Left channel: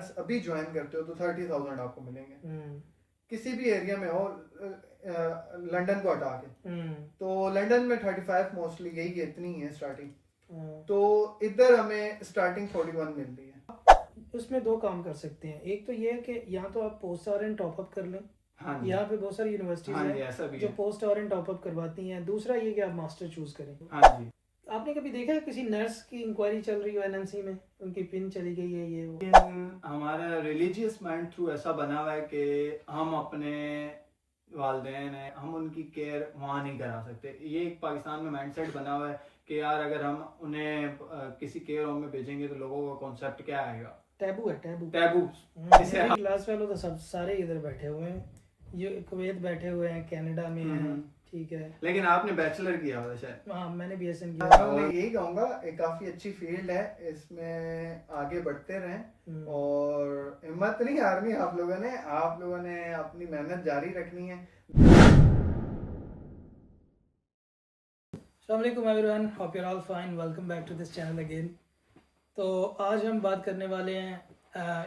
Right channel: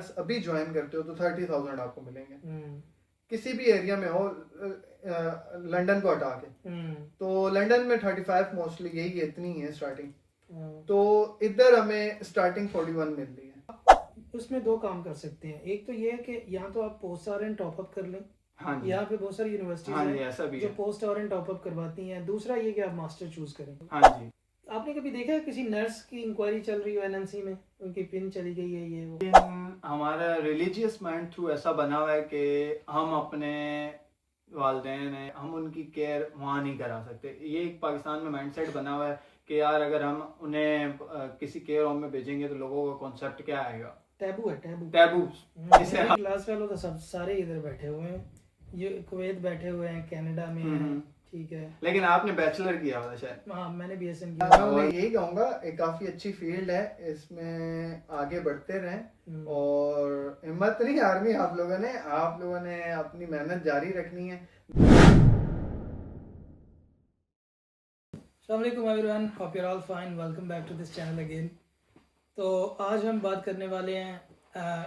Nurse अभी join करते हो तो 30,000 आपको मिलेंगे, किसी भी एरिया में हो, लंदन को हटा के। तो लंदन में 35 मोस्टली यही है, इतनी है स्टार्टिंग। तो इधर हमें स्टार्टिंग 41 मिल रही है। उसमें दो काम कर सकते हैं, एक तो ये है कि यहाँ तो आप पोस्ट आरएन टॉप अप कर लें। हाँ यहाँ पे बहुत सारी यूनिवर्सिटीज हैं जो पोस्ट आरएन टॉप अप करवाती हैं। दूसरा ये कि आप मास्टर चूज करें। हाँ जी। आपने कभी देखा है किसी नर्स की इंक्वायरी चल रही हो एनएमसी में, उनकी पिन चली गई है ये वो? हमारा रिलीजियस माइंड थ्रू ऐसा बना हुआ है कि हम अपने वालिदैन हैं, हम उनकी केयर वहाँ नहीं करा सकते। ये एक पाकिस्तान में माइंडसेट बना हुआ है कि यार अगर हम उन्हें किसी केयर होम में भेजेंगे तो लोगों का कॉन्सेप्ट क्या आएगा, टैबू है, टैबू टैबू। क्लास फेलो तो सब सारे इधर बैठे हुए हैं, ये कुवैत बैठे हुए हैं, कनाडा में हैं, ठीक है। लेकिन आपने बैचलर किया हुआ शायद। हाँ, मैंने बीएसएन किया। मैं यही कहूँगा काफी अच्छी फील्ड है, इसमें आगे बढ़ते रहें और हिम्मत नहीं हारनी आप लोगों ने अपनी मेहनत जारी रखनी है। अस्सलाम वालेकुम everyone, hope you are all fine, welcome back to this channel again. तो आज हम बात करने वाले हैं,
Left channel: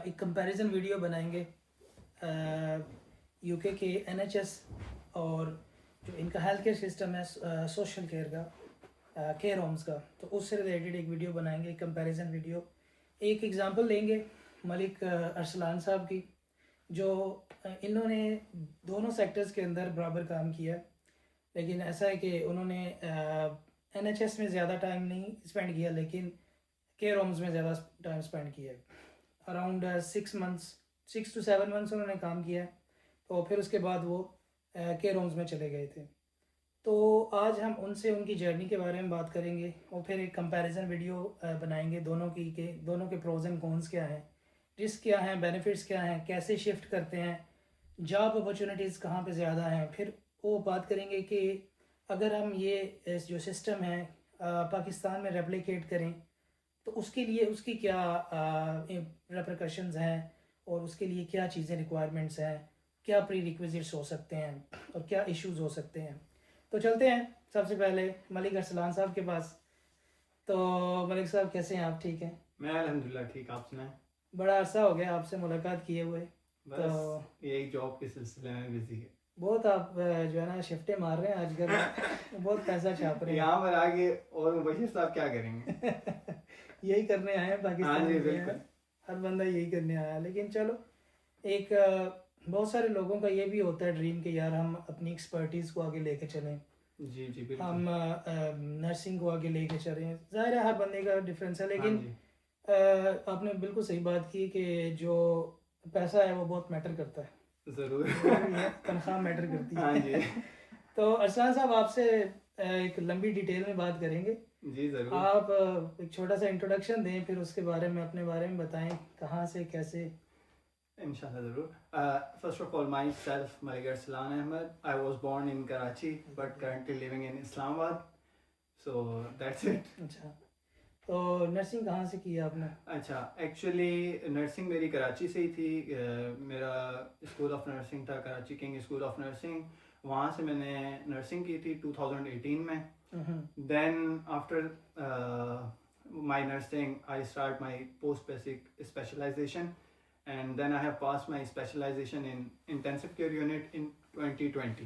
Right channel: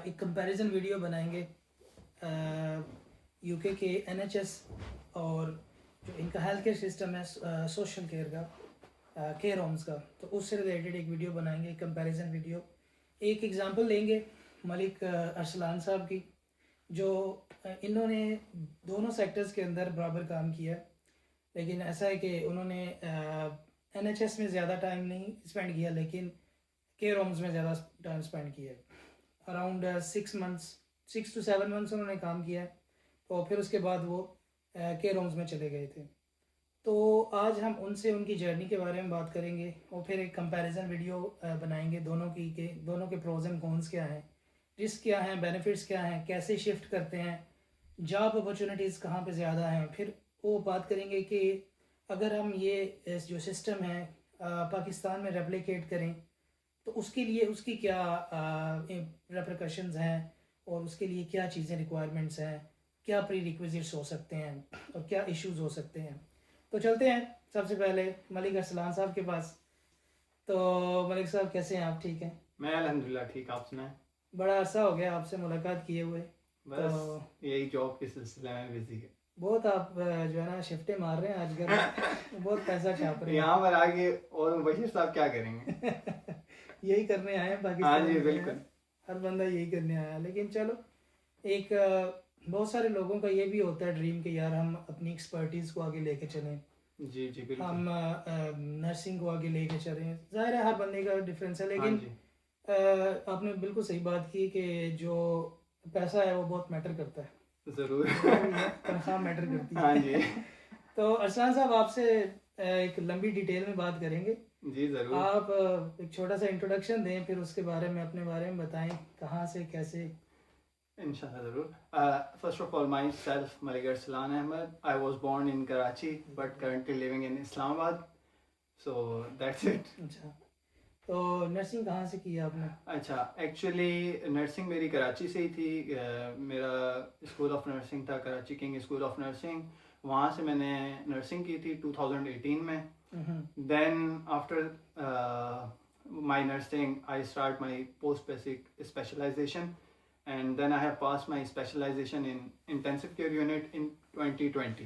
एक कंपैरिजन वीडियो बनाएंगे यूके के एनएचएस और जो इनका हेल्थ केयर सिस्टम है, सोशल केयर का, केयर होम्स का। तो उससे रिलेटेड एक वीडियो बनाएंगे, एक कंपैरिजन वीडियो। एक एग्जांपल लेंगे मलिक अरसलान साहब की, जो इन्होंने दोनों सेक्टर्स के अंदर बराबर काम किया, लेकिन ऐसा है कि उन्होंने एनएचएस में ज़्यादा टाइम नहीं स्पेंड किया, लेकिन केयर होम्स में ज़्यादा टाइम स्पेंड किया। अराउंड 6 to 7 मंथ्स उन्होंने काम किया, तो फिर उसके बाद वो केयर होम्स में चले गए थे। तो आज हम उनसे उनकी जर्नी के बारे में बात करेंगे और फिर एक कंपैरिजन वीडियो बनाएंगे दोनों के प्रोज एंड कॉन्स क्या हैं, रिस्क क्या हैं, बेनिफिट्स क्या हैं, कैसे शिफ्ट करते हैं, जॉब अपॉर्चुनिटीज़ कहाँ पे ज़्यादा हैं। फिर वो बात करेंगे कि अगर हम ये जो सिस्टम है पाकिस्तान में रेप्लिकेट करें तो उसके लिए उसकी क्या रेपरकशंस हैं और उसके लिए क्या चीज़ें रिक्वायरमेंट्स हैं, क्या प्री रिक्विजिट्स हो सकते हैं और क्या इश्यूज हो सकते हैं। तो चलते हैं सबसे पहले मलिक अरसलान साहब के पास। तो मलिक साहब कैसे हैं आप? ठीक हैं? मैं अल्हम्दुलिल्लाह ठीक। आप सुनाएं? बड़ा अर्सा हो गया आपसे मुलाकात किए हुए। बस तो यही जॉब के सिलसिले में बिजी है। बहुत आप जो है ना शिफ्टें मार रहे हैं आजकल बहुत पैसा छाप रहे हैं। यहाँ पर आगे और मुबशीर साहब क्या करेंगे? यही करने आए हैं पाकिस्तान हाँ जी, में, बिल्कुल। हर बंदा यही करने आया। लेकिन चलो, एक बहुत सारे लोगों का ये भी होता है ड्रीम कि यार हम अपनी एक्सपर्टीज़ को आगे लेके चलें। जी जी बिल्कुल। हम नर्सिंग को आगे लेके चलें। ज़ाहिर है हर बंदे का डिफरेंस है, लेकिन आपने बिल्कुल सही बात की कि जो पैसा है वो बहुत मैटर करता है। ज़रूर तनख्वाह मैटर करती है। हाँ जी। तो अरसलान साहब, आपसे एक लंबी डिटेल में बात करेंगे। जी ज़रूर। आप एक छोटा सा इंट्रोडक्शन दें, फिर उसके बारे में अपने बारे में बताएं, कहाँ से कैसे। इंशाल्लाह ज़रूर। First of all myself Malik Arsalan Ahmad. I was born in Karachi but currently living in Islamabad, so that's it. अच्छा, तो नर्सिंग कहाँ से की आपने? अच्छा, एक्चुअली नर्सिंग मेरी कराची से ही थी। मेरा स्कूल ऑफ नर्सिंग था Karachi king school of nursing, वहाँ से मैंने नर्सिंग की थी 2018 में। Then after my nursing I start my post basic specialisation and then I have passed my specialization in intensive care unit in 2020.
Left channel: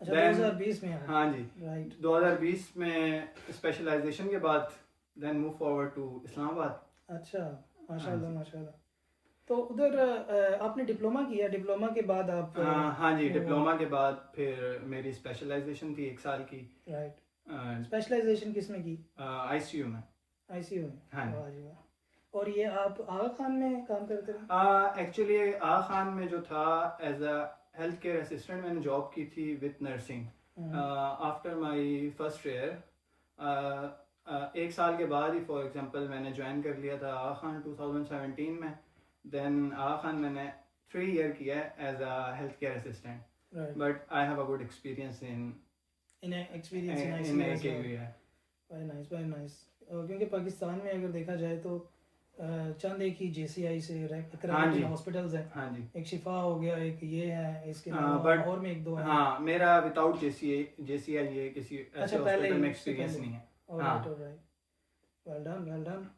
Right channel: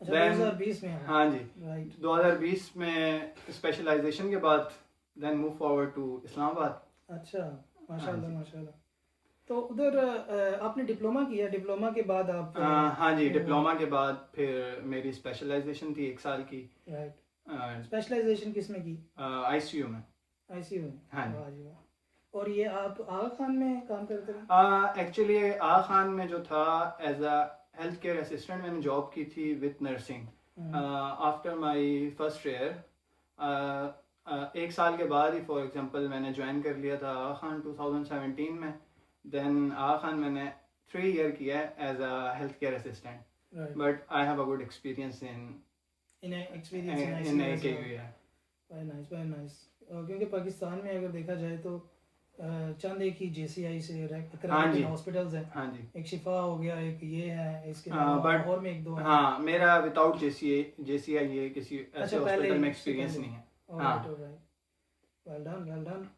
अच्छा, 2020 में? हाँ जी, राइट। 2020 में स्पेशलाइजेशन के बाद then move forward to Islamabad. अच्छा, माशाल्लाह माशाल्लाह। तो उधर आपने डिप्लोमा किया, डिप्लोमा के बाद आप? हाँ जी, डिप्लोमा के बाद फिर मेरी स्पेशलाइजेशन थी 1 साल की। राइट। स्पेशलाइजेशन किस में की? आईसीयू में। आईसीयू में? हाँ जी। वाह जी वाह। और ये आप आगा खान में काम करते रहे? एक्चुअली आगा खान में जो था as a health care assistant मैंने जॉब की थी with nursing. After my first year 1 साल के बाद ही फॉर एग्जांपल मैंने ज्वाइन कर लिया था आगा खान 2017 में। देन आगा खान मैंने 3 ईयर किया है as a health care assistant, but I have a good experience in AKU। Very nice. क्योंकि पाकिस्तान में अगर देखा जाए तो चंद एक ही JCI से एक्रेडिटेड हॉस्पिटल्स हैं। हाँ जी। एक शिफा हो गया, एक ये है, इसके अलावा और में 1-2 है। हाँ, मेरा विदाउट JCI ये किसी ऐसे हॉस्पिटल में एक्सपीरियंस नहीं है। Alright alright, well done well done.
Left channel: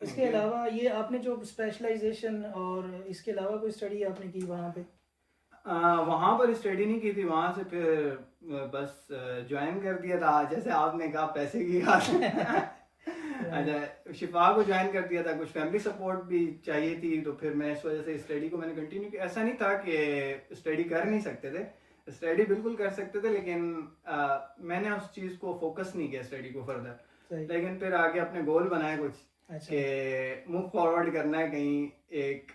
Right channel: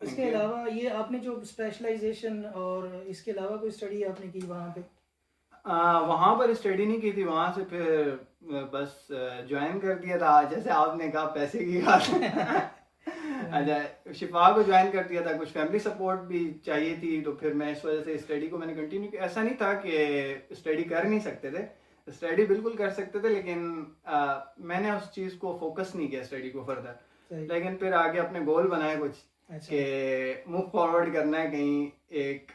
इसके you. अलावा ये आपने जो स्पेशलाइजेशन और इसके अलावा कोई स्टडी आपने की वहाँ पे? वहाँ पर स्टडी नहीं की थी, वहाँ से फिर बस ज्वाइन कर दिया था, जैसे आपने कहा पैसे की बात। अच्छा, शिफा को ज्वाइन कर दिया था, कुछ फैमिली सपोर्ट भी चाहिए थी, तो फिर मैं इस वजह से स्टडी को मैंने कंटिन्यू किया। ऐसा नहीं था कि स्टडी कर नहीं सकते थे, स्टडी बिल्कुल कर सकते थे, लेकिन मैंने उस चीज़ को फोकस नहीं किया स्टडी को फर्दर। लेकिन फिर आगे अपने गोल बनाए कुछ, कि मूव फॉरवर्ड करना है कहीं एक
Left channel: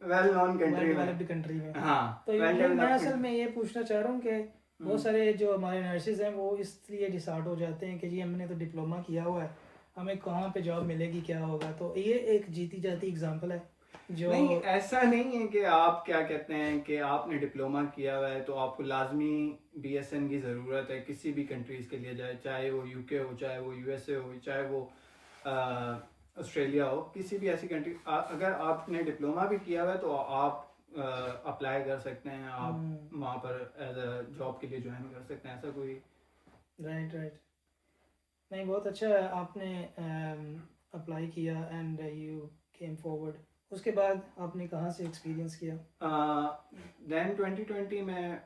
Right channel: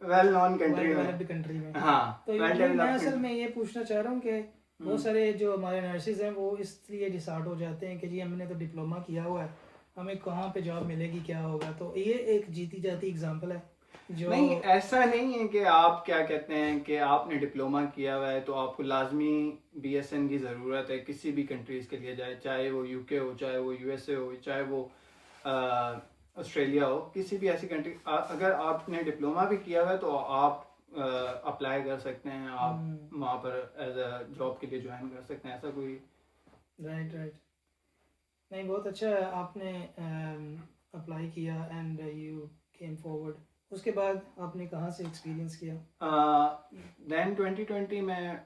वेल नोन कंट्री में। हाँ, तो मैं असल में ये पूछना चाह रहा हूँ कि बहुत सारे जो हमारे नर्सेज हैं वो इसलिए डिसार्ट हो जाते हैं कि जी हमने तो डिप्लोमा किया हुआ है, हमें कहाँ पे जॉब मिलेगी, क्या होगा। तो ये एक जीती जाती एग्जांपल है जो नहीं, ऐसा नहीं है कि आप क्या कहते हैं कि आपने डिप्लोमा किया हुआ है तो आपको लाजमी BSN की ज़रूरत है किसी भी कंट्रीज़ के लिए जाए, चाहे वो UK हो, चाहे वो USA हो, चाहे वो ऑस्ट्रेलिया हो, किसी भी ऐसी कंट्री। अगर आपने डिप्लोमा भी किया हुआ है तो आप अप्लाई कर सकते हैं, आप वहाँ पर एज अ जॉब के लिए ज्वाइन कर सकते हैं, ऐसा कोई। राइट नहीं, बहुत अच्छा है, आपने अप्लाई किया एंड यू केम फॉरवर्ड। उसके बाद आपने कहाँ से एक्सपीरियंस किया? देन 2020 में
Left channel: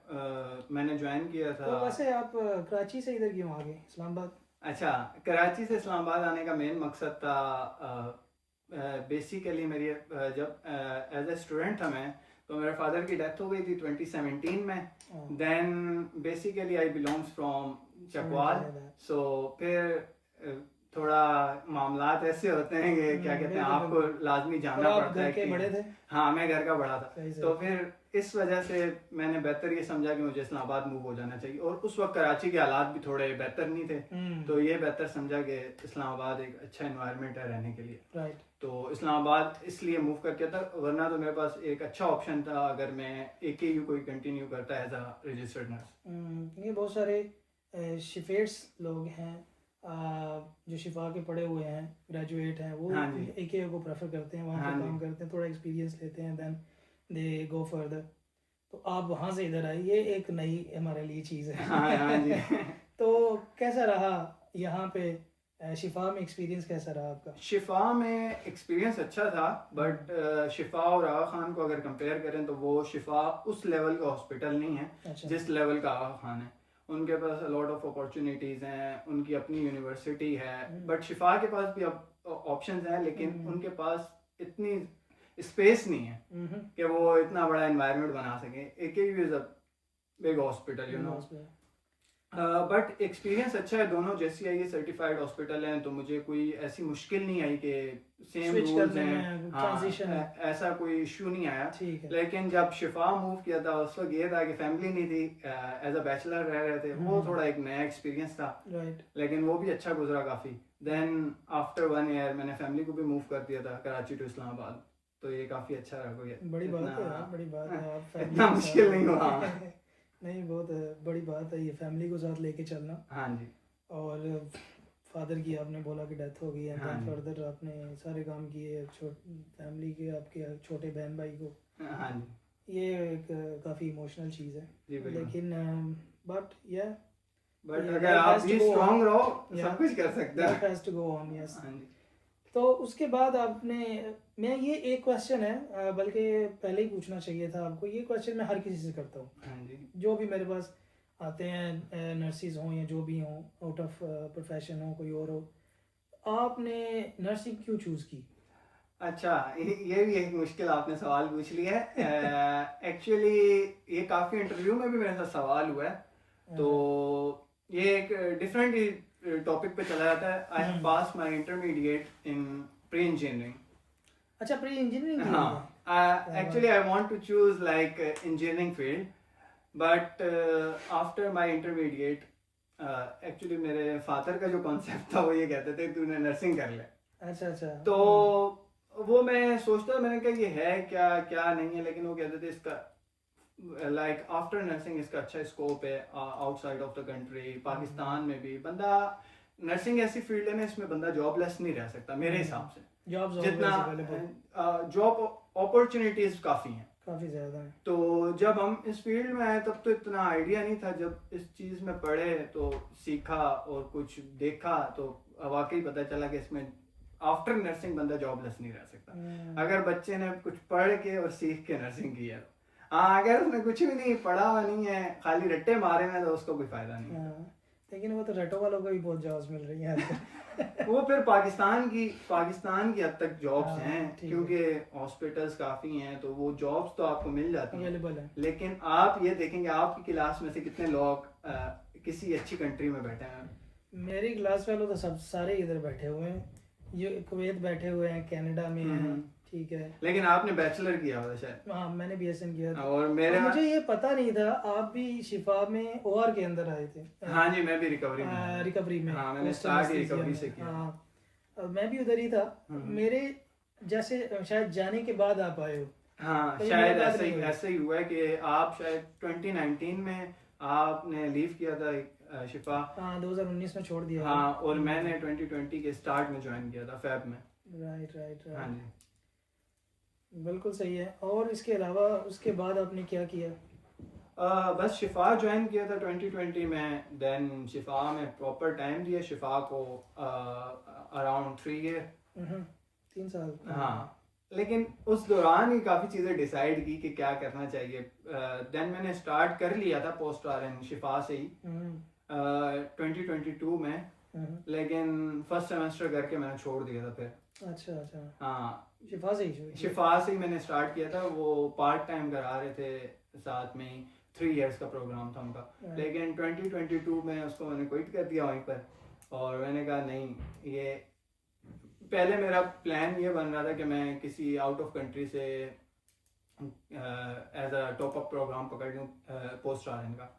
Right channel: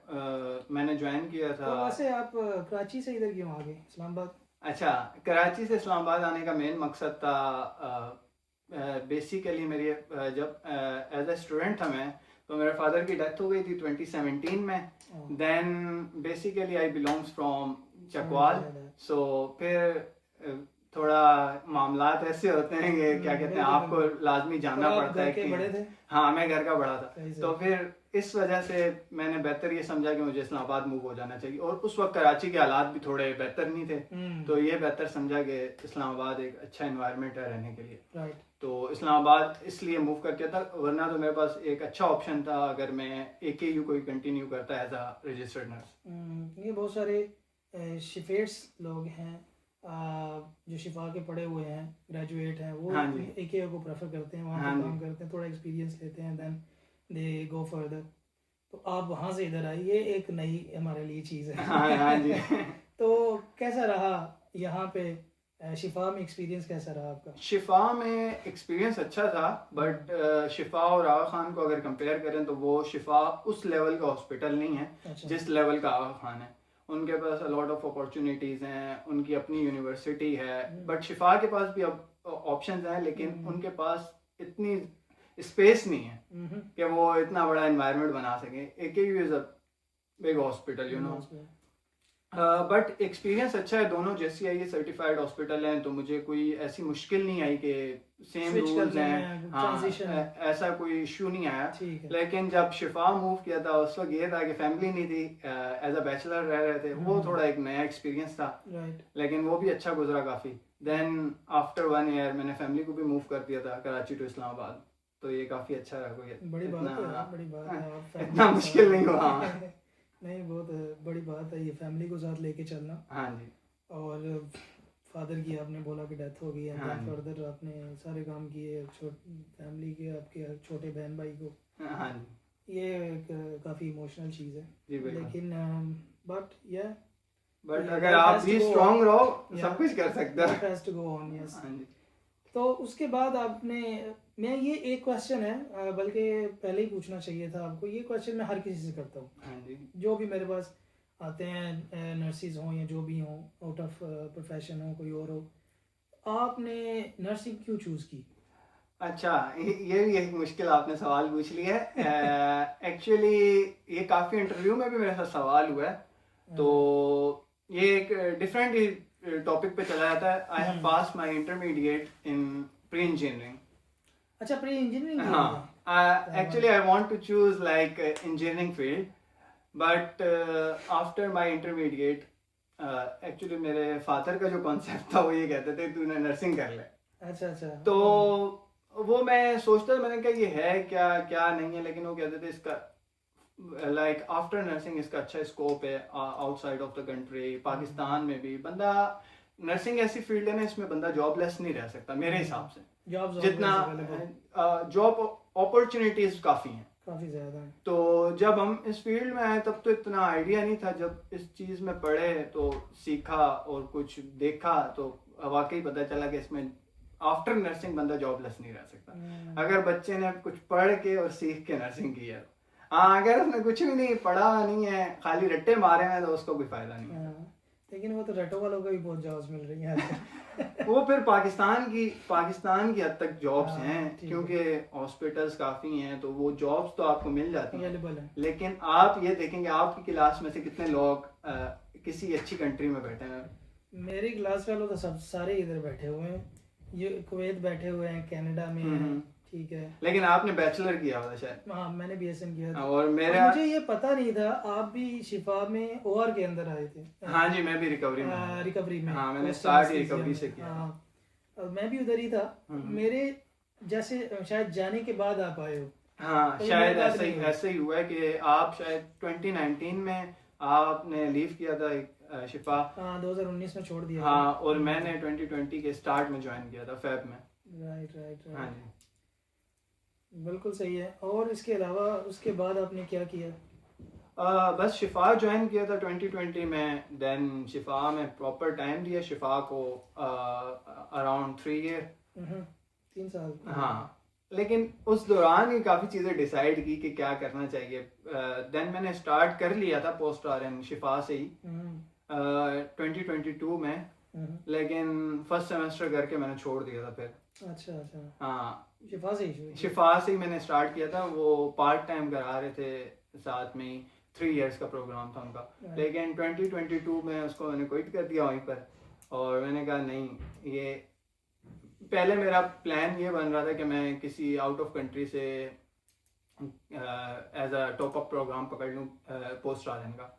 मैंने ज्वाइन किया था। तो वैसे आप कराची से इधर क्यों आ गए, इस्लामाबाद? अच्छा, कराची से इस्लामाबाद आने का मेन मकसद था बेसिकली मेरी जब एज ए स्टूडेंट था मैं, तो मेरे फादर की डेथ हो गई थी 2017 में। Then basically I belongs from Chakwal, so फिर थोड़ा मामलात ऐसे होते हैं कि क्या कहते हैं, आपको लाजमी जानना पड़ता है कि बड़े थे? हाँ, मैं घर का बड़ा था, तो फिर इस वजह से मैंने बेहतर ये समझा कि मुझे इस्लामाबाद मूव हो जाना चाहिए। और उस वक्त कराची के हालात भी थोड़े बेहतर नहीं थे, तो ये बेहतर समझा कि इस्लामाबाद एक अच्छा इन्वायरमेंट है रहने के लिए। राइट। तो इस्लामाबाद इसलिए मूव करके था, वरना तो मेरे पास एक अच्छा ऑप्शन था अगर मैं AKU कोई कंटिन्यू करता एज अ रजिस्टर्ड नर्स। ये बहुत सारे शिफेट्स लोग हैं जो शिफा के पढ़े हुए हैं, ग्रेजुएट हैं, वो AKU को प्रेफर करते हैं, वहाँ पे काम करते हैं, थोड़ा एक्सपीरियंस लेते हैं, देन दे गो फर्दर। तो आप वहाँ से इधर आए, ये एक नई हमारे लिए चीज़ है। हाँ जी। तो कैसा रहा यहाँ पे शिफा में, एक्सपीरियंस कैसा रहा आपका? शिफा में एक्सपीरियंस अच्छा था, बट शिफा और आगा खान को अगर कंपेयर करें तो वो शिफा उस लेवल का हॉस्पिटल नहीं है जिस लेवल का आगा खान है। उनके पास लॉट ऑफ अपॉर्चुनिटीज़ हैं, उनकी अपनी यूनिवर्सिटी है, बट शिफा के पास भी अब ऑप्शंस हैं, लेकिन उनके पास इतनी स्पेस नहीं है कि वो इतना बड़ा एनवायरनमेंट बना सके। AKU is a big hospital, you know, but experience अच्छा है। दोनों JCIE सर्टिफाइड हॉस्पिटल हैं, तो मुझे कोई ऐसी मुश्किल नहीं आई कि सेम रूल्स हैं, हाँ, ऐसा कोई इशू नहीं आया। लेकिन जब शिफा मूव किया था उस वक्त ये था कि फैमिली नहीं थी, एज अ बैचलर रह रहे थे, वो थोड़ा एक नया एक्सपीरियंस था, लेकिन वो भी अच्छा गुजरा काफ़ी। देन आफ्टर 1 ईयर मैंने फैमिली को भी मूव कर दिया था कराची टू इस्लामाबाद, तो ये काफ़ी अच्छा रहा। कोई बड़ी बात है, बड़ी बात है, आप इतना मुश्किल नहीं हुआ। नहीं, बहुत बड़ी बात है ये फैमिली को साथ लेके चलना। हाँ जी। और फादर की आपने बोला कि डेथ हो गई है, हाँ, फर्दर आपने सारे काम किए, फैमिली के आपके छोटे बहन भाई को, हाँ जी, ये एक काफ़ी इमोशनल चीज़ है। लेकिन बट अगर आप भी स्ट्रांग रहो सब कुछ कर सकते हैं। Has to go on, yes. तो उसके बाद आपने, मैं ये एक क्वेश्चन है, बल्कि पहले ही पूछना चाहिए था आपको, ये क्वेश्चन मैं हर किसी से करता हूँ, जो भी मेरे पास आते हैं, नर्सिस हों या जो भी हों, आउट ऑफ प्रोफेशन हो, कोई और हो, आपने नर्सिंग क्यों चूज़ की? अच्छा, ये भी एक मुश्किल आपने सवाल पूछ लिया है। एक्चुअली ये काफ़ी इंटरव्यू में भी मेरे साथ सवाल हुआ है, तो ये एक डिफरेंट टॉपिक पे चला जाता है। I have pass my intermediate in pre engineering. अच्छा, प्री इंजीनियरिंग? हाँ, actually I want to choose like engineering field, but after my intermediate actually मेरे फादर का जो कॉन्सेप्ट था वो ये कहते थे तूने नर्सिंग कर ले। अच्छा। तो वो मैं सोचता, मैंने कहा ये है क्या क्या नहीं है, लेकिन वो कहते थे इसका लाइक आफ्टर नर्सिंग इसका अच्छा स्कोप है outside of the country, Pakistan में भी। बंदा नर्सिंग ऐसी फील्ड है ना, इसमें बंदा जॉबलेस नहीं रह सकता मेरे हिसाब से, जितना जॉब अपॉर्चुनिटीज काफ़ी हैं, काफ़ी ज़्यादा है। तो जब हम इस फील्ड में आए तब तो इतना आइडिया नहीं था, जब इस चीज़ में पढ़े तो सीखा और कुछ देखा तो वाकई पता चला कि इसमें आफ्टर नर्सिंग बंदा जॉबलेस नहीं रह सकता हम्म। अगर बच्चे ने कुछ पढ़ के और सीख के नर्सिंग की है। हाँ, अगर उसने कुछ भी नहीं पढ़ा नहीं है, खाली रट्टे मारे हैं, तो उसको कोई फायदा नहीं। हाँ, लेकिन वो तो रटो वालों को भी बहुत जॉब्स मिल रही हैं आजकल। वो फिर पाकिस्तान की हद तक जॉब्स हाँ, हैं, ठीक है। क्योंकि हॉस्पिटल्स काफ़ी हैं, तो वो जॉब्स तो आपको मिल जाती हैं। अवेलेबल है। लेकिन आप ये देखेंगे आपकी क्लास में से कितने लोग किसी अच्छी कंट्री में बैठे हैं। मेरी क्लास वालों तो सब सारे इधर बैठे हुए हैं, ये कुवैत बैठे हुए हैं, कनाडा में हैं, ठीक है। लेकिन आपने बैचलर किया हुआ था शायद। हाँ, मैंने BSN किया था। और मेरा मुझे ये पता नहीं था आप भी शिफा में OR के अंदर आए थे। हाँ जी, मैं भी रिकवरी में आया। रिकवरी में। हाँ, मैंने Post स्टार्ट anesthesia रिकवरी में। से किया। हाँ, और मैं भी उधर ही था। मेरे जैसे शायद जाने के बाद आप आए हो। हाँ, कभी शायद मुलाकात नहीं हुई। ऐसे ही हुआ है कि आप शायद 2019 में आपने लीव किया था शिफा। हाँ, 2019 में छोड़ दिया। हाँ, और मैंने 2020 के स्टार्ट में ज्वाइन किया था, फेब में। राइट राइट हाँ राइट, जी। बिल्कुल सही है। और इसके अलावा उसके बाद आपने क्या किया? बस शिफा ज्वाइन किया था 2020 में। देन शिफा में प्रॉपर टाइम दिया शिफा को, अराउंड 3 ईयर। 3 साल। हाँ, लेकिन उस दौरान ही काफ़ी चीज़ें डिसाइड की कि क्या करना चाहिए। देन मैंने स्टार्ट कर लिया था पोस्ट RN शिफा से ही 2022 में, लेकिन फर्स्ट सेमेस्टर करके मैंने छोड़ दिया था फिर। अच्छा अच्छा, हाँ, शिफा से ही शुरू किया। शिफा से ही मैंने स्टार्ट किया था। वो पार्ट टाइम करा रहे थे, साथ में ही 3 इयर्स का प्रोग्राम था उनका। लेकिन 2022 में उसको मैंने क्विट कर दिया वहीं पर, और मैंने कहा नहीं, ये पहले मेरा प्लान ये बन रहा था कि मैं किसी आउट ऑफ कंट्री से as a top up programme पकड़ लूँ पोस्ट RN का।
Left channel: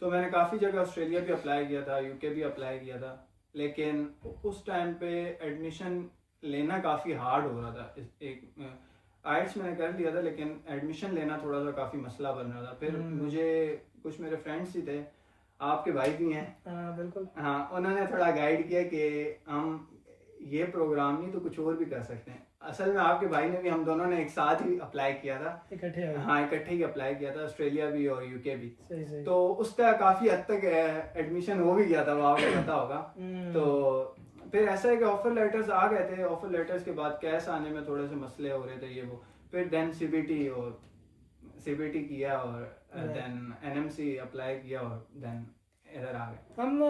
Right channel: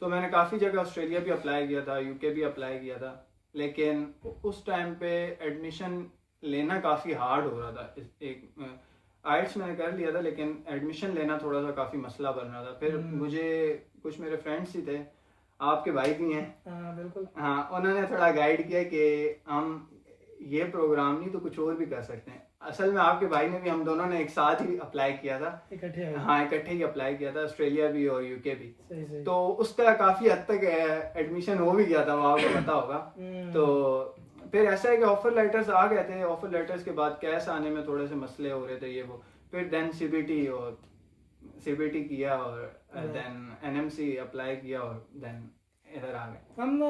तो मैंने काफ़ी जगह ऑस्ट्रेलिया भी अप्लाई किया था, UK भी अप्लाई किया था, लेकिन उस टाइम पे एडमिशन लेना काफ़ी हार्ड हो रहा था। एक IELTS मैंने कर लिया था, लेकिन एडमिशन लेना थोड़ा सा काफ़ी मसला बन रहा था। फिर मुझे कुछ मेरे फ्रेंड्स ही थे, आपके भाई भी हैं। हाँ बिल्कुल। हाँ, उन्होंने थोड़ा गाइड किया कि हम ये प्रोग्राम नहीं तो कुछ और भी कर सकते हैं। असल में आपके भाई ने भी, हम दोनों ने एक साथ ही अप्लाई किया था। इकट्ठे आए। हाँ, इकट्ठे ही अप्लाई किया था, ऑस्ट्रेलिया भी और UK भी। सही सही। तो उसका काफ़ी हद तक एडमिशन हो भी गया था, वो आपको पता होगा। तो फिर ऐसा है कि ऑफर लेटर्स आ गए थे। ऑफर लेटर्स के बाद कैश आने में थोड़े से मसले हो रहे थे, ये वो। फिर देन CBT किया, और देन NMC अप्लाई किया, और देन इधर आ गए हम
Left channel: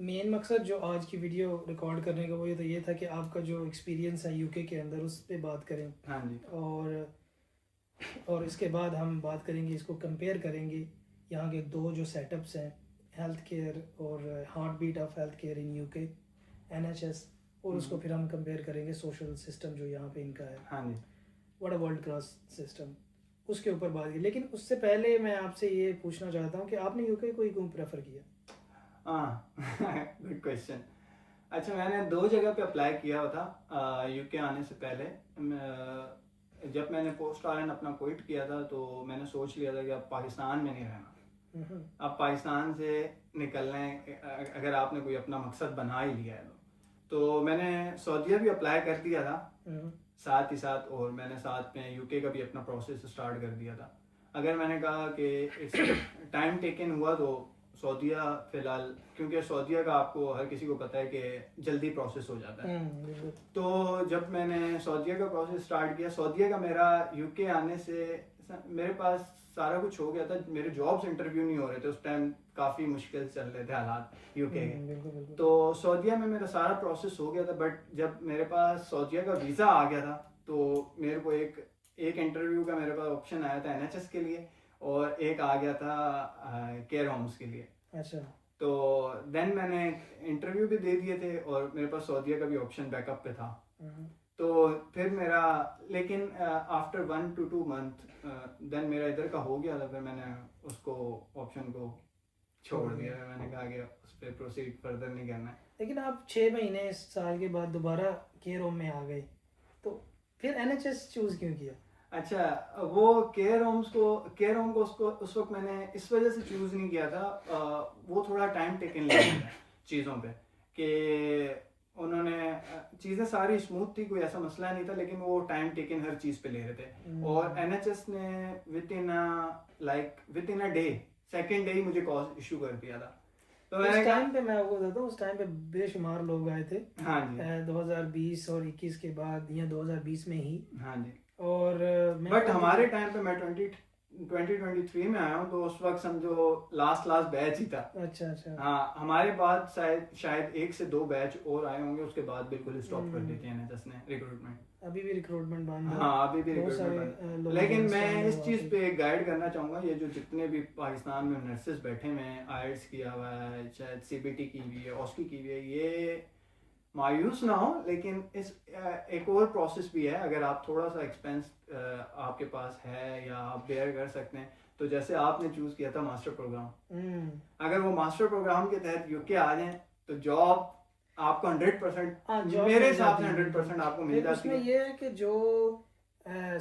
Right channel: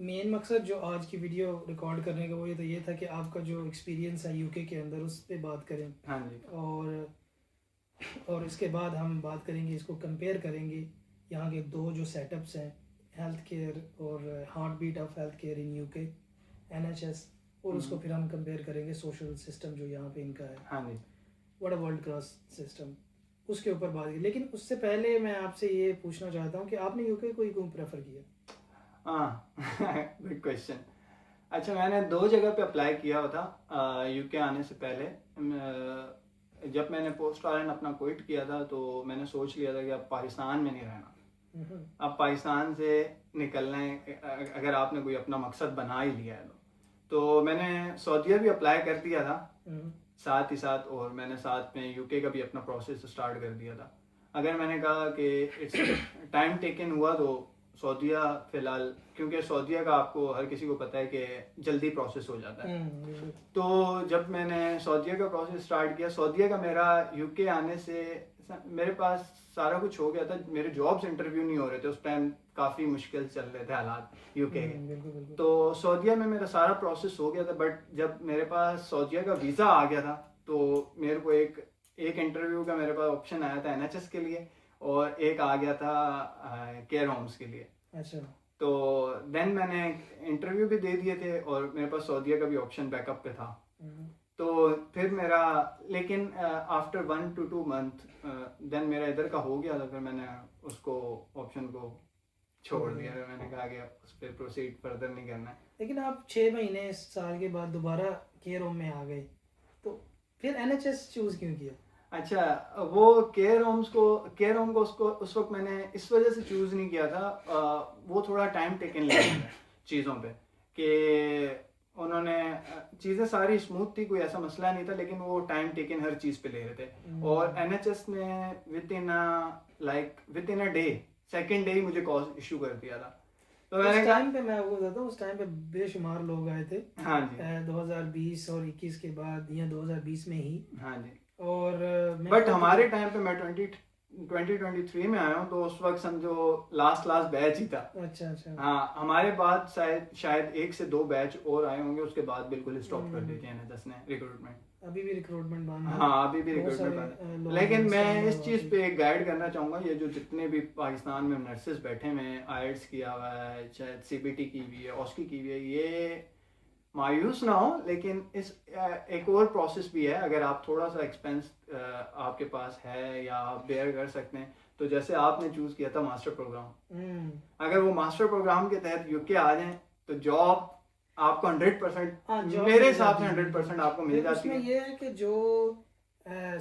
मेन मकसद जो आज की वीडियो रिकॉर्ड करने का वो ये था कि आपका जो एक्सपीरियंस है UK के अंदर उस पर बात करें। हाँ जी। और इसके बाद हम बात करेंगे, इसको कंपेयर करेंगे यहाँ के दो जो सेटअप्स हैं, हेल्थ केयर और heart beat of health care in UK, NHS, और उसको फिर हम कंपेयर करेंगे सोशल सिस्टम जो यहाँ पे इनका है। हाँ जी। What a world class system, उसके ऊपर बात की। लेकिन उससे पहले मैं आपसे ये पूछना चाहता हूँ कि आपने UK को ही क्यों प्रेफर किया? हाँ, गुड क्वेश्चन। अच्छा, मैंने 2 जगह पे अप्लाई किया हुआ था UK आने से पहले। जब मैंने पोस्ट RN अपना क्विट किया था, तो मैंने सोच लिया था कि अब पाकिस्तान में नहीं रहना। अब पाकिस्तान से निकलना है, अगर आपने कोई अपना मकसद बना ही लिया है तो मैंने सऊदीया भी अप्लाई कर दिया था साथ ही साथ, और मैंने साथ में UK का भी अपना प्रोसेस स्टार्ट कर दिया था। अगर मैंने कहा कि इट्स टाइम टेकन हुआ, तो सऊदीया फ़िलहाल, क्योंकि सऊदीया का आपको हर किसी को पता है कि जल्दी प्रोसेस हो जाता है। तो जब मैंने सऊदीया का प्रोसेस स्टार्ट किया, सऊदीया का मेरा UK आने से मेरे पास सारा कुछ हो गया था। मेरे जॉब्स इंटरव्यू नहीं हो रहे थे उस टाइम, काफ़ी मुश्किल चल रहे थे हालात UK के। तो सऊदीया में मेरा सारा प्रोसेस हो गया था, बट जब मेरे पास सऊदीया का वीज़ा आ गया था, तो मेरे को एक इंटरव्यू का मेरे पास ऑप्शन आया था NHS के लिए, और एक आ गया था केयर होम्स के लिए। अच्छा। तो देन मैंने इंटरव्यू भी दे दिए थे, और मेरे पास सऊदीया का भी ऑप्शन बैकअप पे था। तो फिर मेरा, लेकिन आफ्टर 1 to 2 मंथ देन मेरा इधर का हो गया था। फिर मैंने उसको ऑप्शन को छोड़ दिया। मैंने कहा कि उस पर प्रोसीड फर्दर नहीं करना। लेकिन आप 6 महीने साल के बाद दोबारा केयर होम में आ गए, तो फिर NHS चूज क्यों किया? अच्छा, वो केयर होम को उस वक्त मैंने इस वजह से चूज़ नहीं किया था। वो थोड़ा टाइम टेकन लग गया चीज़ों पे, कि उन्होंने चीज़ें सारी स्मूथ थी, कोई ऐसा मसला नहीं था, लेकिन वो टाइम टेकन हर चीज़ पे ले रहे थे। और NHS ने with in a day, second day ही मुझे कॉज इशू कर दिया था। तो उस मैंने कहा टाइम पे मैं आपको बताता हूँ, उस टाइम पे बेशुमार लोग आए थे हाँ जी 2020 और 21 के बाद या 2020 में ही। हाँ जी। और मैं बट वो हमारे टाइम पे मैं 2023 में आया हूँ, तो उस वक्त समझो लास्ट बैच ही था। अच्छा अच्छा। हाँ, हमारे बाद शायद 1 से 2 बैच और आए होंगे, उसके बाद बिल्कुल स्टॉप कर दी थी एनएचएस ने रिक्रूटमेंट। अभी भी रिक्रूटमेंट बंद है। हाँ, अभी भी बहुत रिक्रूटमेंट सारे बंद है। लोगों लेकिन का मैं stand है इस वहाँ चीज़ पे। पे एक गाइड करना चाहूँगा, ये जो जितने भी पाकिस्तान में नर्सेज बैठे हुए हैं, आईएलटीएस किया हुआ है, शायद सीबीटी की हुई है, ऑस्की की हुई है, ये मायूस ना हो। लेकिन इस एक और प्रोसेस भी है, अगर आप थोड़ा सा एक्सपेंस आपके पास है या आप बेयर कर सकते हैं, तो जैसे आपने चूज किया था मास्टर प्रोग्राम, अगर वो मास्टर प्रोग्राम के तहत यूके आ जाए तो जॉब आपको 100% हाँ, job मेरे मिल हिसाब से जाती है। 100% आपको मिल फिर जाती उसमें है। ये है कि जो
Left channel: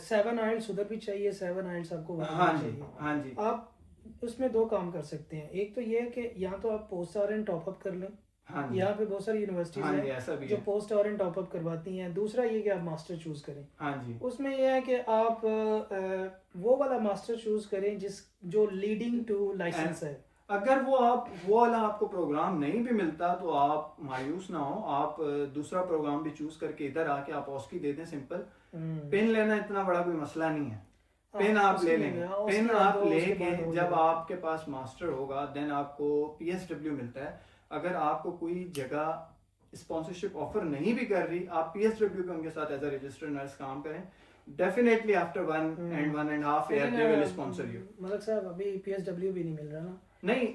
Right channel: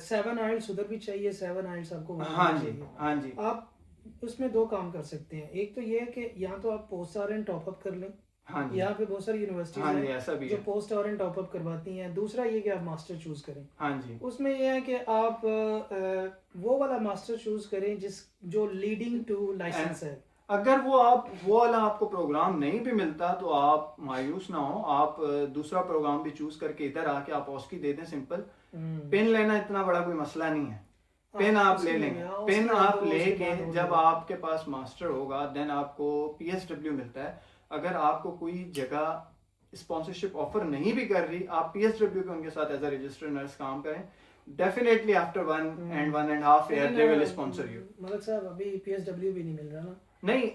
7 आइल्स उधर भी चाहिए, 7 आइल्स आपको वहाँ हाँ भी जी चाहिए। हाँ जी आप उसमें 2 काम कर सकते हैं। एक तो ये है कि यहाँ तो आप post R N top up कर लें, हाँ जी यहाँ पे बहुत सारी यूनिवर्सिटीज हाँ जी, हैं ऐसा भी जो है। Post R N top up करवाती हैं। दूसरा ये कि आप मास्टर चूज करें। हाँ जी उसमें यह है कि आप वो वाला मास्टर चूज करें जो लीडिंग टू लाइसेंस है। अगर वो वाला आपको प्रोग्राम नहीं भी मिलता तो आप मायूस ना हो, आप दूसरा प्रोग्राम भी चूज करके इधर आके आप ऑस्की दे दें। सिंपल पिन लेना इतना बड़ा कोई मसला नहीं है, पिन आप ले लेंगे। पिन आप लेके जब आपके पास मास्टर होगा देन आपको पीएसडब्ल्यू मिलता है। अगर आपको कोई जगह स्पॉन्सरशिप ऑफर नहीं भी कर रही, आप पीएसडब्ल्यू के उनके साथ एज अ रजिस्टर्ड नर्स काम करें, definitely after 1.5 year they will sponsor you. Malak साहब अभी पीएसडब्ल्यू भी नहीं मिल रहा ना। नहीं,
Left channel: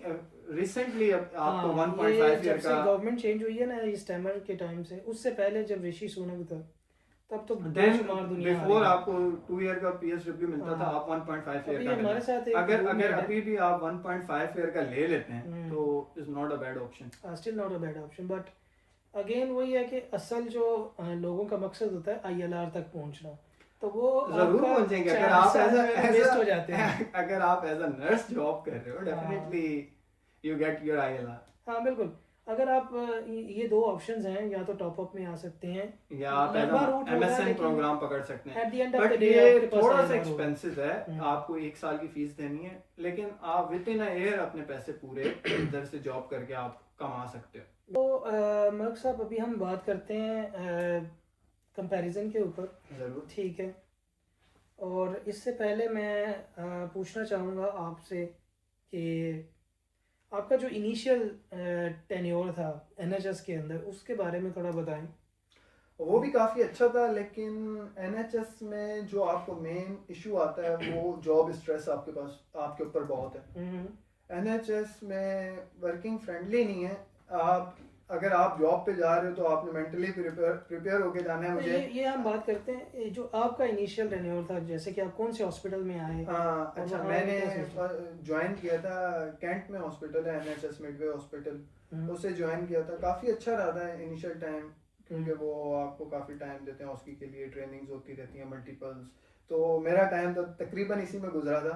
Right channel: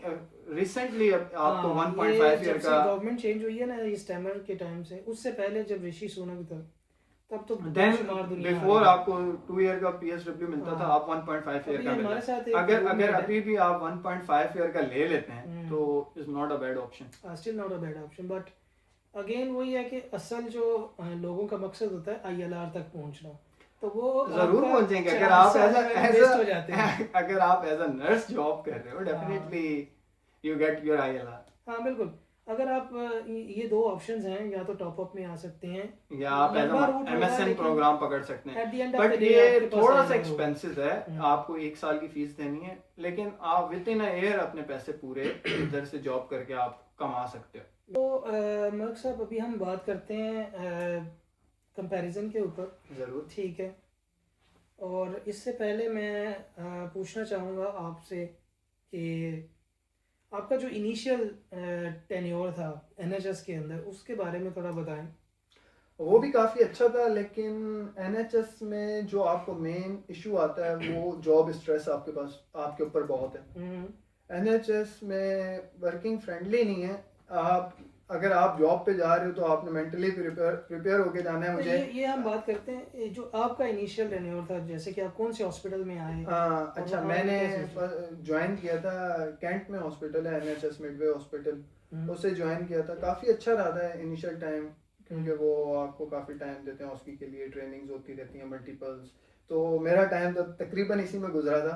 रिसेंटली आपको 1.5 ये ईयर जब से का गवर्नमेंट चेंज हुई है ना इस टाइमर के टाइम से, उससे पहले जब ऋषि सुनक था तब तो देन बेशुमार दुनिया बिफोर आपको 2 ईयर का पीएसडब्ल्यू मिलता था, आप 1.5 ईयर अभी का हमारे साथ एक अगर roommate है। अभी भी आप 1.5 ईयर का ले लेते हैं तो is not a bad option. Still not a bad option, but again वही है कि असल जो लोगों का मकसद होता है आईएलआर तक पहुंचना, तो वो जरूर आपका पहुंचेंगे। अगर 4 आप साल एज में वेस्ट हो जाते हैं। अगर आप एज अ नर्स जॉब कर रहे हो, definitely you get your ILR. हाँ बिल्कुल। अगर आप ये 2 ऑप्शंस हैं, या तो टॉप अप में आ सकते हैं या आप लंबा रूट होगा, एमएसएन लेकिन प्रोग्राम पकड़ सकते हैं। at the end of the but day ये आपके पास थोड़ा सा ILR होगा। एक्सपेंसिव है, आपको 1 साल की फीस देनी है, लेकिन आप विद इन अ ईयर अपने पैसे पूरे इधर से जॉब करके आप कमा सकते हो। तो मलक साहब अभी हम बात करते हैं कंपैरिजन के ऊपर। जरूर। ठीक है, और इससे पहले मैं पूछना चाहूँगा आपसे कि आपका जो इनिशियल टेन्योर था एनएचएस के अंदर, उसके बारे में थोड़ा बताएं। वो भी काफी अच्छा था, लेकिन एनएचएस में जो आपको मेन इशू आता है वो जॉब स्ट्रेस आपके ऊपर बहुत है। एनएचएस में वर्किंग फ्रेंडली नहीं है। आप अगर आप जॉब पे जा रहे हो तो आपने मेंटली प्रिपेयर होके जाना है। तो मुझे ये हम बात करते हैं ये जो आपका इनिशियल टेन्योर था, जैसे कि आप कौन से हॉस्पिटल में आए? अच्छा, मैंने ज्वाइन किया था कैंट में हॉस्पिटल है एनएचएस मिडवे हॉस्पिटल, उसे ज्वाइन किया था। काफी अच्छा रहा था इनिशियल टाइम, क्योंकि वो आपको काफी टाइम देते हैं उसके लिए, ट्रेनिंग्स होती रहती हैं मल्टीपल्स। तो मेरा टाइम तो तकरीबन इसी में गुजरा था।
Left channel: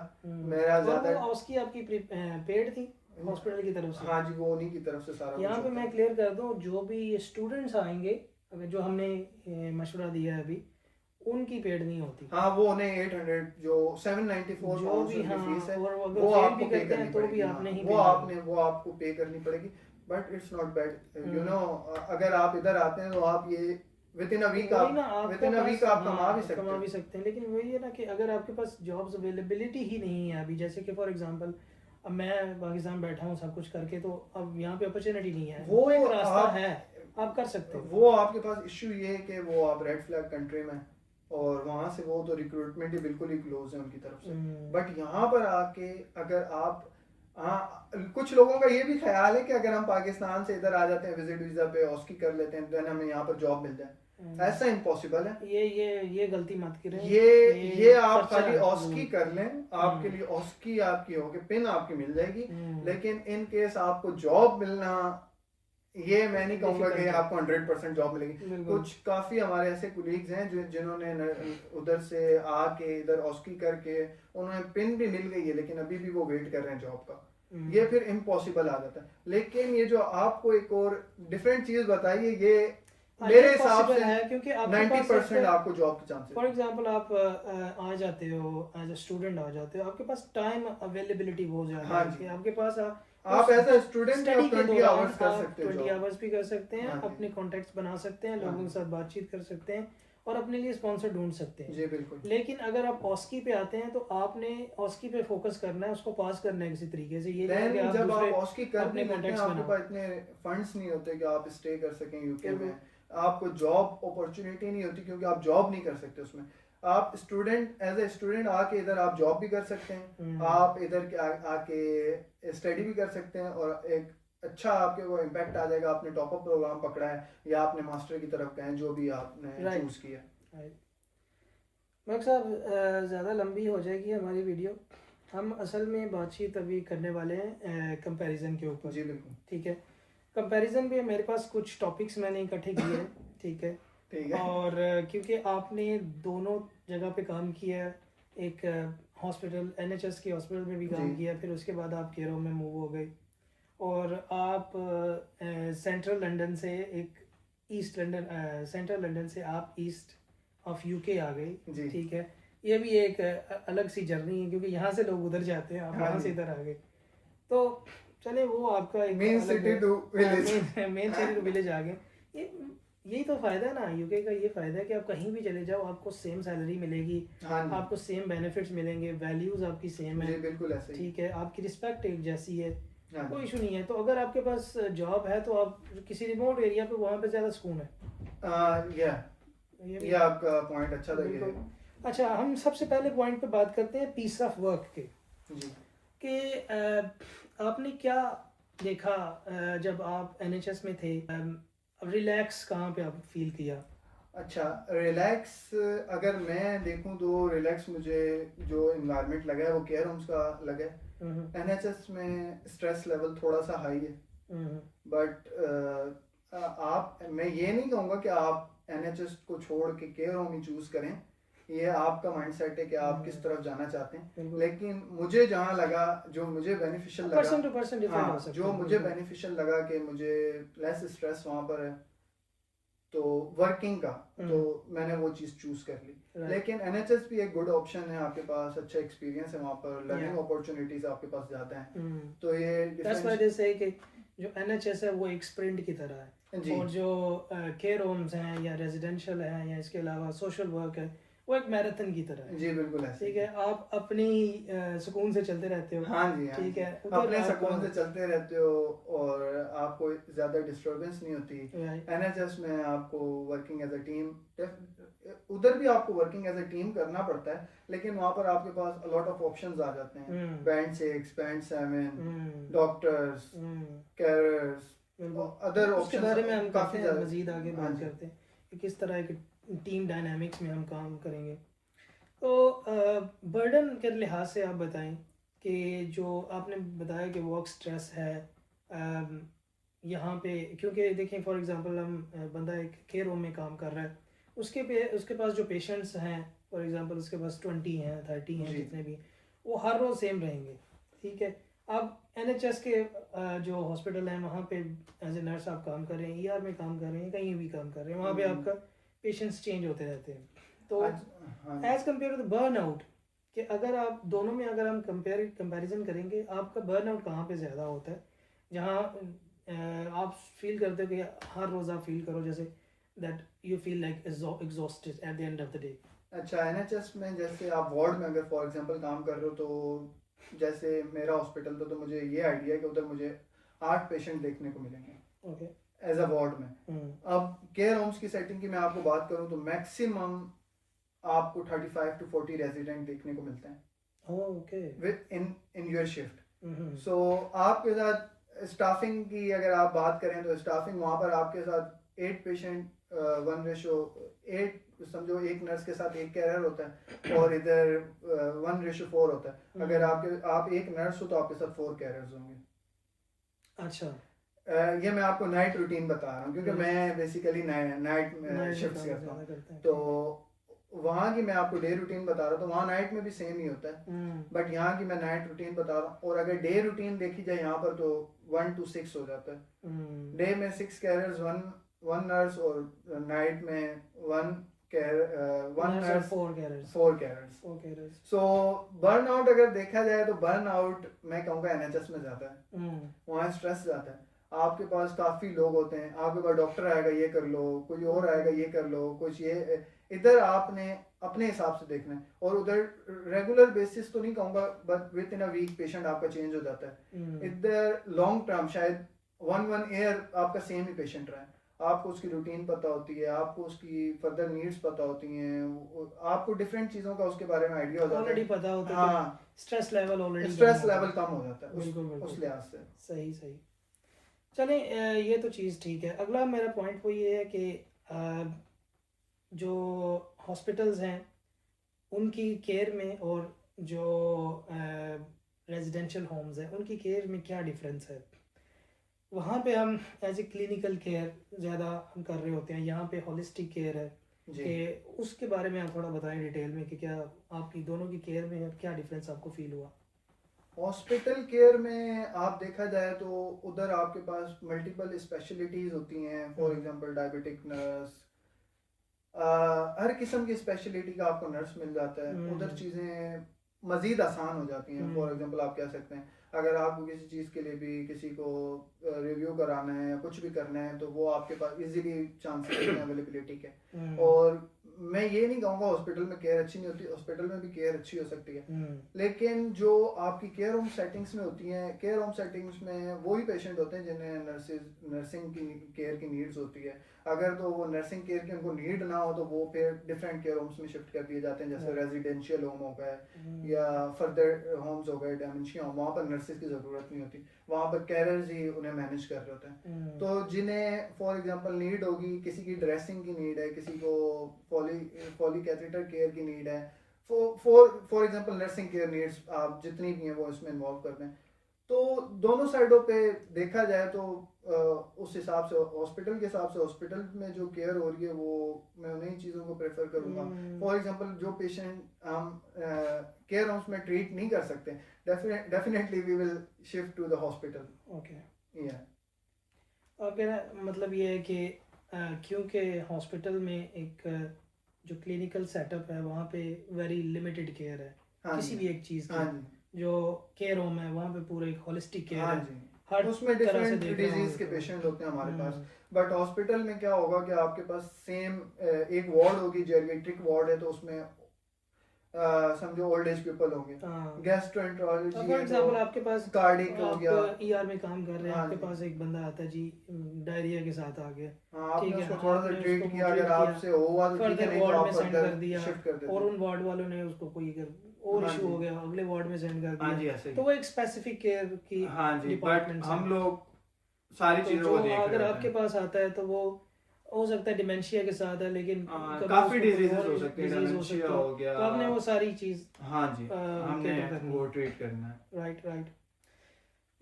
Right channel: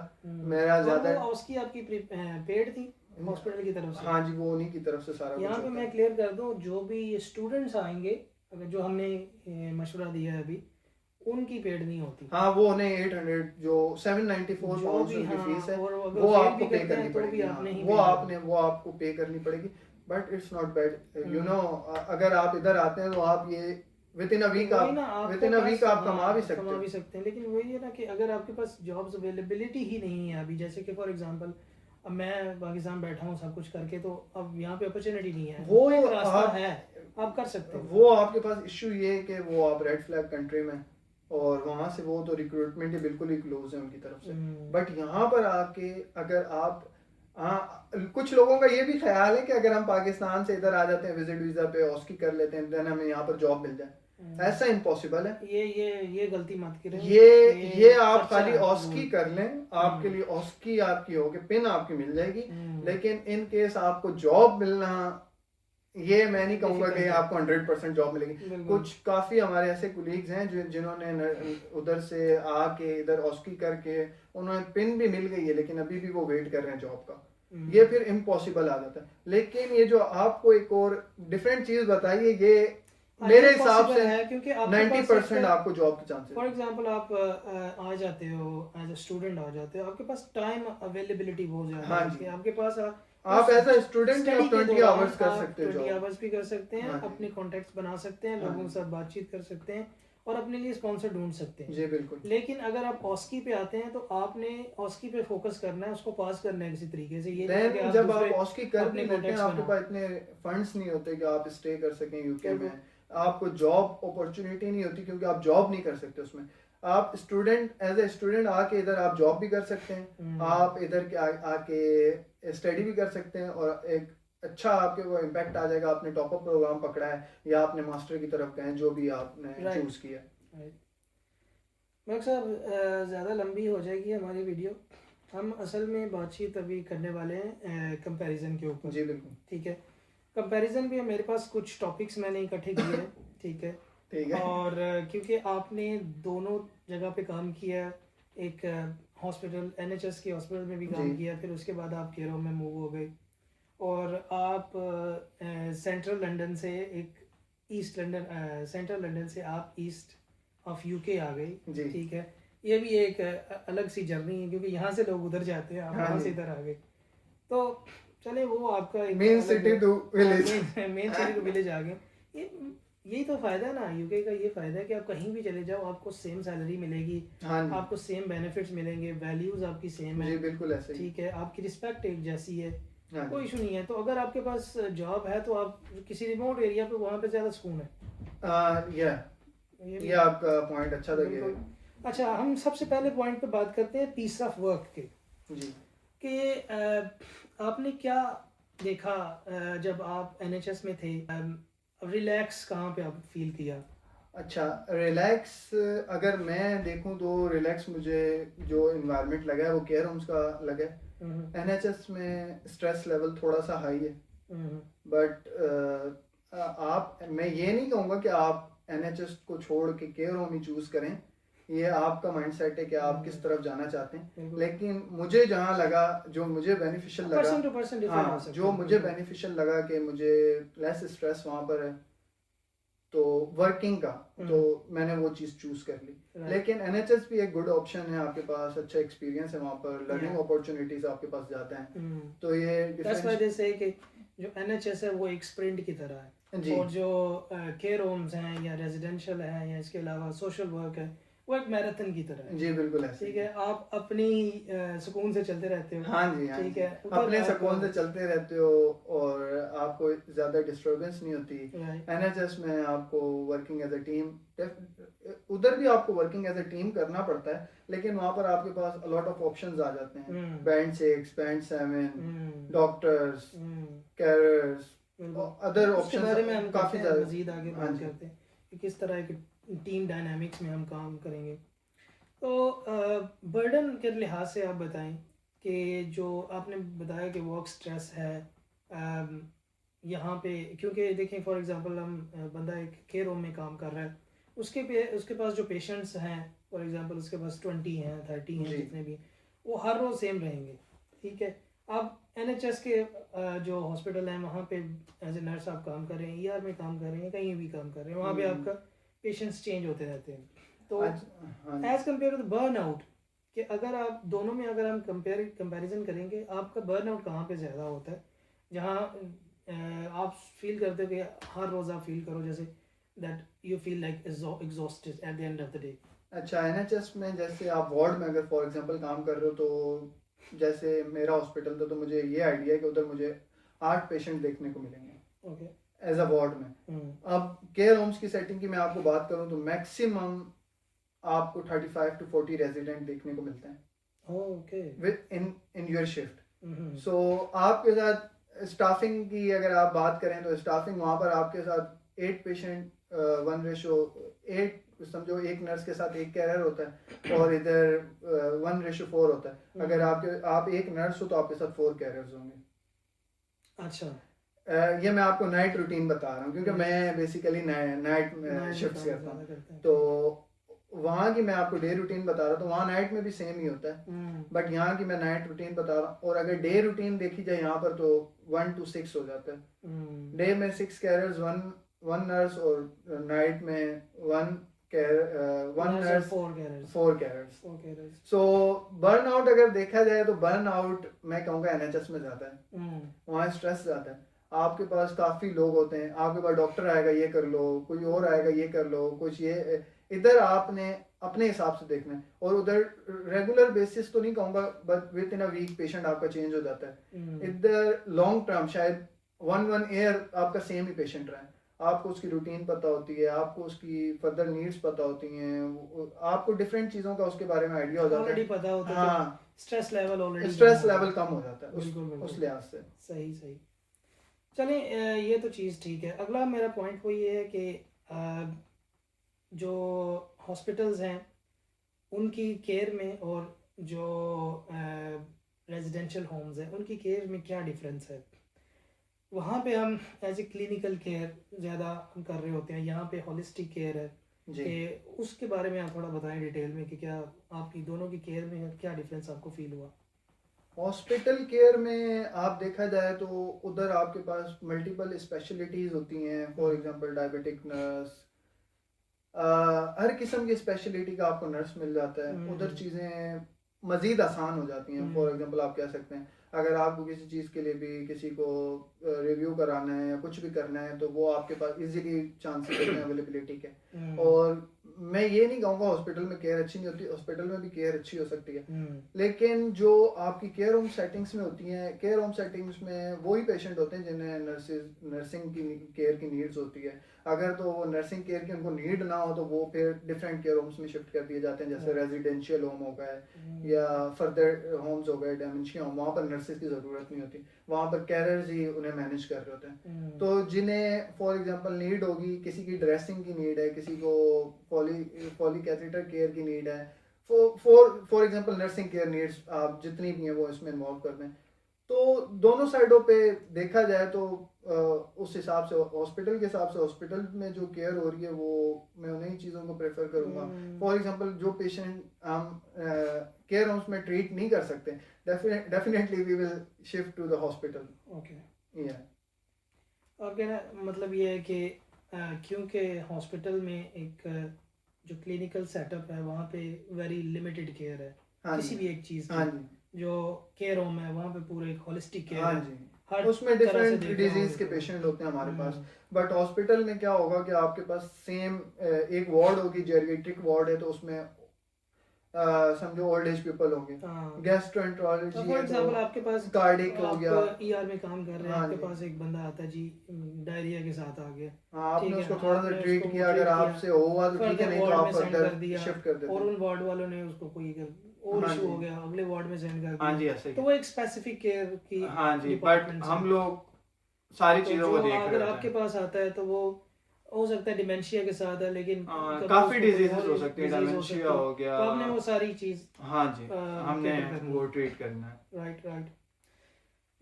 मेरा ज्यादा उसकी आपकी पेड थी हॉस्पिटल की तरफ से? हाँ जी, वो उन्हीं की तरफ से सारा। यहाँ पे मैं क्लियर कर दूं, जो भी स्टूडेंट्स आएंगे, अगर जो हमने मशवरा दिया है अभी, उनकी पेड नहीं होती। हाँ, वो उन्हें 800 जो 794 जो भी की फीस है, और अगर वो fail आपको भी पे करते हैं करनी तो भी पड़ेगी। आपने ही वो आपको पे करनी पड़ेगी। But it's not bad, you know. अगर आप इधर आते हैं तो आप ये विद इन अ वीक आप कमा भी सकते हैं। लेकिन वही है ना कि अगर आपके पास जॉब्स अवेलेबिलिटी ही नहीं है अभी, जैसे कि फॉर एग्जांपल अब मैं पाकिस्तान बैठा हूँ सब कुछ करके, तो अब यहाँ पे अपॉर्चुनिटी नहीं है। वो एक रास्ता है, आप कर सकते हो। वो आपके पास इशू ये है कि वो आप रेड फ्लैग कंट्री में, और वहां से वो तो रिक्रूटमेंट ही बिल्कुल ही क्लोज है उनकी तरफ से। बट यहाँ पर आके अगर आप कुछ लोगों का ये भी ख्याल है कि अगर हम पाकिस्तान से इधर आ जाते हैं विजिट वीजा पे, ऑस्की कर लेते हैं, देन हमें यहाँ पर जॉब मिल जाए। ऐसा इम्पॉसिबल है। ये गलती मत करें। ये आप खाली ऑस्की कर लें, आपके लिए ऑस्की आपकी होगी, पिन आपकी मिल जाएगी, लेकिन इन केस आपको जॉब मिलना, ये मैं नहीं कहूंगा कि आपको 100% जॉब मिलेगी। कुछ काफी हमारे ऐसे कुलीग्स हैं जिन्होंने उधर से आके इधर ऑस्की करके उन्हें पिन भी मिल गई है, लेकिन अभी भी वो वेट कर रहे हैं जॉब का। ये फिर इम्पॉसिबल आ जाता है। लेकिन ये जो आपको एक और डिफरेंट चीज बताइए, ये मेरे हिसाब से है, क्योंकि 90% आपको जॉब के चांसेस। फॉर एग्जांपल आप आ जाते हो एज अ स्टूडेंट, आ जाते हो, आपके पास टाइम अवेलेबिलिटी बहुत ज्यादा है कि आपके पास आप एज अ स्टूडेंट स्टडी आप के 20 दौरान आवर्स कर आप सकते हो 20 job। आवर्स भी कर सकते हैं, हाँ जी। अपने कॉन्टेक्ट्स बना सकते हैं, हाँ लोगों के जी। साथ बातचीत कर सकते हैं और अपने लिए स्पॉन्सर ढूंढ सकते हैं। जी बिल्कुल। लेकिन अगर आप ऑस्की पे आते हैं तो आपने ऑस्की पे फोकस करना है, उसको पास करना है किसी तरीके से। ये नहीं है कि देन आप जब दूसरे आप ऑस्की कर भी अपने लेते हैं कॉन्टेक्ट्स आपके बनाओ। पास इतने फंड्स नहीं होते कि आप स्टे कर सकें यूके बिल्कुल। में, आपको जॉब अपॉर्चुनिटी नहीं होती क्योंकि आप जॉब नहीं कर सकते उसमें। आप स्टूडेंट एज ए स्टूडेंट आके इधर आप जॉब भी कर सकते हैं, आप इधर आके स्टडी भी कर सकते हैं और एक अच्छा आपके वो इम्पैक्ट आ जाएगा। आपने टॉप अप प्रोग्राम पकड़ा है या आपने मास्टर की तरफ गए हैं, जो भी आपने Right. चूज किया। मलिक साहब, ज़्यादा लंबी हो जाएगी हमारी वीडियो। हम असल में बातचीत अभी करने वाले हैं कंपैरिजन के ऊपर। जी बिल्कुल। ठीक है, कंपैरिजन भी मेरे पास कुछ टॉपिक्स मैंने इकट्ठे किए हैं। ठीक है, ठीक है। और क्योंकि आपने दोनों जगह पे काम किया है, एक हॉस्पिटल NHS के हॉस्पिटल में भी काम जी। किया, फिर उसके बाद आप केयर होम में मूव हो गए और आप सेंट्रल लंदन से एक ईस्ट लंदन सेंट्रल लंदन से आप ईस्ट ऑफ यूके आ गई। जी। ठीक है, ये भी एक अलग सी जर्नी है क्योंकि यहाँ से लोग उधर जाते हैं, आप हाँ यहाँ से जी। इधर आ गए। तो चले, वो आपका एक मेन अलग city to village. Main city to village आ गए। ये यही तो फायदा है ना यूके का, ये फायदा है कि आप कहीं भी चले जाओ आपको सेम सैलरी मिलेगी, हाँ जी। आपको सेम बेनिफिट्स मिलेंगे, वैल्यूज आपकी सेम जी है। बिल्कुल ऐसे ही। ठीक है, आपकी रिस्पेक्ट एक जैसी है, हाँ कोई जी। इशू नहीं है। तो अगर आपके पास जॉब है तो आप किसी रिमोट एरिया पे, वहाँ पे ज़्यादा सुकून है। ये भी ये आपका पॉइंट अच्छा था ये। बिल्कुल। अच्छा, हम सबसे पहले पॉइंट पे बात करते हैं पीस ऑफ वर्क के, जी। कि आपने क्या देखा जब आप NHS में थे, रिलैक्स कहाँ पे आप फील किया? अच्छा, रिलैक्स अगर मैं देखूं तो रिलैक्स मुझे जो इन्वायरमेंट लगा है वो केयर होम्स का लगा है। NHS में स्ट्रेस लेवल थोड़ा सा हाई है, बट आप, मैं ये नहीं कहूँगा कि आप NHS को छोड़ के केयर होम ही चूज करें। ये आपका माइंडसेट है कि आप किस तरफ जाना चाहते हैं। बिल्कुल। लेकिन मुझे जहाँ लगा, जो मुझे बेनिफिशियल लगा, पर्सन टू पर्सन डिफरेंट हो सकता जो है। मुझे बेनिफिशियल लगा कि मुझे लेस स्ट्रेस वहाँ पर है तो वर्किंग का, तो मैंने वो चीज चूज कर ली। Right. लेकिन NHS भी एक गुड ऑप्शन है, आपके पास अच्छा एक्सपीरियंस है वहाँ पर, लर्निंग Yeah. अपॉर्चुनिटीज आपके पास ज्यादा हैं। तो ये दैट्स व्हाई दे से कि जो NHS है वो एक स्प्रिंट की तरह है, जी। और जो केयर होम्स हैं या रेजिडेंशियल है या इसके अलावा सोशल वर्क है, वो एक मैराथन की तरह है। जी बिल्कुल ऐसे। ठीक है, आप अपनी सुकून से चलते रहते हो। हाँ जी। हाँ ठीक जी। है, उधर अपने आपको- सुकून से चलते रहते हो और आपको ज्यादा डिस्टरबेंस नहीं होती। Right. NHS में आपको वर्किंग एज अ टीम, उधर भी आपको वर्किंग एज अ टीम करना पड़ता है, लेकिन वहाँ पर आपके पास अलॉट ऑफ ऑप्शंस आ जाते हैं। Band 6, band 7, doctors, carers, other उसके बारे में हम काफी काफ़ी मजीद आगे हाँ बात जी। करते हैं कि किस तरह एक टीम डायनामिक्स में हम काम करेंगे। तो बर्डन के लिहाज से आप बताएं कि जो आपने बताया कि वर्क स्ट्रेस है यहाँ पे, क्योंकि देखें फॉर एग्जांपल हम बंदा एक केयर होम में काम कर रहा है, उसके पास जो पेशेंट्स हैं फॉर एग्जांपल उसके पास 20 हैं 30 हैं, जी। जितने भी, वो हर रोज़ सेम रहेंगे। ठीक है, अब NHS के जो हॉस्पिटल हैं वहाँ पे एज ए नर्स आप काम कर रहे हैं, ER में काम कर रहे हैं, कहीं भी काम कर रहे हैं, वहाँ पे आपका पेशेंट्स चेंज होते रहते हैं। तो as compare to the burn out, कि अगर आप दोनों में अगर हम कंपैरिजन करेंगे, आपका बर्न आउट कहाँ पे ज़्यादा होता है, जहाँ आप फील करते हो कि हर रोज़ आप फील करो जैसे that you feel like exhausted at the end of the day? अच्छा, NHS में जैसे आप वार्ड में अगर फॉर एग्जांपल काम कर रहे हो, तो जैसे मेरा हॉस्पिटल था तो मुझे ये आइडिया है कि उधर मुझे 8 पेशेंट देखने को मिलेंगे ओके एज अ वार्ड में। अब केयर होम्स की सेटिंग की मैं आपको बात करूं तो मैक्सिमम आपको 35 to 40 रेजिडेंट देखने को मिलते हैं okay with in your shift. So आपके साथ स्टाफिंग की अगर आप बात करें तो स्टाफिंग वहाँ पर आपके साथ 8 पेशेंट 1:8, समझो एक नर्स के साथ एक कैरियर होता है, और इधर 1:4 होता है। अगर आप एक नर्स हो तो आपके साथ 4 कैरियर्स होंगे। अच्छा, ये मैं आपको नाइट रूटीन बता रहा हूँ क्योंकि मैं बेसिकली नाइट शिफ्ट करता हूँ, तो वहाँ की मैं आपको डे रूटीन बता रहा हूँ, तो वहाँ नाइट में भी सेम ही होता है, बट यहाँ की मैं नाइट रूटीन बता रहा हूँ। और अगर डे रूटीन देखी जाए यहाँ पर तो 1 to 6 हो जाता है। डे में 6 कैरियर्स, 1 नर्स, और नाइट में 1 one Nurse nurse and 4 carers. 4 carers. 4 carers. So burn out अगर देखा जाए तो बर्न आउट मैं कहूँगा एनएचएस में जाता है, वहाँ स्ट्रेस जाता है। आपके पास काफी लोग होते हैं, आपके पास डॉक्टर आएगा ये कर लो, कोई और आएगा ये कर लो, कुछ ये, इधर आपने अपने हिसाब से देखना है, और उधर रेगुलर बेसिस तो नहीं कहूँगा, but with in a week patient आपका चेंज हो जाता है। इधर लॉन्ग टर्म शायद 1 ईयर आपका सेम ही पेशेंट रहा है, आपको उसकी रूटीन पता होती है, आपको उसकी फर्दर नीड्स पता होती हैं, आपको डिफरेंट चीजों का उसके बारे में आइडिया हो जाता है, ऑलरेडी पता होता है। हाँ, stress level already stress level कम हो जाता है बिल्कुल उस लिहाज से। सही सही। चलें, ये तो चीज़ ठीक है। अगला मेरा पॉइंट वो ये है कि जो हॉस्पिटल्स हैं उनकी केयर में और जो रेजिडेंशियल होम्स हैं उनकी केयर में क्या डिफरेंस है? वहाँ पे हम एज ए क्लिनिकल केयर ज़्यादा हम कर रहे होते हैं, यहाँ पे होलिस्टिक केयर है, कि उसके बारे में आप थोड़ा बताएं डिटेल में कि क्या आपकी दोनों की केयर में क्या डिफरेंस आपको फील हुआ? हॉस्पिटल केयर में आप देखा जाए तो उधर आपके पास मल्टीपल स्पेशलिटीज होती हैं, फॉर एग्जांपल डायबिटिक नर्स, हर किस्म की स्पेशलिटी का आपको नर्स मिल जाता है। उधर चीज़ें मज़ीद आसान हो जाती हैं। फॉर एग्जांपल आप कह सकते हैं अगर आपको किसी चीज़ के लिए भी किसी को रिव्यू कराना है या कुछ भी करना है तो वो आपके पास इजीली चांसेस हैं अवेलेबिलिटी के। और मैं ये नहीं कहूँगा हॉस्पिटल में केयर अच्छी नहीं होती, हॉस्पिटल में भी केयर अच्छी हो सकती है, लेकिन जो आपकी केयर होम सेटिंग्स में होती हैं, केयर होम सेटिंग्स में वही पेशेंट होते हैं जिन्हें नर्सिंग की केयर की नीड्स होती है। अगर तो वो नर्सिंग केयर की उनको नीड ना हो तो वो फिर डिफरेंट केयर होम्स में शिफ्ट कर दिए जाते हैं, जैसे रेजिडेंशियल होम हो गए या फर्दर होम्स हो गए, डेमेंशिया होम, वहाँ पर नर्सेज की ज़रूरत नहीं होती, वहाँ पर कैरर्स ही उन्हें मैनेज कर रहे होते हैं। तो जिन्हें फॉर एग्जांपल नीड होगी, किसी की ड्रेसिंग की नीड है, किसी को पॉलीकैथेटर केयर की नीड है, for example nursing care needs आप जितनी भी हैं वो इसमें इन्वॉल्व कर दें। तो दोनों साइडों पे देखा जाए तो उस हिसाब से हॉस्पिटल के हिसाब से हॉस्पिटल में जो केयर हो रही है वो मैं उन्हीं चीज़ों को प्रेफर करूँगा। फॉर एग्जांपल जो पेशेंट हम केयर होम्स में ट्रीट नहीं कर सकते, definitely we will shift to the hospital. Okay, अब मतलब ये है कि क्योंकि हॉस्पिटल में एक जो क्लिनिकल सेटअप है वहाँ पे वेरी लिमिटेड केयर है किसी भी एक चीज़ की, जो केयर होम है वहाँ पे पूरे एक होलिस्टिक केयर है, हर उसमें डिफरेंट डिजीज के पेशेंट होते हैं हमारे पास। बट हॉस्पिटल में क्या होगा कि आपके पास सेम एक वार्ड होगी, जेरिएट्रिक वार्ड है तो उसमें समझो ओल्ड एज पीपल होंगे, गैस्ट्रोएंटरोलॉजी फॉर एग्जांपल आपके पास कार्डिक हो गया, आप ईआर में काम कर रहे हैं, आपके पास एक बंदा आता है जी डायरिया के साथ आ गया, आपने उसको थोड़ा सा ट्रीट किया, अगर आपसे हुआ तो ठीक है, नहीं तो आप सेंड कर दिया शिफ्ट कर देते और उन वार्ड वालों ने उसको कोई और इशू हो गया अगले वार्ड में सेंड कर दिया, तो वो एक स्पेसिफिक केयर की डिपार्टमेंट। हम लोग सारी चीजों को देख रहे हैं। अगर आपके पास आता है तो वो हो सकता है डिमेंशिया के साथ है, लेकिन काफी डिजीजेस हो सकते हैं, डिमेंशिया हो गया, तो आपने वो सारी चीज हमने वो ट्रीट करना है। राइट।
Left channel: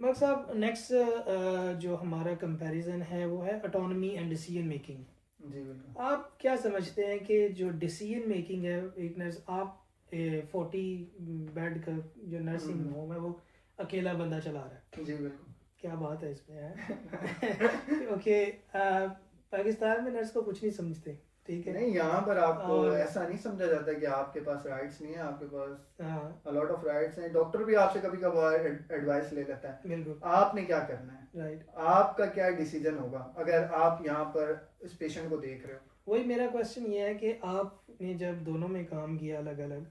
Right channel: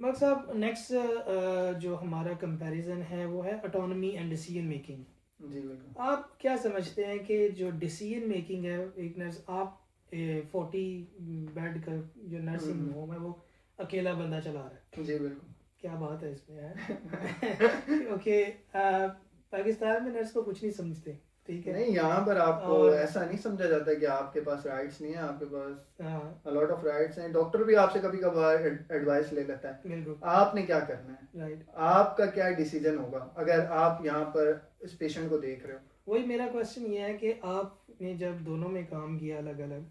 मगर साहब नेक्स्ट जो हमारा कंपैरिजन है वो है ऑटोनॉमी एंड डिसीजन मेकिंग। आप क्या समझते हैं कि जो डिसीजन मेकिंग है, एक नर्स आप 40 बेड का जो नर्सिंग होम है वो अकेला बंदा चला रहा है, जी बिल्कुल, क्या बात है इसमें है ओके, पाकिस्तान में नर्स को कुछ नहीं समझते, ठीक है? नहीं, यहाँ पर आपको ऐसा नहीं समझा जाता कि आपके पास राइट्स नहीं है, आपके पास लॉट ऑफ राइट्स हैं। डॉक्टर भी आपसे कभी कभार एडवाइस ले लेता है, बिल्कुल, आपने क्या करना है, राइट, आपका क्या डिसीजन होगा अगर आप यहाँ पर इस पेशेंट को देख रहे हो। वही मेरा क्वेश्चन ये है कि आपने जब दोनों में काम किया अलग अलग,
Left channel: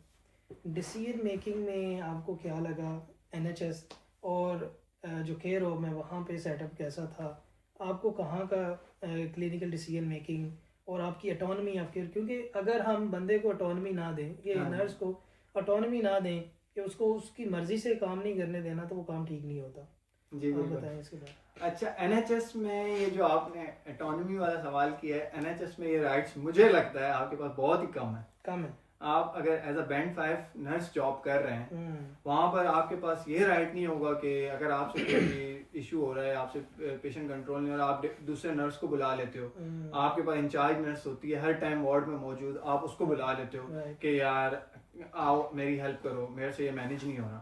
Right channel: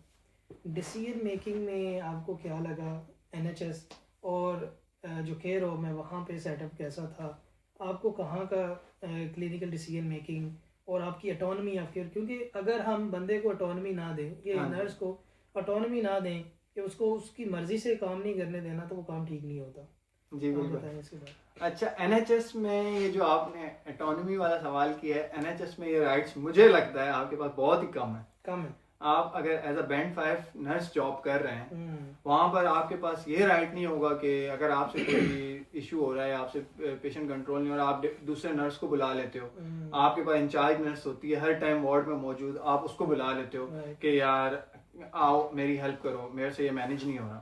डिसीजन मेकिंग में आपको क्या लगा, एनएचएस और जो केयर होम है वहाँ पे सेटअप कैसा था, आपको कहाँ का क्लिनिकल डिसीजन मेकिंग और आपकी ऑटोनॉमी या फिर, क्योंकि अगर हम बंदे को ऑटोनॉमी ना दें, ये नर्स को ऑटोनॉमी ना दें कि उसको उसकी मर्जी से काम नहीं करने देना, तो वो काम ठीक नहीं होता। जी आप बताएं इसके बाद। अच्छा, एनएचएस में ये जो आपने ऑटोनॉमी वाला सवाल किया है, एनएचएस में ये राइट्स मुझे लगता है आपके पास बहुत ही कम है। आप अगर as a band 5 nurse job कर रहे हैं, वहाँ पर आपके पास ये राइट नहीं होगा कि अगर आपसे कोई इशू हो रहा है, आपसे पेशेंट कंट्रोल नहीं हो रहा, आप दूसरे नर्स को बुला लेते हो, आपके पास इंचार्ज नर्स होती है हर टाइम वार्ड में मौजूद, आप उसको बुला लेते हो कि यार आओ मेरी हेल्प करो, मेरे से ये मैनेज नहीं हो रहा।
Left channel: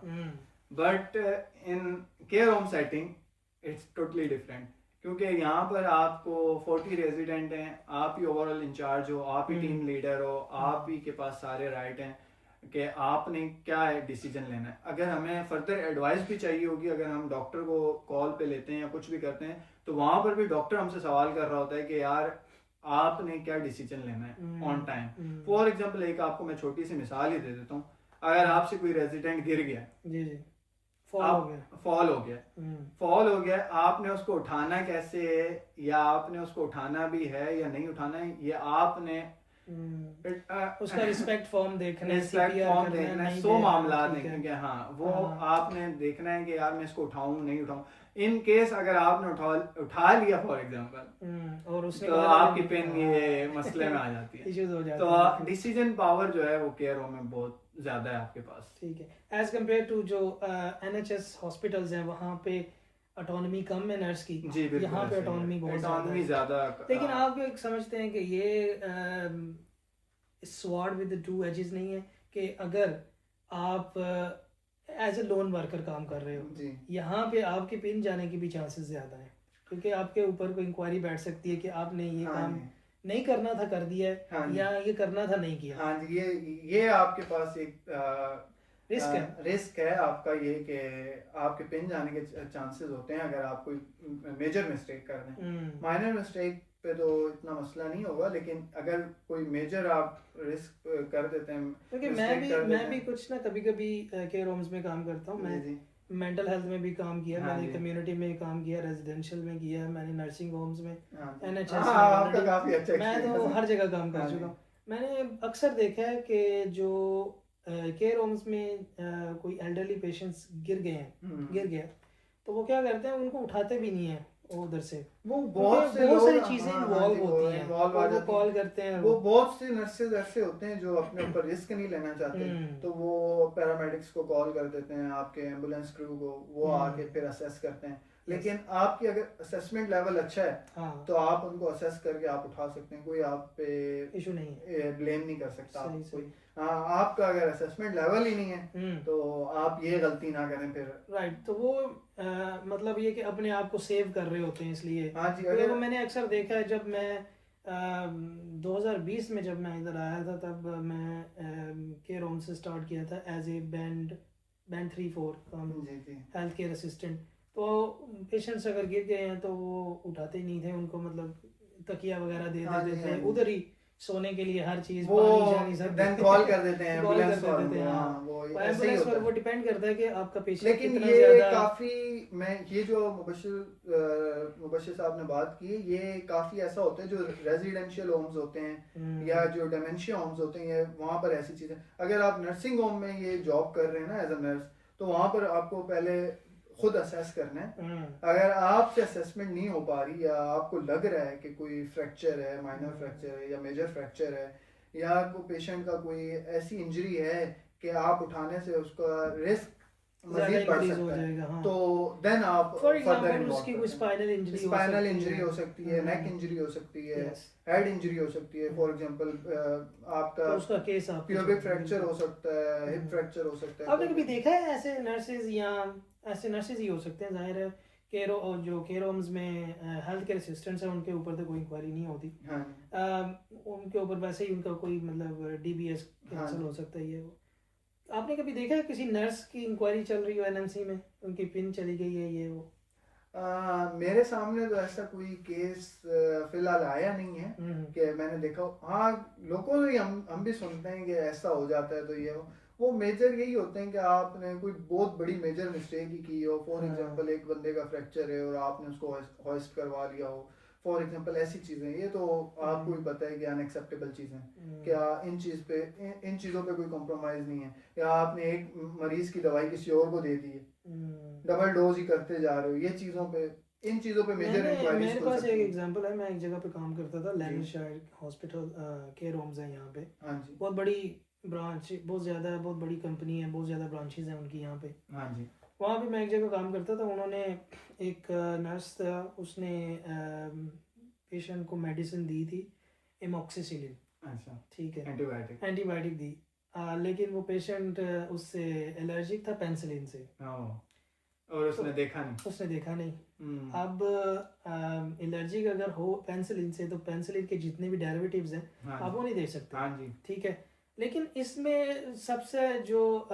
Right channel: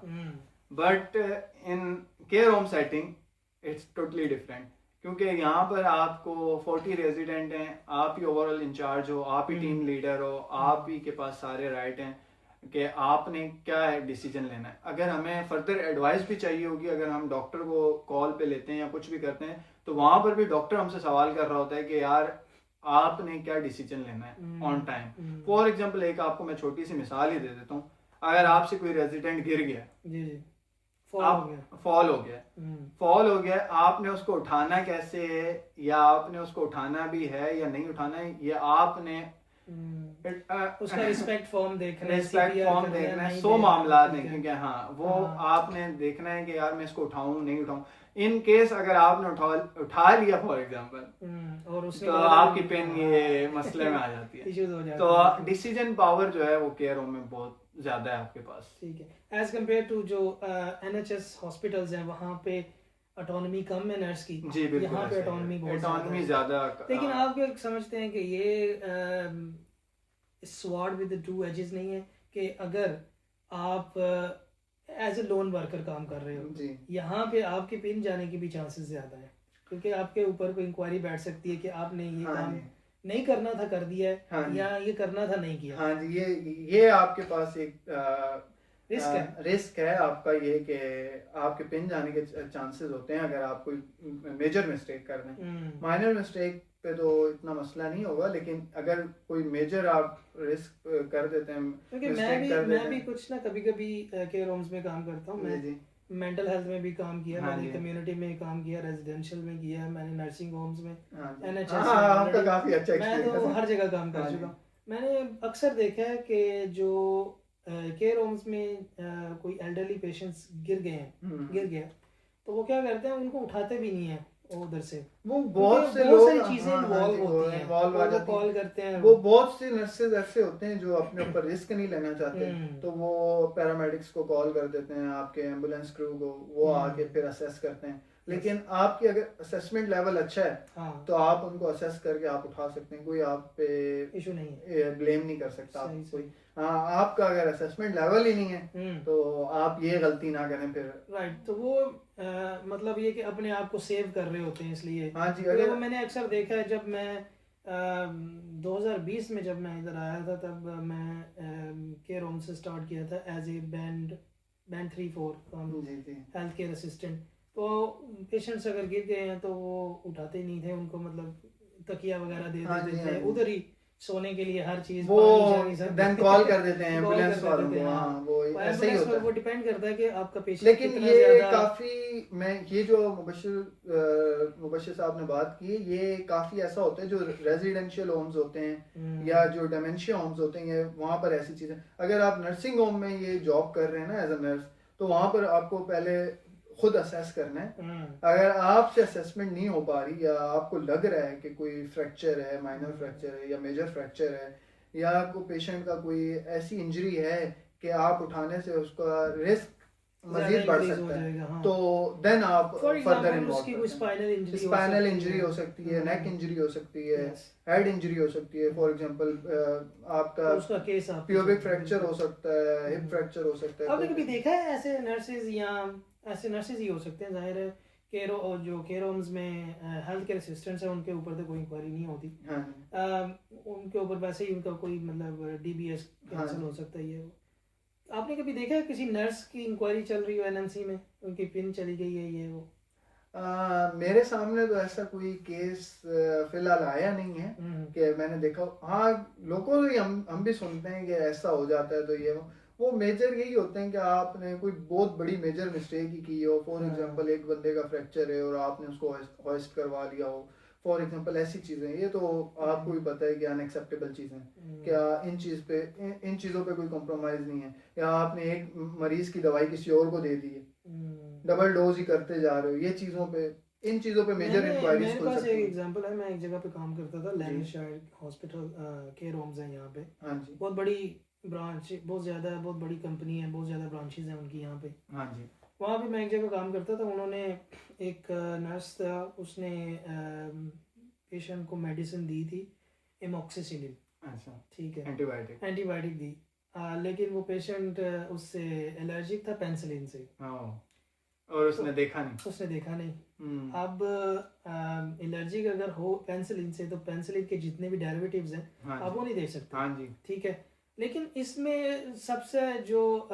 But in care home setting it's totally different. क्योंकि यहाँ पर आपको 40 रेजिडेंट हैं, आप ही ओवरऑल इंचार्ज हो, आप ही टीम लीडर हो, आप ही के पास सारे राइट हैं कि आपने क्या है डिसीजन लेना है। अगर हमें फर्दर एडवाइस भी चाहिए होगी, अगर हम डॉक्टर को कॉल पे लेते हैं या कुछ भी करते हैं, तो वहां पर भी डॉक्टर हमसे सवाल कर रहा होता है कि यार आपने क्या डिसीजन लेना है ऑन टाइम। फॉर एग्जांपल एक आपको मैं छोटी सी मिसाल ही दे देता हूँ, अगर आपसे कोई रेजिडेंट गिर गया, जी जी, फॉल हो गया, फॉल हो गया, आपने उसको उठाना कैसे है, या आपने उसको उठाना भी है या नहीं उठाना है, ये आपने उसका रिस्पेक्ट फॉर्म देखना है, रिस्पेक्ट CPR फॉर्म करना है, देखना है, नहीं 100 देना, मामला ठीक है। देखेंगे। हाँ वो हाँ। आपने देखना है कि यार मैं इसको उठाऊं नहीं उठाऊं। इन केस अगर आपने उठा लिया फॉर एग्जांपल, और उसने तो कहा आपकी पेन ये मसले में आ जाती है, इश्यूज हो जाते तो हैं। डिसीजन पावर जो है वो केयर होम में बहुत ज्यादा है आपके पास। ठीक है, एज कम्पेयर टू जो NHS हॉस्पिटल्स हैं वहाँ पे ऑटोनॉमी कम है नर्स की, जी बिल्कुल, यहाँ पे ऑटोनॉमी बहुत ऑटोनॉमी ज़्यादा है। ज्यादा। लेकिन आप क्या समझते हैं कि ये स्वॉर्ड विद टू एजेस नहीं है, कि अगर आप एज ए लोन वर्कर काम कर रहे हो जी, यहाँ पे आपके पिन जाने की भी चांसेस ज़्यादा है, क्योंकि आपके ऊपर कोई इंक्वायरी बैठ सकती है कि आपने ये हाँ काम जी, नहीं करना था कर दिया है, हाँ जी, या ये करना था नहीं किया। हाँ जी, ये आपके पास एक रिस्क है। रिस्क है आपका, ये कि आपके पिन जाने के चांसेस होते हैं अगर आप कोई मेजर मिस्टेक कर दें। माइनर मिस्टेक पे तो इतना मसला नहीं होगा, लेकिन अगर कोई मेजर आप रिस्क कर देते हैं, क्योंकि मैं भी कुछ ना कभी कभी केयर होम्स में काम करता हूँ। मैं मेंटल हेल्थ में भी काम किया, मैंने कम्युनिटी में काम किया, रेजिडेंशियल में किया, मैंने नर्सिंग होम्स में, NHS में, काफी अच्छा मैं तो हर जगह काम कर चुका हूँ। मैंने अक्सर देखा है कि जो केयर होम्स में कोई एल्डरली पेशेंट्स गिर गया, तो वो क्या करते हैं, उनको उठाते भी नहीं है उधर से, वो बहुत सारी चीजें इन्वॉल्व होती हैं, वो कॉल करते हैं, वो बहुत से नर्सेज ऐसे होते हैं जो अपने ऊपर रिस्क नहीं लेना चाहते, तो वो पैरामेडिक्स को कॉल कर देते हैं, आपके एम्बुलेंस क्रू को, वो आके फिर असेस करते हैं। लेकिन आपकी अगर असेसमेंट लेवल अच्छा है तो आप उनको असेस करके आप उठा सकते हैं, कोई आप पे इशू नहीं है, ब्लेम नहीं कर सकता कोई। हाँ, आपका अगर असेसमेंट लेवल ही नहीं है तो आप ये गलती ना करें फिर। राइट, तो वो मतलब ये कि अपने आप को सेव कर रहे होते हैं, इसलिए। हाँ जी, तो मैंने अक्सर देखा है, जब मैं 2020 में जब मैं इधर आया था, तब मैं केयर होम से स्टार्ट किया था एज ए बैंड 3-4 काम, हेल्थ केयर असिस्टेंट। तो पेशेंट्स अगर गिर गए हैं तो वो उठाते ही नहीं थे, उनको मतलब तकिया वगैरह दे देते थे, उधर ही सोने के लिए हर चीज, पानी शानी सब देन कॉल कर देते हैं कॉल एम्बुलेंस कर देते हैं। हाँ, वो ऐसे ही एम्बुलेंस होता पर है। वो डिपेंड करता है कि आपका पेशेंट लेकिन कितना ये ज्यादा। काफी, मैं ये जो मुबशिर साहब ने बात की, ये काफी ऐसा होता है जो रेजिडेंशियल होम्स होते हैं या जो डेमेंशिया होम्स होते हैं, ये वहाँ पर ऐसी चीजें। अगर आप नर्सिंग होम में ये जॉब कर रहे हैं ना एज अ नर्स, तो वहाँ पर आपको पहले खुद असेस करना है। अगर आपसे असेसमेंट नहीं हो पा रही, या आपको लग रहा है कि कोई फ्रैक्चर है, माइनर फ्रैक्चर है या मेजर फ्रैक्चर है, या कोई पेशेंट का कोई ऐसी इंजरी है कि आप उठाने से उसका रिस्क मजीद बढ़ सकता है, तो देन आप फॉर एग्जांपल उसकी कोई स्पाइनल इंजरी हो सकती है, नेक इंजरी हो सकती है, हेड इंजरी हो सकती है। फॉर एग्जांपल आपका तो उसका केस प्यूबिक फ्रैक्चर हो सकता है, हिप फ्रैक्चर हो सकता है। आपने कभी देखा है ऐसे नर्सेज, या ऐसे नर्सेज ही हो सकते हैं, जाहिर है केयर होम्स में हेल्थ केयर असिस्टेंट्स हैं, उनके ऊपर तो कोई इंक्वायरी नहीं होती, उनके ऊपर वैसे ही उनका कोई मतलब DBS कैंसिल हो सकता है। ये वो आपने कभी देखा है किसी नर्स की इंक्वायरी चल रही हो NMC में, उनकी पिन चली गई है, ये वो? मेरे सामने तो ऐसा कोई केस फिलहाल आया नहीं है कि मैंने देखा। हाँ, लोगों से हम भी सुनते हैं कि ऐसा हो जाता है, तो ये वो मेजर यही होते हैं कि आपने कोई बहुत बड़ी मेजर मिस्टेक ही की हो। फॉर एग्जांपल एक बंदे का फ्रैक्चर है और आपने उसको हॉइस्ट करवा लिया हो, फॉर एग्जांपल ऐसी चीजें, ये तो आपको भी पता है कि अनएक्सेप्टेबल चीजें। क्या इन चीजों पे कोई कॉम्प्रोमाइज नहीं है, या आपने एक मरीज की दवाई किसी और को दे दी है, डबल डोज ही करते जा रहे हो, ये इन चीजों पे मेजर इंक्वायरीज। मेरे पास एक एग्जांपल है, मैं एक जगह पे काम करता था, लैंडशायर हॉस्पिटल केयर होम्स है यहाँ पे। हाँ जी, बहुत बड़ी ब्रांच, बहुत बड़ी कंपनी है, बहुत ज्यादा ब्रांचेस हैं उनकी यहाँ पे। हाँ जी, वहाँ पे मैं एक जगह काम करता था, उन्होंने एक नर्स था, उसने पेशेंट को मेडिसिन दी थी एमोक्सिसिलिन। अच्छा, ठीक है, एंटीबायोटिक दी, लेकिन वो पेशेंट उससे एलर्जिक था, पेनिसिलिन से। और उसने देखा नहीं। उसने देखा नहीं। हम्म, अब एलर्जी अगर हो पेनिसिलिन से, तो पेनिसिलिन के जितने भी डेरिवेटिव्स हैं हाँ आप जी, वो नहीं दे सकते, हाँ जी। ठीक है। लेकिन इसमें सबसे जो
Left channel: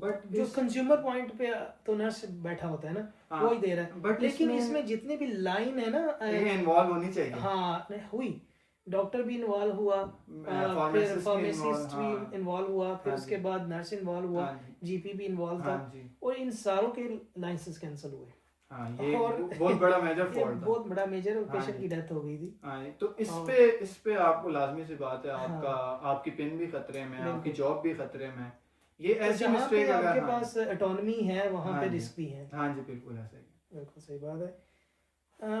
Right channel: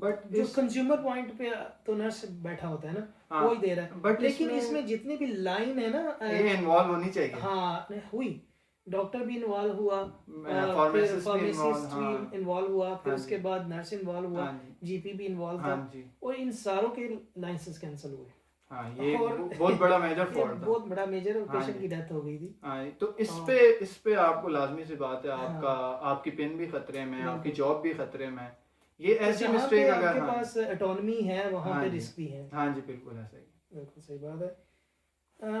बट जो इस कंज्यूमर पॉइंट पे तो नर्स बैठा होता है ना, हाँ, वो ही दे रहा है। बट लेकिन इसमें जितनी भी लाइन है ना, ये इन्वॉल्व होनी चाहिए। हाँ नहीं, हुई। डॉक्टर भी इन्वॉल्व हुआ, फिर फार्मासिस्ट भी फार्मासिस्ट इन्वॉल्व, भी हाँ इन्वॉल्व हुआ, फिर हाँ उसके जी, बाद नर्स इन्वॉल्व हुआ, हाँ जी, जीपी भी इन्वॉल्व हाँ था, जी। और इन सारों के लाइसेंस कैंसिल हुए। हाँ, ये और बहुत बड़ा मेजर ये फॉल्ट था। बहुत बड़ा मेजर, और हाँ पेशेंट जी, की डेथ हो गई थी। हाँ जी। तो और इस पे आपको लाजमी सी बात है, आपका हाँ आपकी पिन भी खतरे में है, आपकी बिल्कुल। जॉब भी खतरे में है। ये तो ऐसी जहाँ पे मिस्टेक अगर, आपके हाँ पास ऑटोनॉमी है वहाँ हाँ पे जी, रिस्क भी है। हाँ जी, बिल्कुल ऐसा ही। बिल्कुल सही बात है।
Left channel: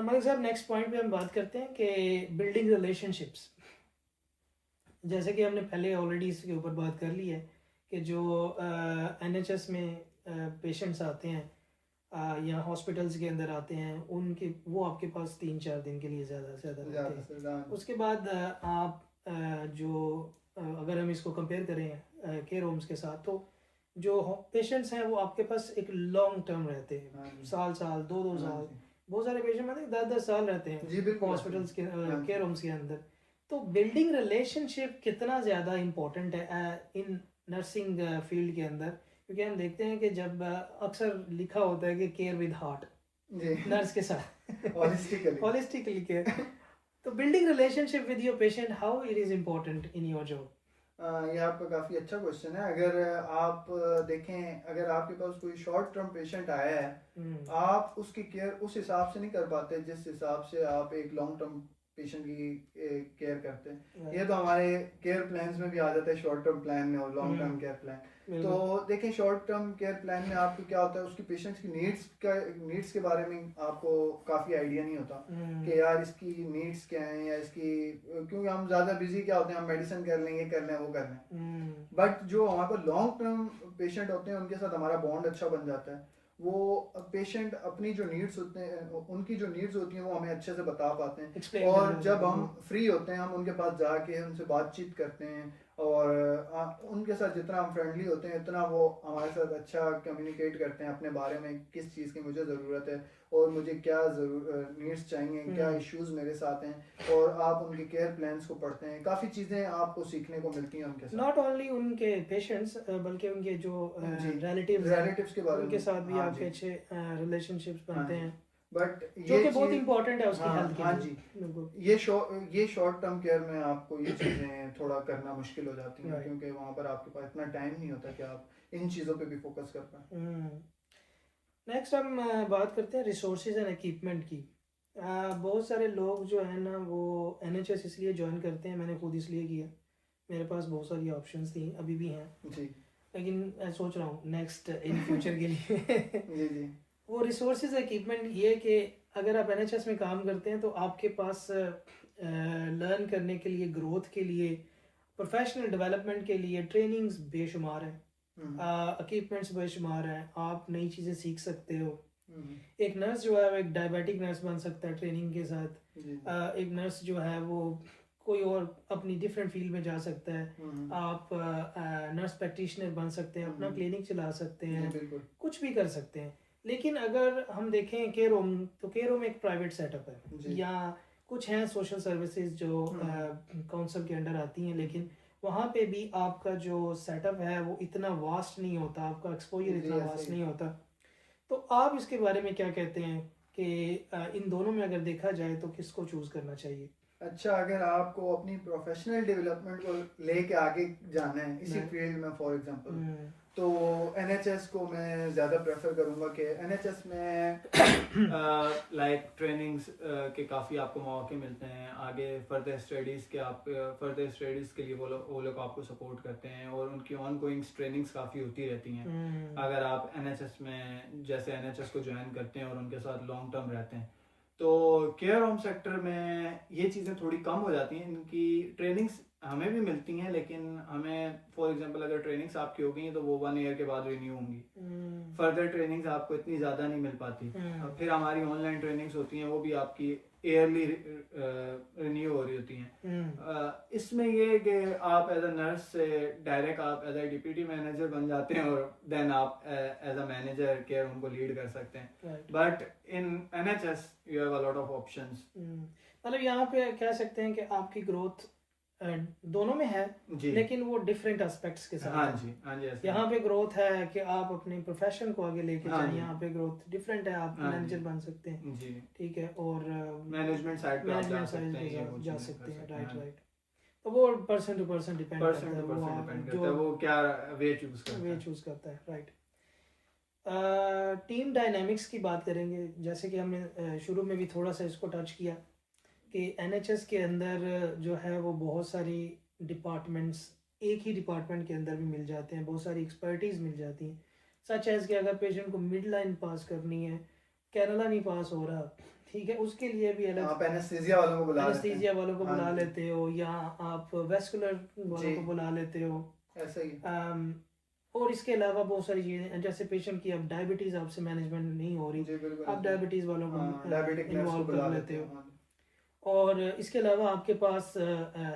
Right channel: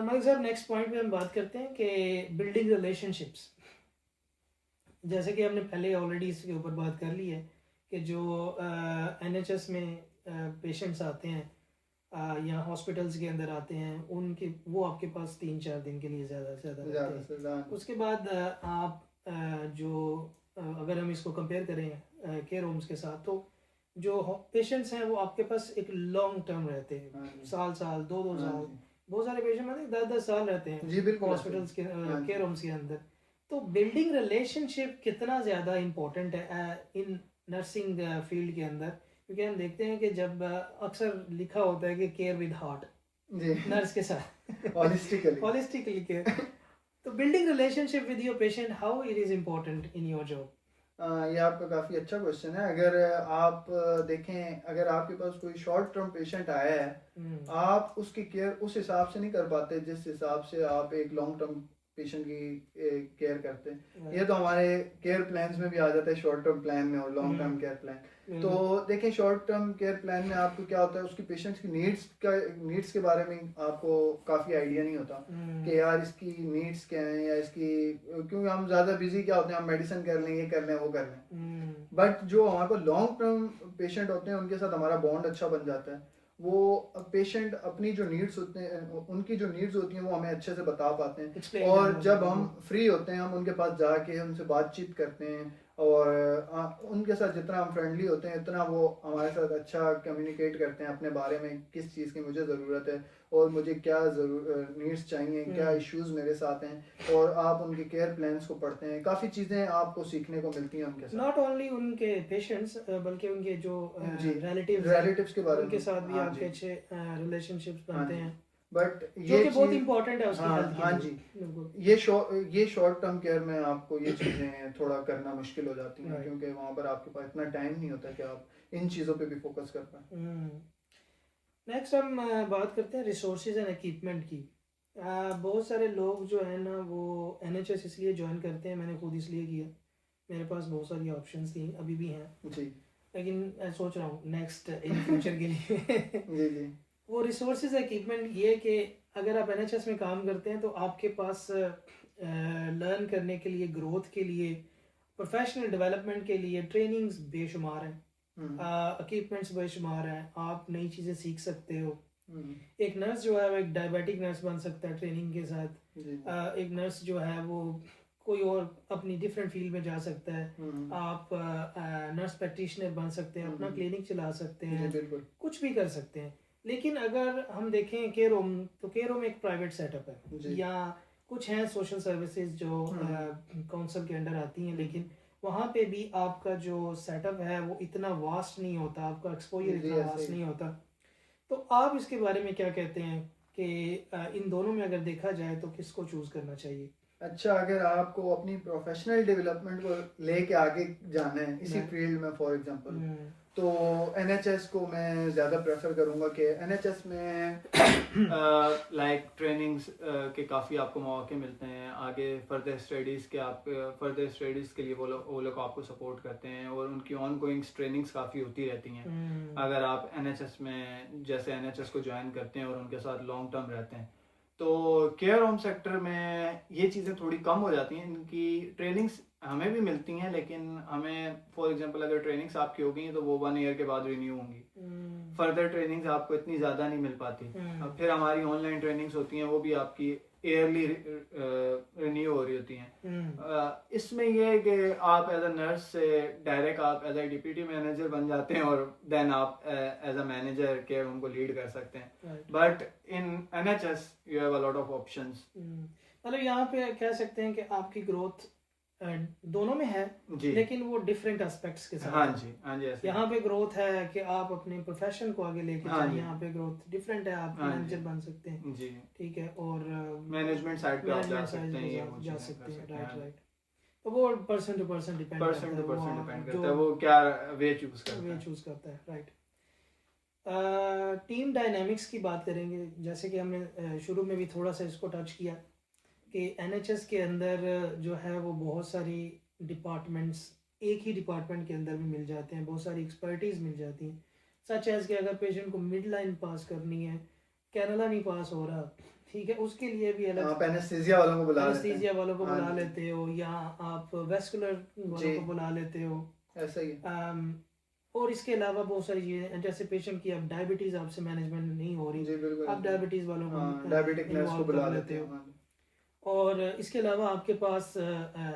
मलिक साहब, नेक्स्ट पॉइंट पे हम बात करते हैं कि बिल्डिंग रिलेशनशिप्स। जैसे कि हमने पहले ऑलरेडी इसके ऊपर बात कर ली है कि जो एनएचएस में पेशेंट्स आते हैं या हॉस्पिटल्स के अंदर आते हैं, उनके वो आपके पास 3-4 दिन के लिए ज़्यादा से ज़्यादा रहते ज़्यादा हैं। से ज़्यादा। उसके बाद आप अगर हम इसको कंपेयर करें केयर होम्स के साथ, तो जो पेशेंट्स हैं वो आपके पास एक लॉन्ग टर्म रहते हैं, हाँ जी, साल साल 2-2 हाँ साल। जी, बहुत सारे पेशेंट मतलब 10-10 साल रहते हैं जी बिल्कुल ऐसा ही। हॉस्पिटल्स के हाँ केयर जी, होम्स के अंदर। तो बिल्डिंग रिलेशनशिप कितना ज़्यादा इम्पोर्टेंट है इन नर्सिंग फील्ड के अंदर, क्योंकि हम देखते हैं कि जब अक्सर लिखा होता है कि केयर विद हार्ट, जी नर्स के साथ हॉलिस्टिकली। Holistically care. तो building relationship with your patient, how it is important in your job? ये आपका काफ़ी अच्छा क्वेश्चन है। अगर आप देखें, अगर आपके पास कोई शॉर्ट टर्म पेशेंट आया है, आप उसकी केयर उस हिसाब से नहीं कर पाते जिस हिसाब से आप एक लॉन्ग टर्म पेशेंट की केयर करते हैं। ये तो हमारे केयर प्लान्स में भी आ जाता है, शॉर्ट टर्म प्लान में और लॉन्ग टर्म केयर प्लान। तो देखें, शॉर्ट टर्म केयर प्लान में आपको क्या होता है, उसकी पेशेंट्स की नीड्स के बारे में आपको काफ़ी आइडिया नहीं होता कि यार इसकी नीड्स क्या हैं, या इसकी, क्योंकि हम ज़्यादा बिजी क्या होते हैं, हम मेडिसिन कर लें, ये कर लें, वो कर लें। बट जो हमारे पास लॉन्ग टर्म पेशेंट होते हैं, उनके साथ हमारा बॉन्ड अच्छा बन जाता है। वो पेशेंट अपनी जो नीड्स होते हैं, उनकी जो नीड्स होती हैं, वो हमें अच्छे से बता पाते हैं। Explain और करना जब होता है। हम फ्री होते हैं, हम उनके पास जाके उनसे बातचीत करते हैं, और उनके साथ जितना हम फ्रेंडली होते हैं, इतना वो हमारे साथ अच्छा कम्युनिकेट करते हैं अपने बारे में, किस चीज़ की मुझे ज़रूरत है और मुझे क्या नीड्स चाहिए, क्या इश्यूज मेरे साथ हैं, और आप उनके केयर प्लान्स को पढ़ते हैं। काफ़ी चीज़ें आपको सीखने को मिलती हैं उनके साथ। नॉट ओनली उनके पेशेंट्स, बल्कि उनके जो जी, रिलेटिव्स के बारे उनके में, साथ भी हाँ आपके जी, अच्छे रिलेशनशिप्स हाँ बनते जी। हैं, बट जो ये कि बहुत चीज़, इंपॉर्टेंट है उसकी हाँ हेल्थ के हाँ लिए। जी, बिल्कुल। ये शॉर्ट टर्म केयर में आपको ये चीज़ें थोड़ा करना मुश्किल हो जाती हैं, Right. क्योंकि वहाँ पर आपके पास इतना टाइम नहीं होता कि आप इन चीज़ों पे भी फोकस कर पाएँ। नेक्स्ट हम बात करते हैं रिसोर्सेज एंड इक्विपमेंट की। बहुत सारे लोग जो है ना, वो एनएचएस इसलिए ज्वाइन करते हैं, मैंने खुद इसलिए किया, मेरे पास बहुत सारी ऑप्शंस थी, अभी भी हैं, जी लेकिन मैं सोच रहा हूँ नेक्स्ट इन फ्यूचर के लिए जी जी वो रिसोर्सेज इक्विपमेंट ये कि अगर आप एनएचएस में काम करते हैं तो आपके पास लर्न करने के लिए, ग्रोथ के लिए, प्रोफेशनल डेवलपमेंट के लिए ट्रेनिंग्स बेशुमार हैं, इक्विपमेंट्स बेशुमार हैं, आप नई चीज़ें सीख सकते हो। एक नर्स जो है वो एक डायबिटिक नर्स बन सकता है ट्रेनिंग के साथ। जी एक नर्स जो है वो कोई और अपनी डिफरेंट फील्ड में जा सकता है। आप नर्स प्रैक्टिशनर बन सकते हैं, अपना क्लिनिक चला सकते जी हैं, बिल्कुल कुछ भी कर सकते हैं। लेकिन अगर हम देखें केयर होम, तो केयर होम एक प्राइवेट सेटअप है, जी। या कुछ हैं सोशल सर्विसेज जो काउंसिल के अंडर आती हैं, लेकिन वहाँ पे भी आपका जो सेटअप है वो इतना वास्ट नहीं होता, आपका एक्सपोजर जी, इतना ऐसे वास्ट ही। नहीं होता। तो आप इसके बारे में क्या कहते हैं कि इन दोनों में अगर देखा जाए तो किसको चूज करना चाहिए? अच्छा, अगर आपको अपनी प्रोफेशनल डेवलपमेंट को लेके आगे जाना है इसी फील्ड में, फॉर एग्जांपल, तो एनएचएस को मैं ज़्यादा प्रेफर करूँगा कि एनएचएस में लाइक ट्रेनिंग्स के काफ़ी आपको मौके मिलते हैं आगे फर्दर स्टडीज़ के। आप फर्दर स्टडीज़ के लिए वो लोग आपको सपोर्ट करते हैं, और उनकी ऑन गोइंग ट्रेनिंग्स काफ़ी होती रहती हैं अगर आप एनएचएस में, जैसे एनएचएस को ज्वाइन करते हैं और उनके साथ लॉन्ग टर्म रहते हैं। तो केयर होम सेक्टर में ये चीज़ें थोड़ी कम हो जाती हैं, इनकी ट्रेनिंग्स हमें भी मिलती हैं, लेकिन हमें फॉर एग्जांपल अगर ट्रेनिंग्स आपकी हो गई हैं तो वो 1 ईयर के बाद रिन्यू होंगी। फर्दर ट्रेनिंग्स आपको इतनी ज़्यादा नहीं मिल पाती। फिर हमारी ऑनलाइन ट्रेनिंग्स होती हैं, वो भी आपकी ईयरली रिन्यू हो रही होती हैं। इसमें ये है कि आप एज अ नर्स से डायरेक्ट आप एज अ डिप्यूटी मैनेजर बन जाते हैं और देन आप as a manager care home को लीड कर सकते हैं। But in NHS you have a lot of options. मतलब यहाँ पे कह सकते हैं कि आपकी ग्रोथ दोनों में है, लेकिन वो डिफरेंट एस्पेक्ट्स के साथ। हाँ जी, हाँ जी, यहाँ पे ग्रोथ है कि आप अपने प्रोफेशन को आगे लेके जाएं, यहाँ पे ग्रोथ डिफरेंट है, आप मैनेजर बन सकते हैं जी, ठीक है, और मैनेजमेंट साइड पे मैनेजमेंट साइड पे जा सकते हैं। राइट। तो वो पर्सन टू पर्सन डिपेंड करता है, वो क्या वे चूज करता है। राइट। टीम डायनामिक्स की बात करेंगे, जैसे कि हमने शुरू में भी थोड़ा सा इसको टच किया कि NHS के अंदर जो है वो बहुत सारी डिपार्टमेंट्स एक ही डिपार्टमेंट के अंदर भी मिल जाते हैं, बहुत सारी एक्सपर्टीज़ मिल जाती हैं। सच एज कि अगर पेशेंट को मिड लाइन पास करनी है, कैनला नहीं पास हो रहा, ठीक है, उसके लिए भी अलग आप एनेस्थीसिया वालों को बुला लेते हो, या आप वेस्कुलर वालों को बुला लेते हो, ऐसा ही। और इसके अलावा बहुत सारी चीज़ें, जैसे पेशेंट की अब डायबिटीज़ आपसे मैनेजमेंट नहीं हो रही, आप डायबिटीज़ वालों को इन्वॉल्व कर लेते हो। और इसके अलावा आपके पास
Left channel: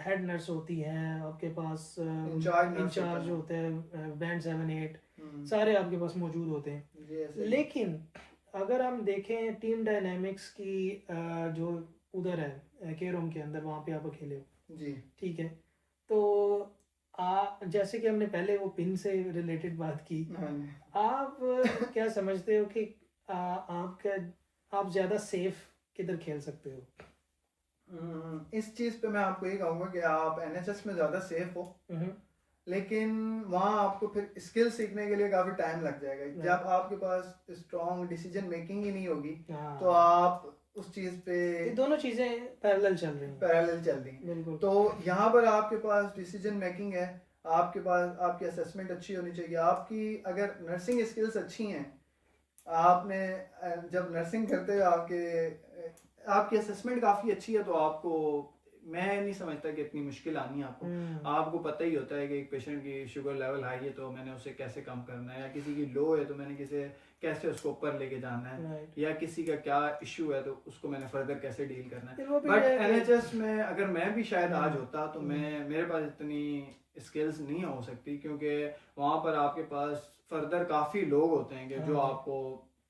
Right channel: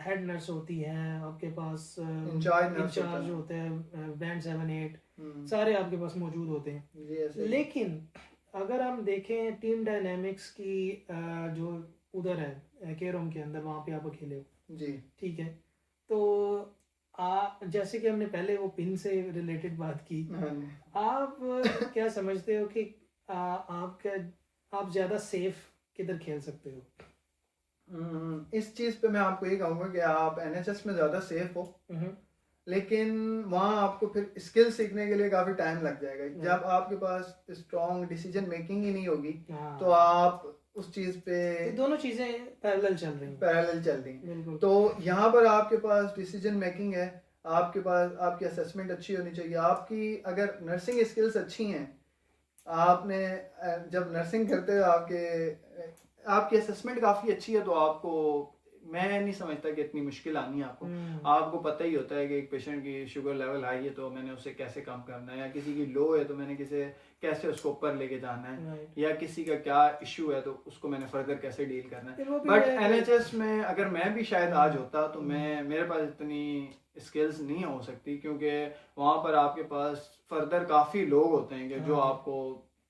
हेड नर्स होती हैं, आपके पास इंचार्ज होते हैं, बैंड 7, 8 सारे आपके पास मौजूद होते हैं। लेकिन अगर हम देखें टीम डायनामिक्स की जो उधर है केयर होम के अंदर, वहाँ पे आप अकेले हो जी, ठीक है, तो जैसे कि हमने पहले वो पिन से रिलेटेड बात की, आप क्या समझते हो कि आप ज़्यादा सेफ किधर खेल सकते हो? इस चीज पे मैं आपको ये कहूंगा कि आप NHS में ज्यादा सेफ हो, लेकिन वहाँ आपको फिर स्किल सीखने के लिए काफी टाइम लग जाएगा। जब आपके पास स्ट्रॉन्ग डिसीजन मेकिंग ही नहीं होगी तो आप उस चीज पे, दोनों चीजें पैरेलल चल रही हैं। तो यहाँ पर आपके पास डिसीजन मेकिंग है, आपके पास आपकी असेसमेंट अच्छी होनी चाहिए, आपकी अगर नर्सिंग स्किल्स अच्छी हैं, आपने जब नर्सिंग करते हो आपकी असेसमेंट काफ़ी अच्छी है, तो आपको मैं नहीं समझता कि इतनी मुश्किल आनी है आपको। आपको पता ही होता है कि एक पेशेंट की शुगर लेवल हाई है तो मैंने उसे कैसे कम करना है, या किसी की लो है तो मैंने कैसे उसको ऊपर लेके जाना है, या किसी का क्या इशू है तो उसको मैंने फर्दर कैसे डील करना है। बट NHS में अगर मैं भी शायद आज होता तो मेरे पास इतनी स्किल्स नहीं हो सकती, क्योंकि वहाँ पर आपके पास फर्दर काफ़ी लोग होते हैं जो आपको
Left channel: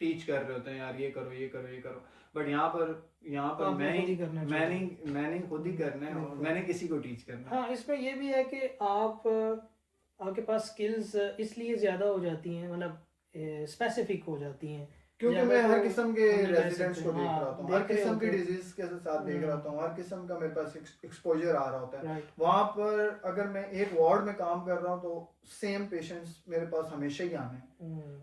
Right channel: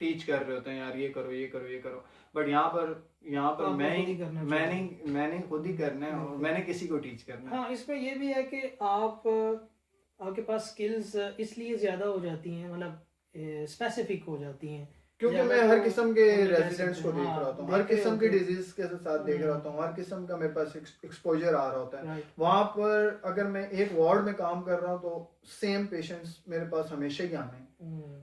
टीच कर रहे होते हैं, यार ये करो ये करो ये करो। बट यहाँ पर मैंने खुद ही करना है, मैंने किसी को टीच करना है। हाँ, इसमें ये भी है कि आपके पास स्किल्स इसलिए ज़्यादा हो जाती हैं, मतलब स्पेसिफिक हो जाती हैं, क्योंकि मैं हर किस्म के रेजिडेंट्स को देख रहा होता हूँ, हर किस्म की डिजीज के साथ देख रहा होता हूँ, हर किस्म का मेरे पास एक्सपोजर आ रहा होता है। वहाँ पर अगर मैं एक वार्ड में काम कर रहा हूँ तो सेम पेशेंट्स मेरे पास हमेशा ही आने हैं,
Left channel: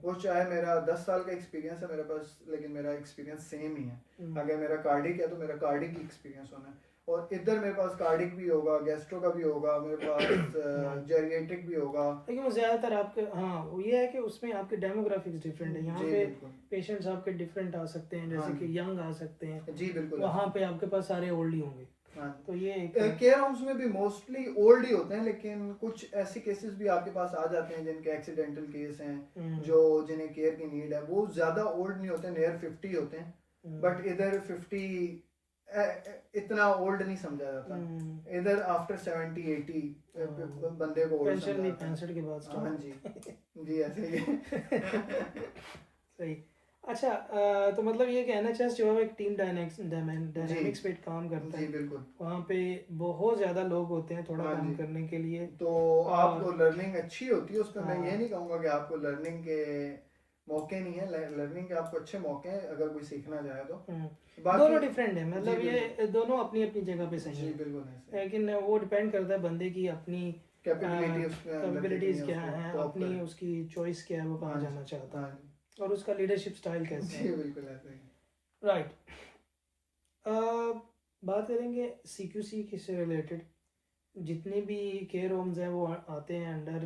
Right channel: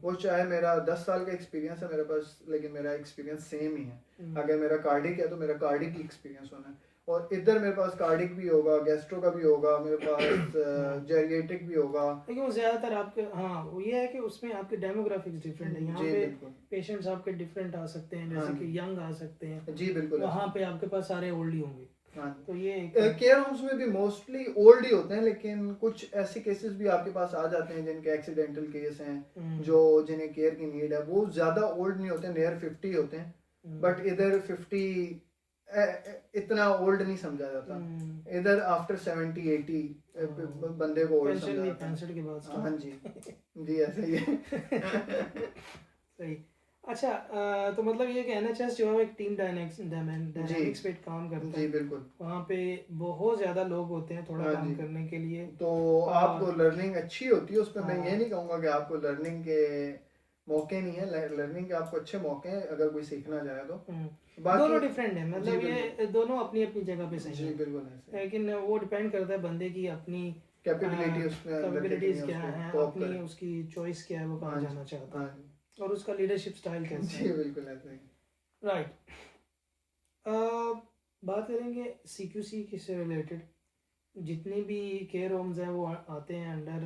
वो चाहे मेरा 10 साल का एक्सपीरियंस है मेरे पास, लेकिन मेरा एक्सपीरियंस सेम ही है। अगर मेरा कार्डिक है तो मेरा कार्डिक ही एक्सपीरियंस होना है, और इधर मेरे पास कार्डिक भी होगा, गैस्ट्रो का भी होगा, मेरे पास जेरिएट्रिक भी होगा। लेकिन वो ज्यादातर आपके वो ये है कि उसमें आपके डेमोग्राफिक्स डिफरेंट है। यहाँ पे पेशेंट्स आपके डिफरेंट आ सकते हैं, जैसे कि यंग आ सकते हैं जी बिल्कुल, वहाँ पे आपके पास सारे ओल्ड ही होंगे। तो ये केयर होम्स में भी मोस्टली ओल्ड ही होते हैं, लेकिन कुछ ऐसे केसेस भी आपके पास आ जाते हैं जिनके एक्सीडेंटल केस हैं, जो जिन्हें केयर की नीड है, वो ज्यादा ओल्ड नहीं होते, नियर 50 होते हैं, बट इधर 50 इतना ओल्ड नहीं समझा जाता, इधर आफ्टर 70-80 बंदे को ओल्ड समझा जाता है। 65 के बाद। हाँ जी ऐसे ही है। सही। अच्छा, तो मतलब ये कि NHS जो है एक टीम डायनामिक्स पे काम करता है। बिल्कुल, वहाँ पे बहुत ज्यादा लोग होते हैं थोड़ा काम करने के लिए, तो आपको लर्निंग अच्छी होती है उसमें। मैं ये नहीं कहूँगा कि आपको लर्निंग के मौके नहीं है, लर्निंग के आपको अच्छे मौके हैं अगर कोई सीखना चाहे तो। दोनों डिफरेंट है, मतलब ये दोनों अपनी अपनी जगह पे सही है, लेकिन वो डिपेंड करता है बंदे की अपनी कैपेबिलिटीज क्या है, अपनी उसकी चॉइस क्या है, वो कहाँ जाना चाहता है और उसका लीडरशिप स्टाइल कैसा है। बिल्कुल ऐसे ही। राइट। बात करेंगे CQC से रिलेटेड। जितने भी केयर होम्स हैं वो आते हैं अंडर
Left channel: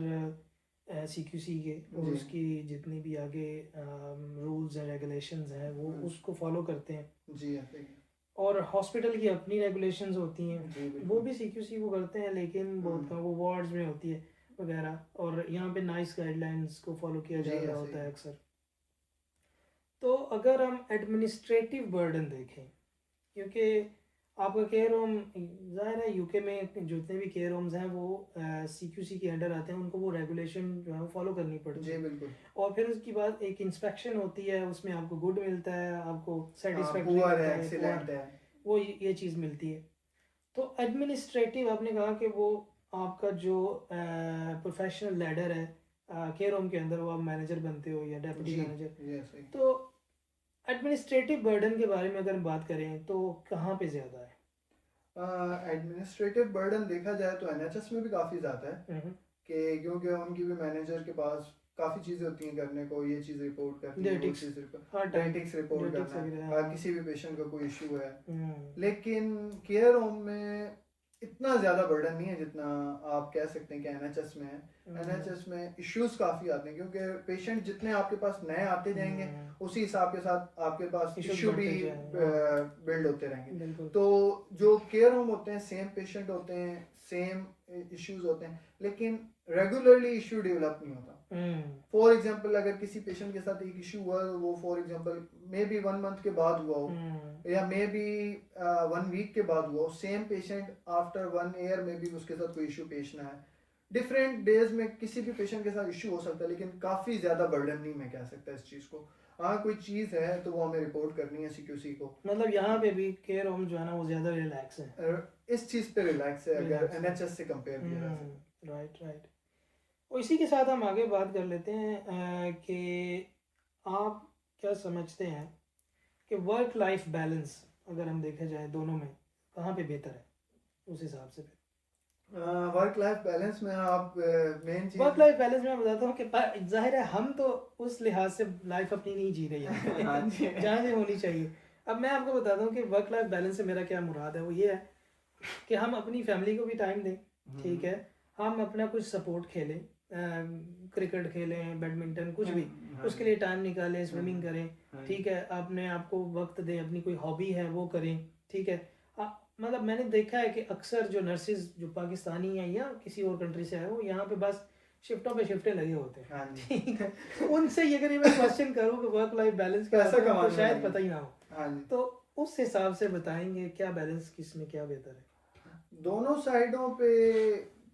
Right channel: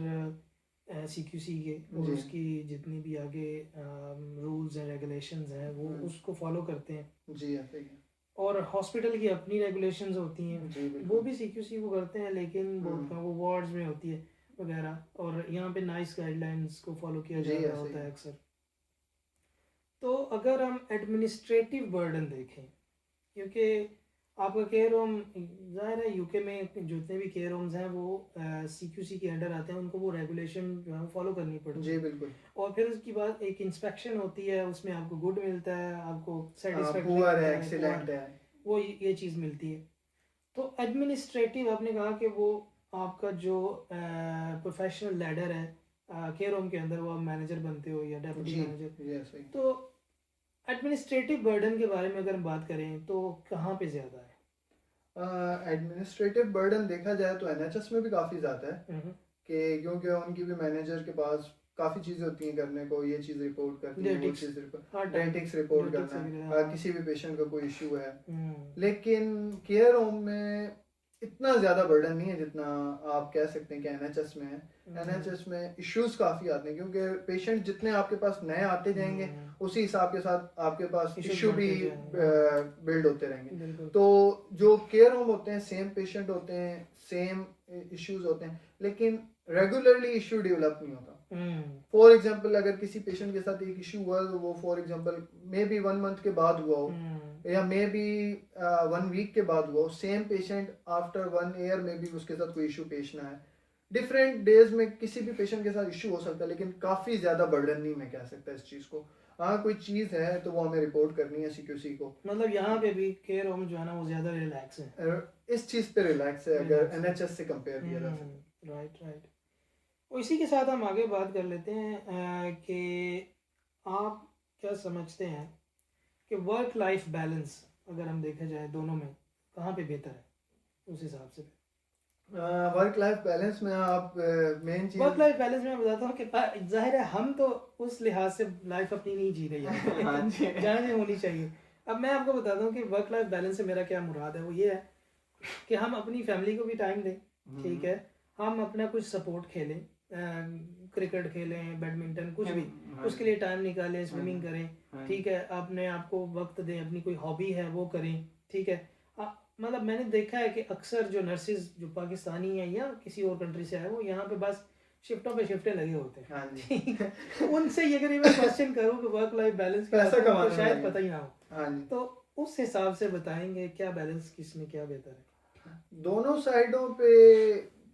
CQC के, और उसकी जितनी भी आगे रूल्स एंड रेगुलेशंस हैं वो उसको फॉलो करते हैं जी ऐसे ही। और हॉस्पिटल की अपनी रेगुलेशंस होती हैं, वो भी CQC को करते हैं, लेकिन बहुत कम, वो वार्ड्स में होती है वगैरह, और यहाँ पे नाइस गाइडलाइंस को फॉलो किया जा रहा होता है अक्सर। तो अगर हम एडमिनिस्ट्रेटिव बर्डन देखें क्योंकि आपका केयर होम ज़ाहिर है यूके में जितने भी केयर होम्स हैं वो CQC के अंडर आते हैं, उनको वो रेगुलेशन जो है फॉलो करनी पड़ती जी है। बिल्कुल। और फिर उसके बाद एक इंस्पेक्शन होती है, उसमें आपको गुड मिलता है, आपको सेटिस्फैक्ट्री पुअर मिलता है, है, एक्सीलेंट है। वो ये चीज़ मिलती है। तो एडमिनिस्ट्रेटिव आपने कहा कि वो आपका जो प्रोफेशनल लैडर है केयर होम के अंदर, वो आप मैनेजर बनते हो या डेप्यूटी जी मैनेजर। यस सही। तो एडमिनिस्ट्रेटिव बर्डन के बारे में अगर हम बात करें तो कहाँ पे ज़्यादा है? एडमिनिस्ट्रेटिव बर्डन देखा जाए तो एनएचएस में भी काफ़ी ज़्यादा है हम्म, कि क्योंकि उनकी भी मैनेजर के पास काफ़ी चीज़ें होती हैं करने को, ये चीज़ रिपोर्ट करनी है, वो डेटिक्स, चीज़ रिपोर्ट, हर टाइम डेटिक्स रिपोर्ट डेटिक्स करना वगैरह, है, हाँ। किसी भी पेशेंट का कोई इशू है। हम्म, लेकिन केयर होम में इतना ज़्यादा बर्डन नहीं है जितना आप कह सकते हैं कि एनएचएस में है। एनएचएस में इश्यूज काफ़ी आते हैं क्योंकि पेशेंट जितने आपके पास नए आते जाएंगे उसी हिसाब के साथ आपके पास Issues इशू भी बढ़ते जाएंगे, बिल्ड होते रहेंगे। बिल्कुल। तो जो केयर होम होते हैं सेम पेशेंट होते हैं, सेम इश्यूज होते हैं, लेकिन रेगुलरली इशू डेवलप नहीं होता। फॉर एग्जाम्पल अगर किसी पेशेंट के साथ एक इशू हुआ तो वो for example may be 1 month के बाद हुआ हो या मे बी 1 वीक के बाद हुआ हो, सेम पेशेंट आफ्टर 1 ईयर में भी उसके साथ कोई इशू पेश ना है। डिफरेंट डेज में किसी भी पेशेंट के साथ इशू हो सकता है, लेकिन काफ़ी ज़्यादा बर्डन नहीं मैं कह सकता इस चीज़ को। हाँ कोई चीज़ है तो वो हमें रिपोर्ट करनी है CQC को। मतलब यहाँ पे भी केयर होम जो है ना वो ज़्यादा रिलैक्स है, इस चीज़ पे रिलैक्स है अगर रिलैक्स है। NHS से कंपेयर किया जा सके। Right right. और इसी के साथ हम आगे बात कर लेते हैं कि आप क्या समझते हैं कि वर्क लाइफ बैलेंस अगर हम देखा जाए दोनों में कहाँ पे बेहतर है उस हिसाब से? वर्क लाइफ बैलेंस में आप मेन चीज वर्क लाइफ बैलेंस में बताता हूँ कि जाहिर है हम तो उस लिहाज से लाइफ अपनी नहीं जी रही है हाँ जी। जहाँ से होनी चाहिए। अब मैं आपको बताता हूँ कि वर्क लाइफ बैलेंस से मेरा क्या मुराद है, वो ये है कि हम अपनी फैमिली को भी टाइम दें, ठीक है, हम अपना कुछ सपोर्ट खेलें, क्रिकेट खेलें, बैडमिंटन, कुछ भी उसके लिए टाइम निकालें, स्विमिंग करें, ठीक है, अपने आप को वक्त दें, अपनी कोई हॉबी है वो करें, ठीक है। मतलब मैंने देखा है कि अक्सर जो नर्सिस जो पाकिस्तानी हैं या किसी और कंट्री से आए वो यहाँ पे बस शिफ्टों पे शिफ्टें लगे होते हैं, हाँ जी। ठीक है। उनसे ये अगर मैं क्वेश्चन करूँ कि वर्क लाइफ बैलेंस क्या होता है तो शायद पता ही ना हो। हाँ जी। तो उस हिसाब से बताएंगे क्या बैलेंस किस में क्या बेहतर है? दोनों साइडों पे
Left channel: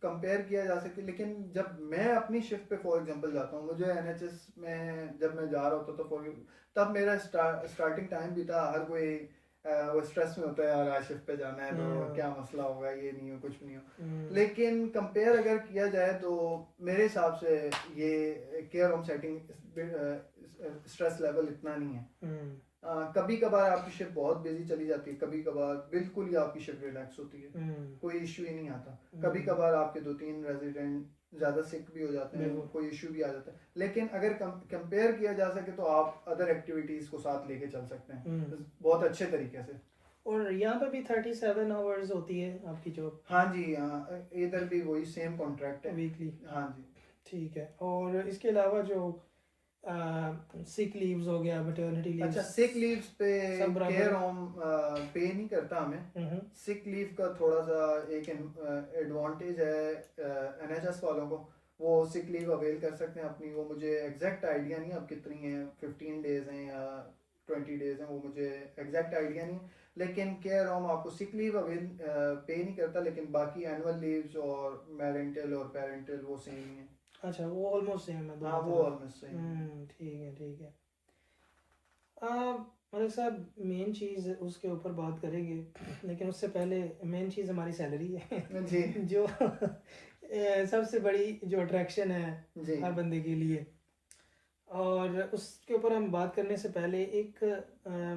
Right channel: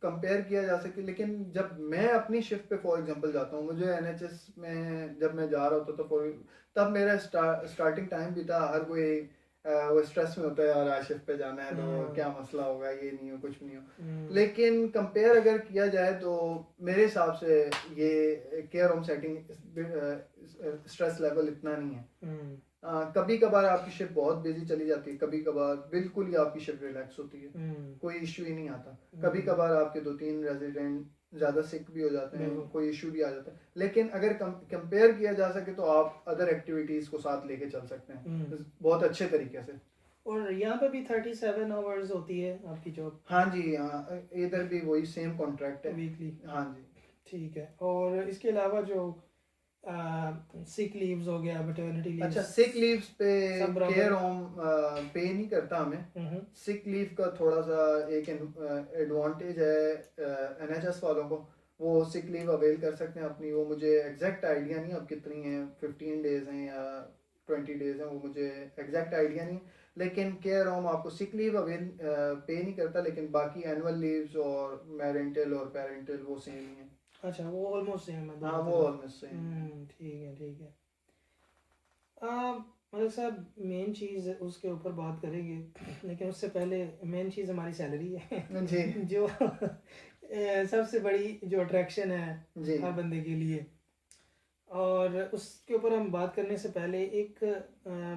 कंपेयर किया जा सकता है, लेकिन जब मैं अपनी शिफ्ट पे फॉर एग्जांपल जाता हूँ, मुझे NHS में जब मैं जा रहा होता तो तब मेरा स्टार्टिंग टाइम भी था, हर कोई वो स्ट्रेस में होता है और आज शिफ्ट पे जाना है तो क्या मसला होगा, ये नहीं हो कुछ नहीं हो। लेकिन कंपेयर अगर किया जाए तो मेरे हिसाब से ये care home setting stress level इतना नहीं है। कभी कभार आपकी शिफ्ट बहुत बिजी चली जाती है, कभी कभार बिल्कुल ही आपकी शिफ्ट रिलैक्स होती है, कोई इशू ही नहीं आता। कभी कभार आपके 2-3 रेजिडेंट ज्यादा सिक भी हो जाते हैं, कोई इशू भी आ जाता है। लेकिन अगर कंपेयर किया जा सके तो आप अदर एक्टिविटीज को साथ लेके चल सकते हैं बहुत अच्छे तरीके से। और यहाँ पे भी 37 आवर्स होती है आपकी जॉब? हाँ जी, इधर भी वही सेम कॉन्ट्रैक्ट है, वीकली। हाँ जी, ठीक है। और इसके अलावा जो सिक लीव्स हो गया, मैटरनिटी लीव्स, अच्छा सिक लीव्स पे केयर होम पे नहीं करता हमें। सिक लीव का थोड़ा सा एक एडवांटेज है NHS वालों को, वो सिक लीव अवेल कर सकते हैं अपनी। वो मुझे एग्जैक्ट आइडिया नहीं अब कितनी है, 15 डेज हैं या 20 डेज हैं, वो मुझे एग्जैक्ट आइडिया नहीं। लेकिन केयर होम आपको सिक लीव अवेल पे नहीं करता, लेकिन बाकी एनुअल लीव्स और मैरेंटल और पेरेंटल वो सेम ही है। अच्छा, वो ऑलमोस्ट सेम है। हाँ वो ऑलमोस्ट सेम। ठीक है ठीक है। मतलब साहब मेन चीज़ उसके ऊपर बात करेंगे, लेकिन उससे पहले मेन चीज़ हमारी सैलरी है जी। जो सबसे बड़ी जो अट्रैक्शन है जी। हर बंदे के लिए। और उसके ऊपर हम बात करने से पहले एक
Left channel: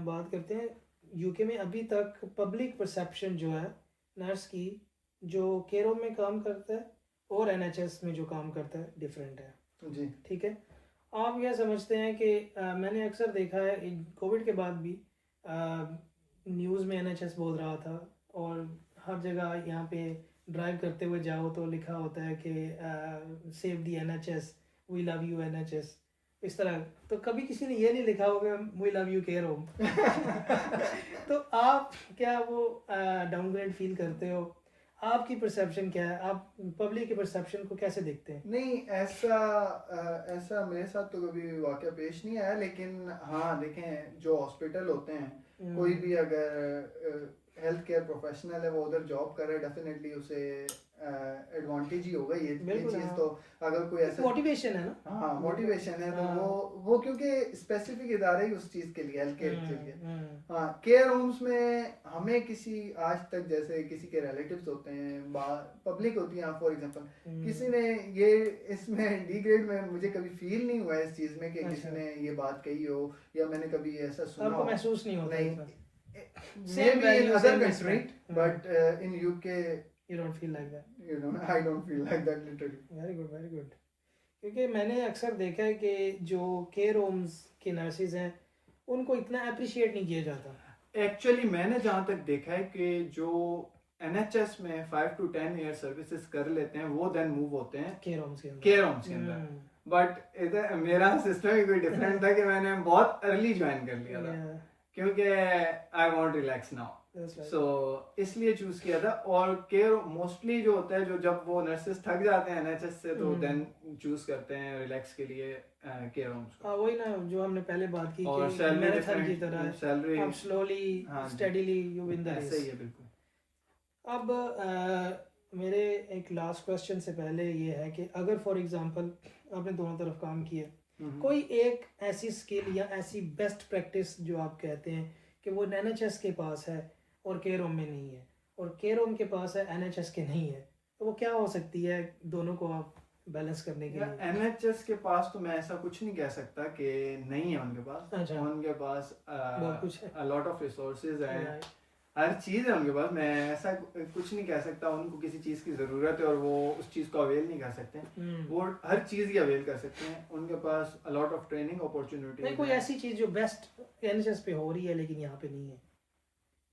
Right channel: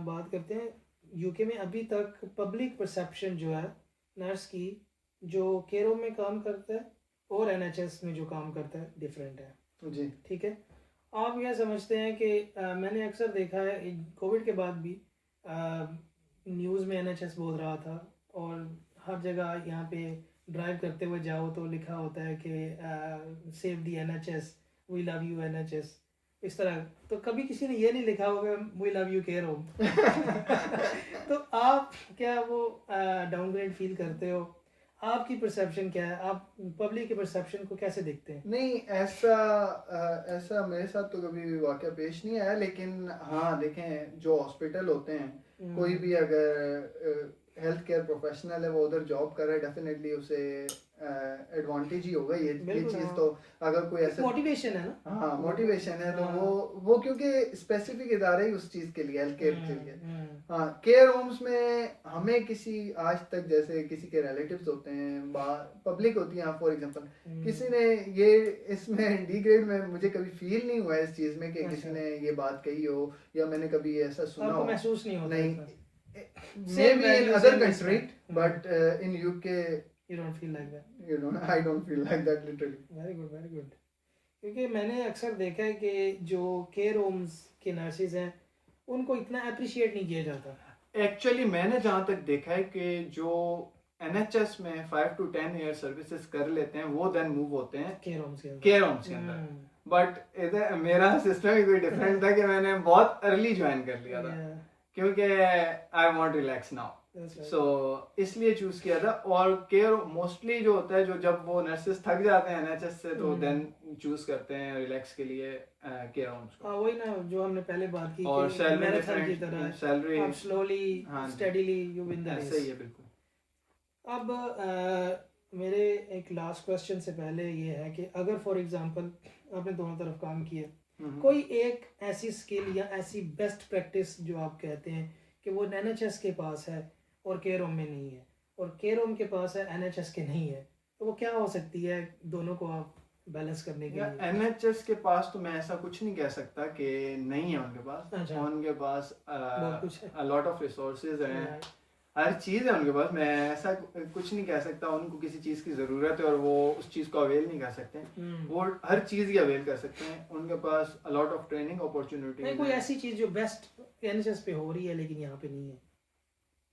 बात करते हैं, यूके में अभी तक पब्लिक परसेप्शन जो है नर्स की जो केयर होम में काम करता है और NHS में जो काम करता है डिफरेंट है जी। ठीक है। आप यह समझते हैं कि मैंने अक्सर देखा है कोविड के बाद भी न्यूज़ में NHS बोल रहा था, और हर जगह यहाँ पे ड्राइव करते हुए जाओ तो लिखा होता है कि save the NHS, we love you NHS, इस तरह। तो कभी किसी ने ये नहीं लिखा होगा we love you care home. तो आप क्या वो डाउनग्रेड फील करते हो? आपकी परसेप्शन क्या है, आप पब्लिक के परसेप्शन को कैसे देखते हैं? नहीं, ऐसा मेरे साथ तो कभी भी वाकया पेश नहीं आया, लेकिन हाँ देखें, जो हॉस्पिटल होते हैं, कोई भी अगर हेल्थ केयर प्रोफेशनल है, वो उधर जॉब कर रहा है, डेफिनेटली उसे एडवांटेज ही होगा ये बिल्कुल, चीज़। हाँ। तो अगर कोई ऐसा मोटिवेशन है ना। हाँ मोटिवेशन है, तो हाँ। वो क्योंकि स्पेसिफिक इदारे ही उस चीज़ के लिए, हेल्थ केयर के लिए। हम्म। हाँ, केयर होम्स में हमें किसी आज तक, जैसे किसी के रिलेटिव्स होते हैं, पब्लिक होती है, फॉर एग्जांपल किसी ने ये इसमें डी ग्रेड में मुझे कभी फील नहीं हुआ इस चीज़ में कि किसी अच्छा। ने ये बात कही हो, या मैंने कभी ऐसा सुना आपको हो। महसूस नहीं होता नहीं, इसमें? maybe in values, other same country, respect. but in UK, You don't feel like that. I don't feel like that literally. Very good, very good. क्योंकि मैंने अक्सर देखा है कि जो केयर होम्स के नर्सेज हैं, उनको इतना अप्रिशिएट नहीं किया जाता। एक्चुअली मैंने जहाँ तक देखा है कि जो NHS में 5 to 10 ईयर सर्विसेज कर लेते हैं, वो देन मूव होते हैं केयर होम्स के अंदर। केयर होम्स के अंदर। बट इधर मेरा सिस्टम ही कोई डिफरेंट था कि मैंने बहुत अर्ली ज्वाइन कर लिया था, क्योंकि आई वांट रिलैक्स नाउ, सो इसलिए चूज किया था। और केयर मोस्टली जो होता है, जो जब वो नर्सेस थक जाते हैं NHS से, तो देन चूज करते हैं रिलैक्स के लिए केयर होम्स। हाँ, वही ना जो हमने पहले बात की और कि मैराथन की तरह सैलरी आप slowly steadily you win the race. सही है, बिल्कुल। अब मेरे एक लास्ट क्वेश्चन से पहले ये है कि अगर फॉर एग्जांपल आपने दोनों तरफ काम किया, कोई एक ऐसी स्किल या ऐसी बेस्ट प्रैक्टिस जो आप कहते हैं कि वो NHS के पास है और केयर होम में नहीं है, और केयर होम के पास है NHS के नहीं है, तो वो क्या हो सकती है दोनों को आप बैलेंस करने के लिए? NHS के पास तो मैं ऐसा कुछ नहीं कह सकता कि नहीं है उनके पास। अच्छा। उनके पास बहुत कुछ है, a lot of resources हैं, Right. हर चीज़ है उनके पास। मैं ऐसा कुछ नहीं कह सकता उनको किसी चीज़ की ज़रूरत है और वो उस चीज़ को अवेल नहीं कर सकते। वो हर चीज़ ही अवेल कर सकते हैं। उनके पास a lot of training opportunities नहीं, कोई ऐसी चीज जो बेस्ट NHS पे हो रही है लेकिन यहाँ पे नहीं है,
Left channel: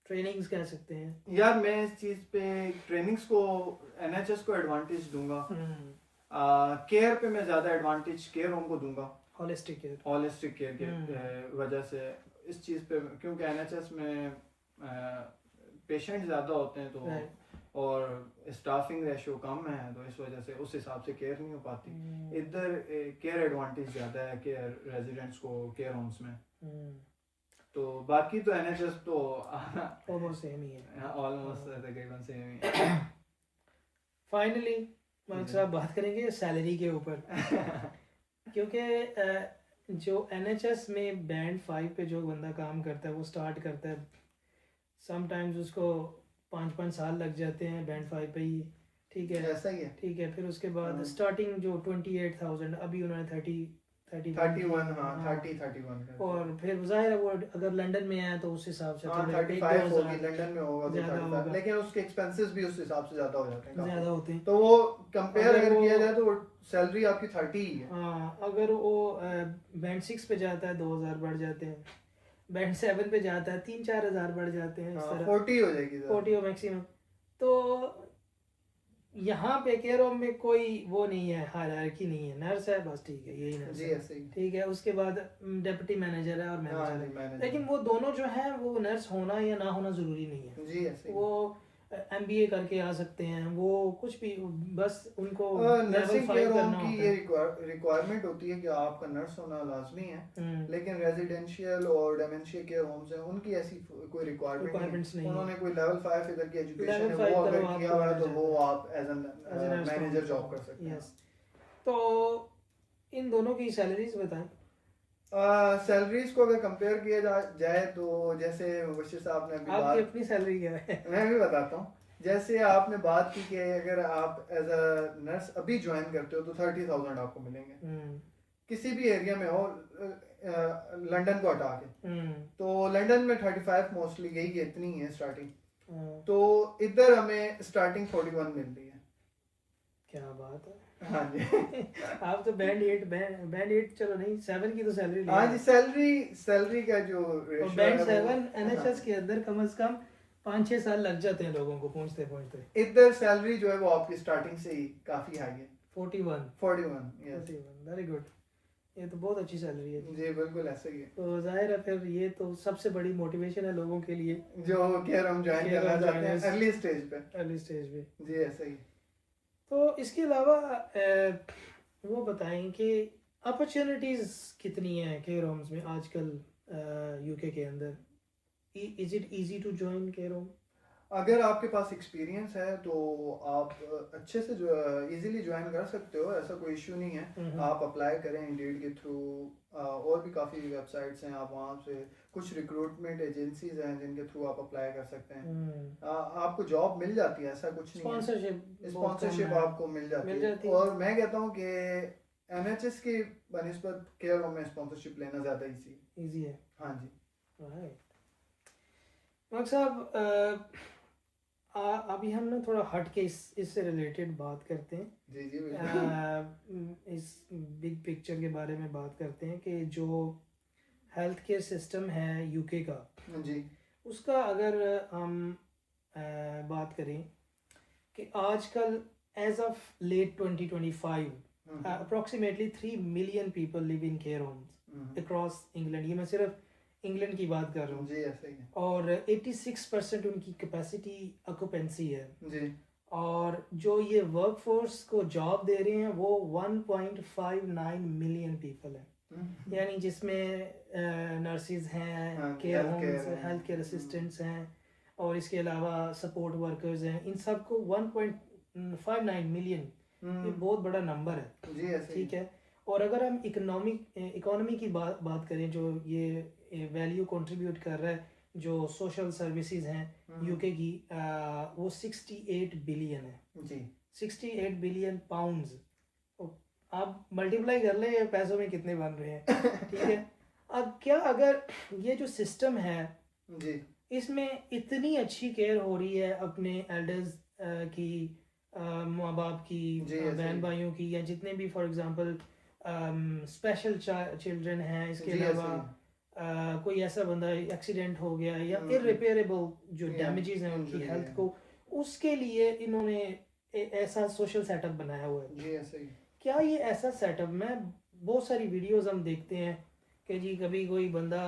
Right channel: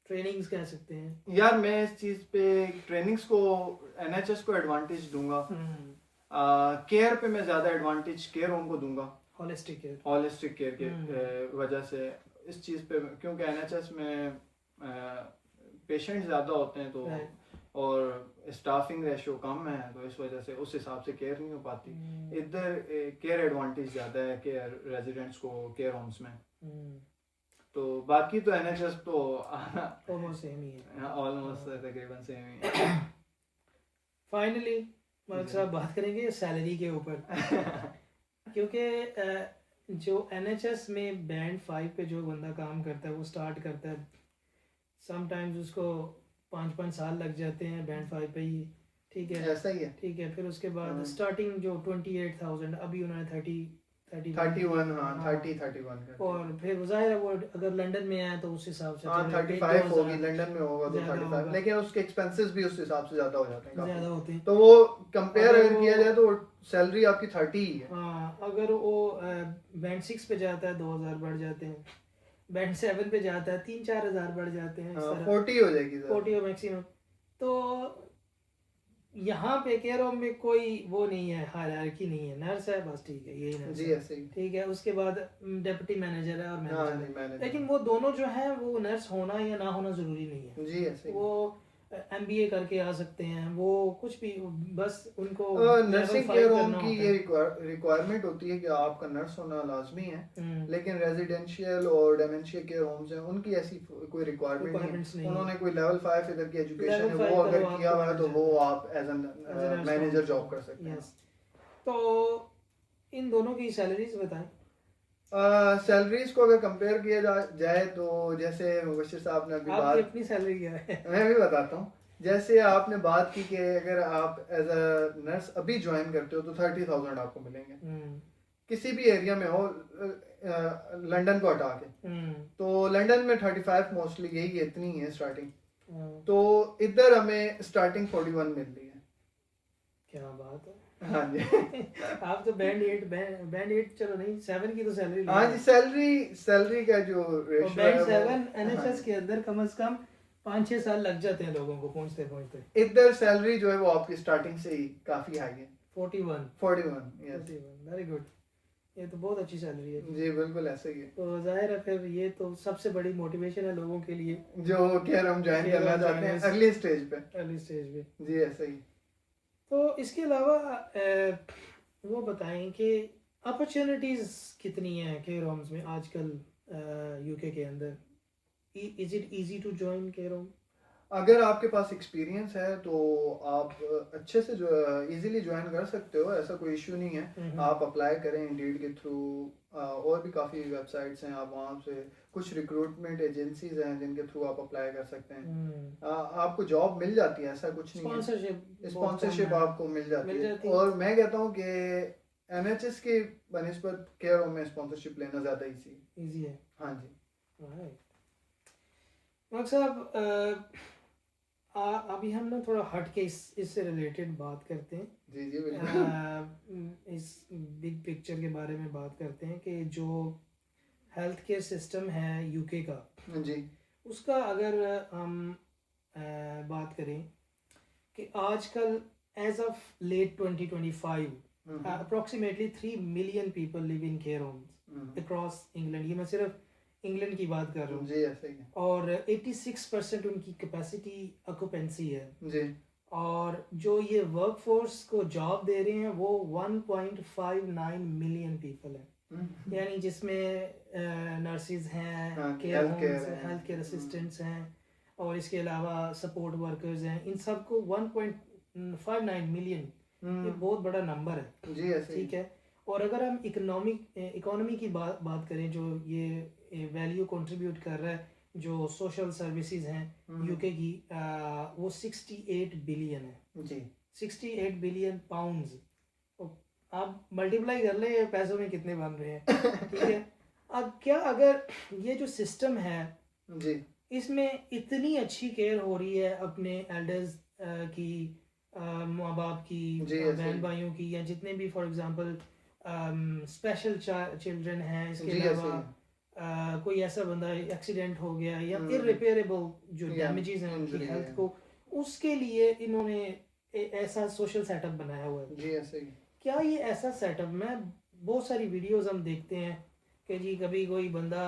ट्रेनिंग्स कह सकते हैं। यार मैं इस चीज़ पे ट्रेनिंग्स को NHS को एडवांटेज दूंगा, केयर पे मैं ज़्यादा एडवांटेज केयर होम को दूंगा, होलिस्टिक केयर। होलिस्टिक केयर की वजह से इस चीज़ पे, क्योंकि NHS में पेशेंट ज़्यादा होते हैं, तो और स्टाफिंग रेशियो कम है, तो इस वजह से उस हिसाब से केयर नहीं हो पाती। इधर केयर एडवांटेज ज़्यादा है केयर रेजिडेंट्स को केयर होम्स में। तो बाकी तो NHS तो ऑलमोस्ट सेम ही है, ऑलमोस्ट तकरीबन सेम ही है। फाइनली मालिक साहब बात करेंगे सैलरी के ऊपर क्योंकि जो NHS में बैंड 5 पे जो बंदा काम करता है, वो स्टार्ट करता है, समटाइम्स उसको 5-5 साल लग जाते हैं बैंड 5 पे ही, ठीक है, ऐसा ही है, ठीक है। फिर उसके बाद स्टार्टिंग जो 28,000, अभी उन्होंने 31 और फिर जाहिर है वो अगर लंदन में आया तो उस हिसाब से 35 होगी, लंदन में होगा तो 35, लेकिन उसके एक्सपेंसेस भी उस हिसाब से ज्यादा हो जाते हैं, ज्यादा होते हैं। तो वो कंपेयर अगर किया जाए तो सैलरी आपकी 30 ही है। हाँ, अगर वो बैंड 6 पे जाता है 2,000 बढ़ जाते हैं, बैंड 7 पे जाता है 3-4 हज़ार बढ़ जाते हैं, इस तरह 40 हो जाएगी, 40 हो मैक्सिमम। तो यहाँ पे केयर होम में कोई वो नहीं है, हायरार्की नहीं है, नर्स है बस, ठीक है, यही नर्स है, ठीक है। उसके बाद डिप्टी मैनेजर है और मैनेजर है, लेकिन वो दोनों जो है वो नर्स होना या ना होना जरूरी नहीं है। जी ऐसे वो MBA करके आ सकते हैं, वो कुछ भी, बस उनको नर्सिंग केयर होम की ये रिक्वायरमेंट होती है कि आपका नर्स होना लाजमी है, लेकिन रेजिडेंशियल और डेमेंशिया केयर होम्स हैं, उनकी ऐसी कोई रिक्वायरमेंट्स नहीं। उन्होंने कोई लेवल 5 इधर की एजुकेशन है, वो अगर किया हुआ है तो वो आप एज एन मैनेजर जॉब कर सकते हैं। तो इन दोनों की सैलरीज बताएं। सैलरीज को अगर कंपेयर किया जाए तो जैसे मुबशिर साहब ने अभी आपकी अपनी सैलरी क्या है? मैं भी बताता हूँ। जैसे आपने बात की कि अगर आप एज अ नर्स अभी ज्वाइन करते हो तो 30,000 आपको मिलेंगे, किसी भी एरिया में हो, लंदन को हटा के, तो लंदन में 35 मोस्टली यही इतनी है स्टार्टिंग, तो इधर हमें स्टार्टिंग 41 मिल रही है। क्या बात है। हाँ जी आप तो बैंड 8 चलो नहीं, 7 की तो सैलरी। हाँ जी, सैलरी का जो बैंड 7 NHS के अंदर कम से कम 5-6 साल लग जाते हैं लोगों को पहुंचते पहुंचते। इधर सैलरी जो है वो आपकी स्टार्टिंग से ही काफी हाई है, 41 वेरी गुड। ये तो बहुत अच्छी सैलरी है। जी बिल्कुल ऐसा ही है। तो जाहिर है फिर ये तो सबसे बड़ी मोटिवेशन है लोगों के लिए जो केयर होम ज्वाइन Care करना home चाहते हैं joiners। अर्ली स्टेज पे। अर्ली स्टेज पे। जी ऐसा ही। तो इसके अलावा वो बताएं कि अपॉर्चुनिटीज कितनी हैं केयर होम्स में आजकल यूके के अंदर। Is it easy to join care home? अगर आपके पास एक्सपीरियंस है तो आप अच्छे से जो इजीली ज्वाइन कर सकते हो, ऐसा कोई इशू नहीं है। आप अप्लाई करें इंडीड के थ्रू, और भी काफ़ी वेबसाइट्स हैं, आप वहाँ से कुछ रिक्रूटमेंट एजेंसीज हैं जिनके थ्रू आप अप्लाई कर सकते हैं। आपको जॉब मिल जाती है, ऐसा कुछ नहीं है। स्पॉन्सरशिप आपको मिल जाती है। और मैं कहता हूँ कि NHS की बनिस्बत केयर होम में स्पॉन्सरशिप लेना ज़्यादा इजी है। हाँ जी। डॉक्टर साहब अभी हम ना थोड़ा हट के इससे रिलेटेड बात करते हैं। जी जी बिल्कुल। इस बिग पिक्चर के बारे में बात करते हैं कि जो हेल्थ केयर सिस्टम है यूके का जी, उसका अगर हम बात करें कि आजकल as of late 2025 approximately 3 million people live in care homes across England. ये मैं सिर्फ इंग्लैंड की बात कर रहा हूँ। जी ऐसा ही है। और 86% उनकी कैपेसिटी ऑक्यूपेंसी है जी। और जो ये वर्क फोर्स को जॉब दे रहे हैं वो 1.59 मिलियन पीपल है। यानी जिसमें नर्सिस हैं, care homes, health care assistants हैं और इसके अलावा सपोर्ट वर्कर्स हैं। इन सबको 1.59 मिलियन, ये बहुत बड़ा नंबर है। जी ऐसे ठीक है। और अगर हम इकोनॉमी की बात करें, जो ये वैल्यू कंट्रीब्यूट कर रहा है जो सोशल सर्विसेज हैं यूके की, वो 68 बिलियन है जी। 68 बिलियन पाउंड्स। आप मल्टीप्लाई कर ले ये पैसों में कितने बन रहे हैं। ठीक है। अब क्या अगर ये जो सिस्टम है जी, इसमें इतनी अच्छी केयर हो रही है अपने एल्डर्स की, माँ बाप की, बहन भाइयों की, या जितने भी फॉर एग्जांपल स्पेशल चिल्ड्रन हैं, इसके अलावा कोई ऐसा बंदा एक्सीडेंट हो गया या इररिपेयरेबल जो डैमेजेस हैं उनकी हेल्थ को, उसके लिए इन्होंने ऐसा सोशल सेटअप बनाया हुआ है। जी ऐसे ही। क्या ये ऐसा सेटअप, में बहुत सारी वीडियोस हम देखते हैं कि जी कभी कोई बंदा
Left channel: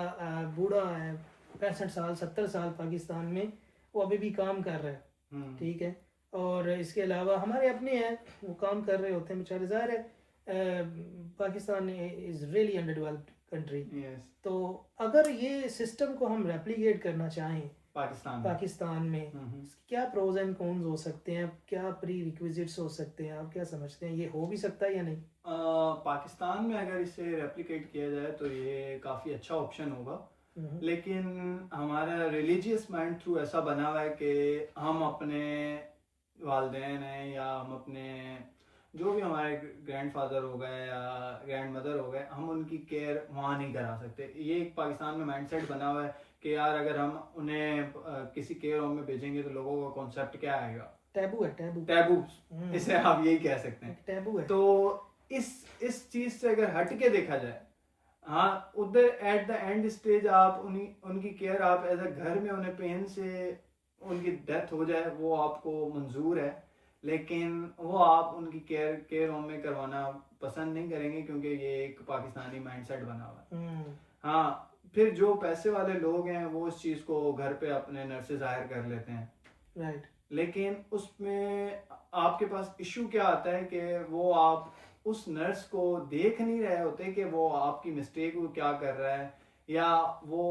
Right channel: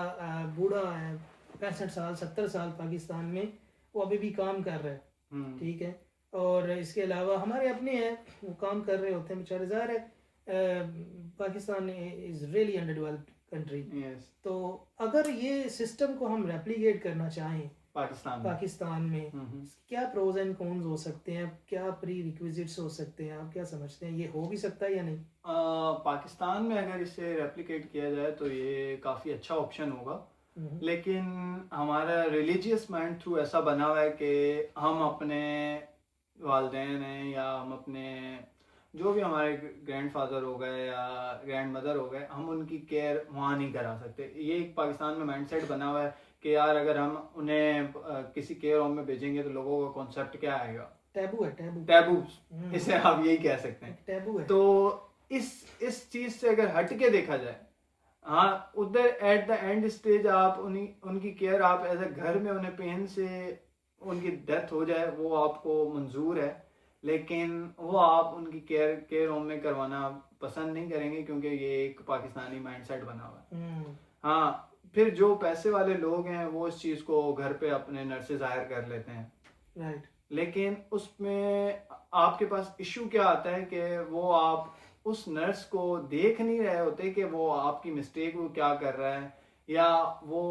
बूढ़ा है 65 साल 70 साल पाकिस्तान में, वो अभी भी काम कर रहा है। ठीक है। और इसके अलावा हमारे अपने हैं वो काम कर रहे होते हैं बेचारे। ज़ाहिर है Pakistan is really under developed country. तो अगर ये सिस्टम को हम रेप्लिकेट करना चाहें पाकिस्तान में क्या प्रोज एंड कॉन्स हो सकते हैं, क्या प्री रिक्विजिट्स हो सकते हैं, आप क्या समझते हैं, ये हो भी सकता है या नहीं? पाकिस्तान में अगर इसे रेप्लिकेट किया जाए तो ये काफ़ी अच्छा ऑप्शन होगा। लेकिन हमारा रिलीजियस माइंड थ्रू ऐसा बना हुआ है कि हम अपने वालदेन हैं या हम अपने जो भी हमारे ग्रैंडफादर हो गए या ग्रैंड मदर हो गए, हम उनकी केयर वहाँ नहीं करा सकते। ये एक पाकिस्तान में माइंडसेट बना हुआ है कि यार अगर हम उन्हें किसी केयर होम में भेजेंगे तो लोगों का कॉन्सेप्ट क्या आएगा, टैबू है। टैबू इसे आप यही कह सकते हैं, टैबू है। तो इस चीज से अगर हट के देखा जाए, हाँ उधर एट द एंड स्टेज आप उनकी केयर आप एज अ घर में उन्हें पेन से उनकी डेथ हो जाए वो आपको मंजूर है, लेकिन वो आप उनकी केयर होम में करवाना पसंद नहीं करेंगे क्योंकि ये एक पाकिस्तानी माइंडसेट बना हुआ है। हाँ, फिर जो पैसे वाले लोग हैं वो इस चीज को घर पे अपने नर्सेज हायर कर लेते हैं। राइट। लेकिन उसमें आपके पास इशू क्या आता है कि वो आप उस नर्स को देख नहीं रहे होते कि वो आपकी मिस्टेक को क्या कर रहा है या वो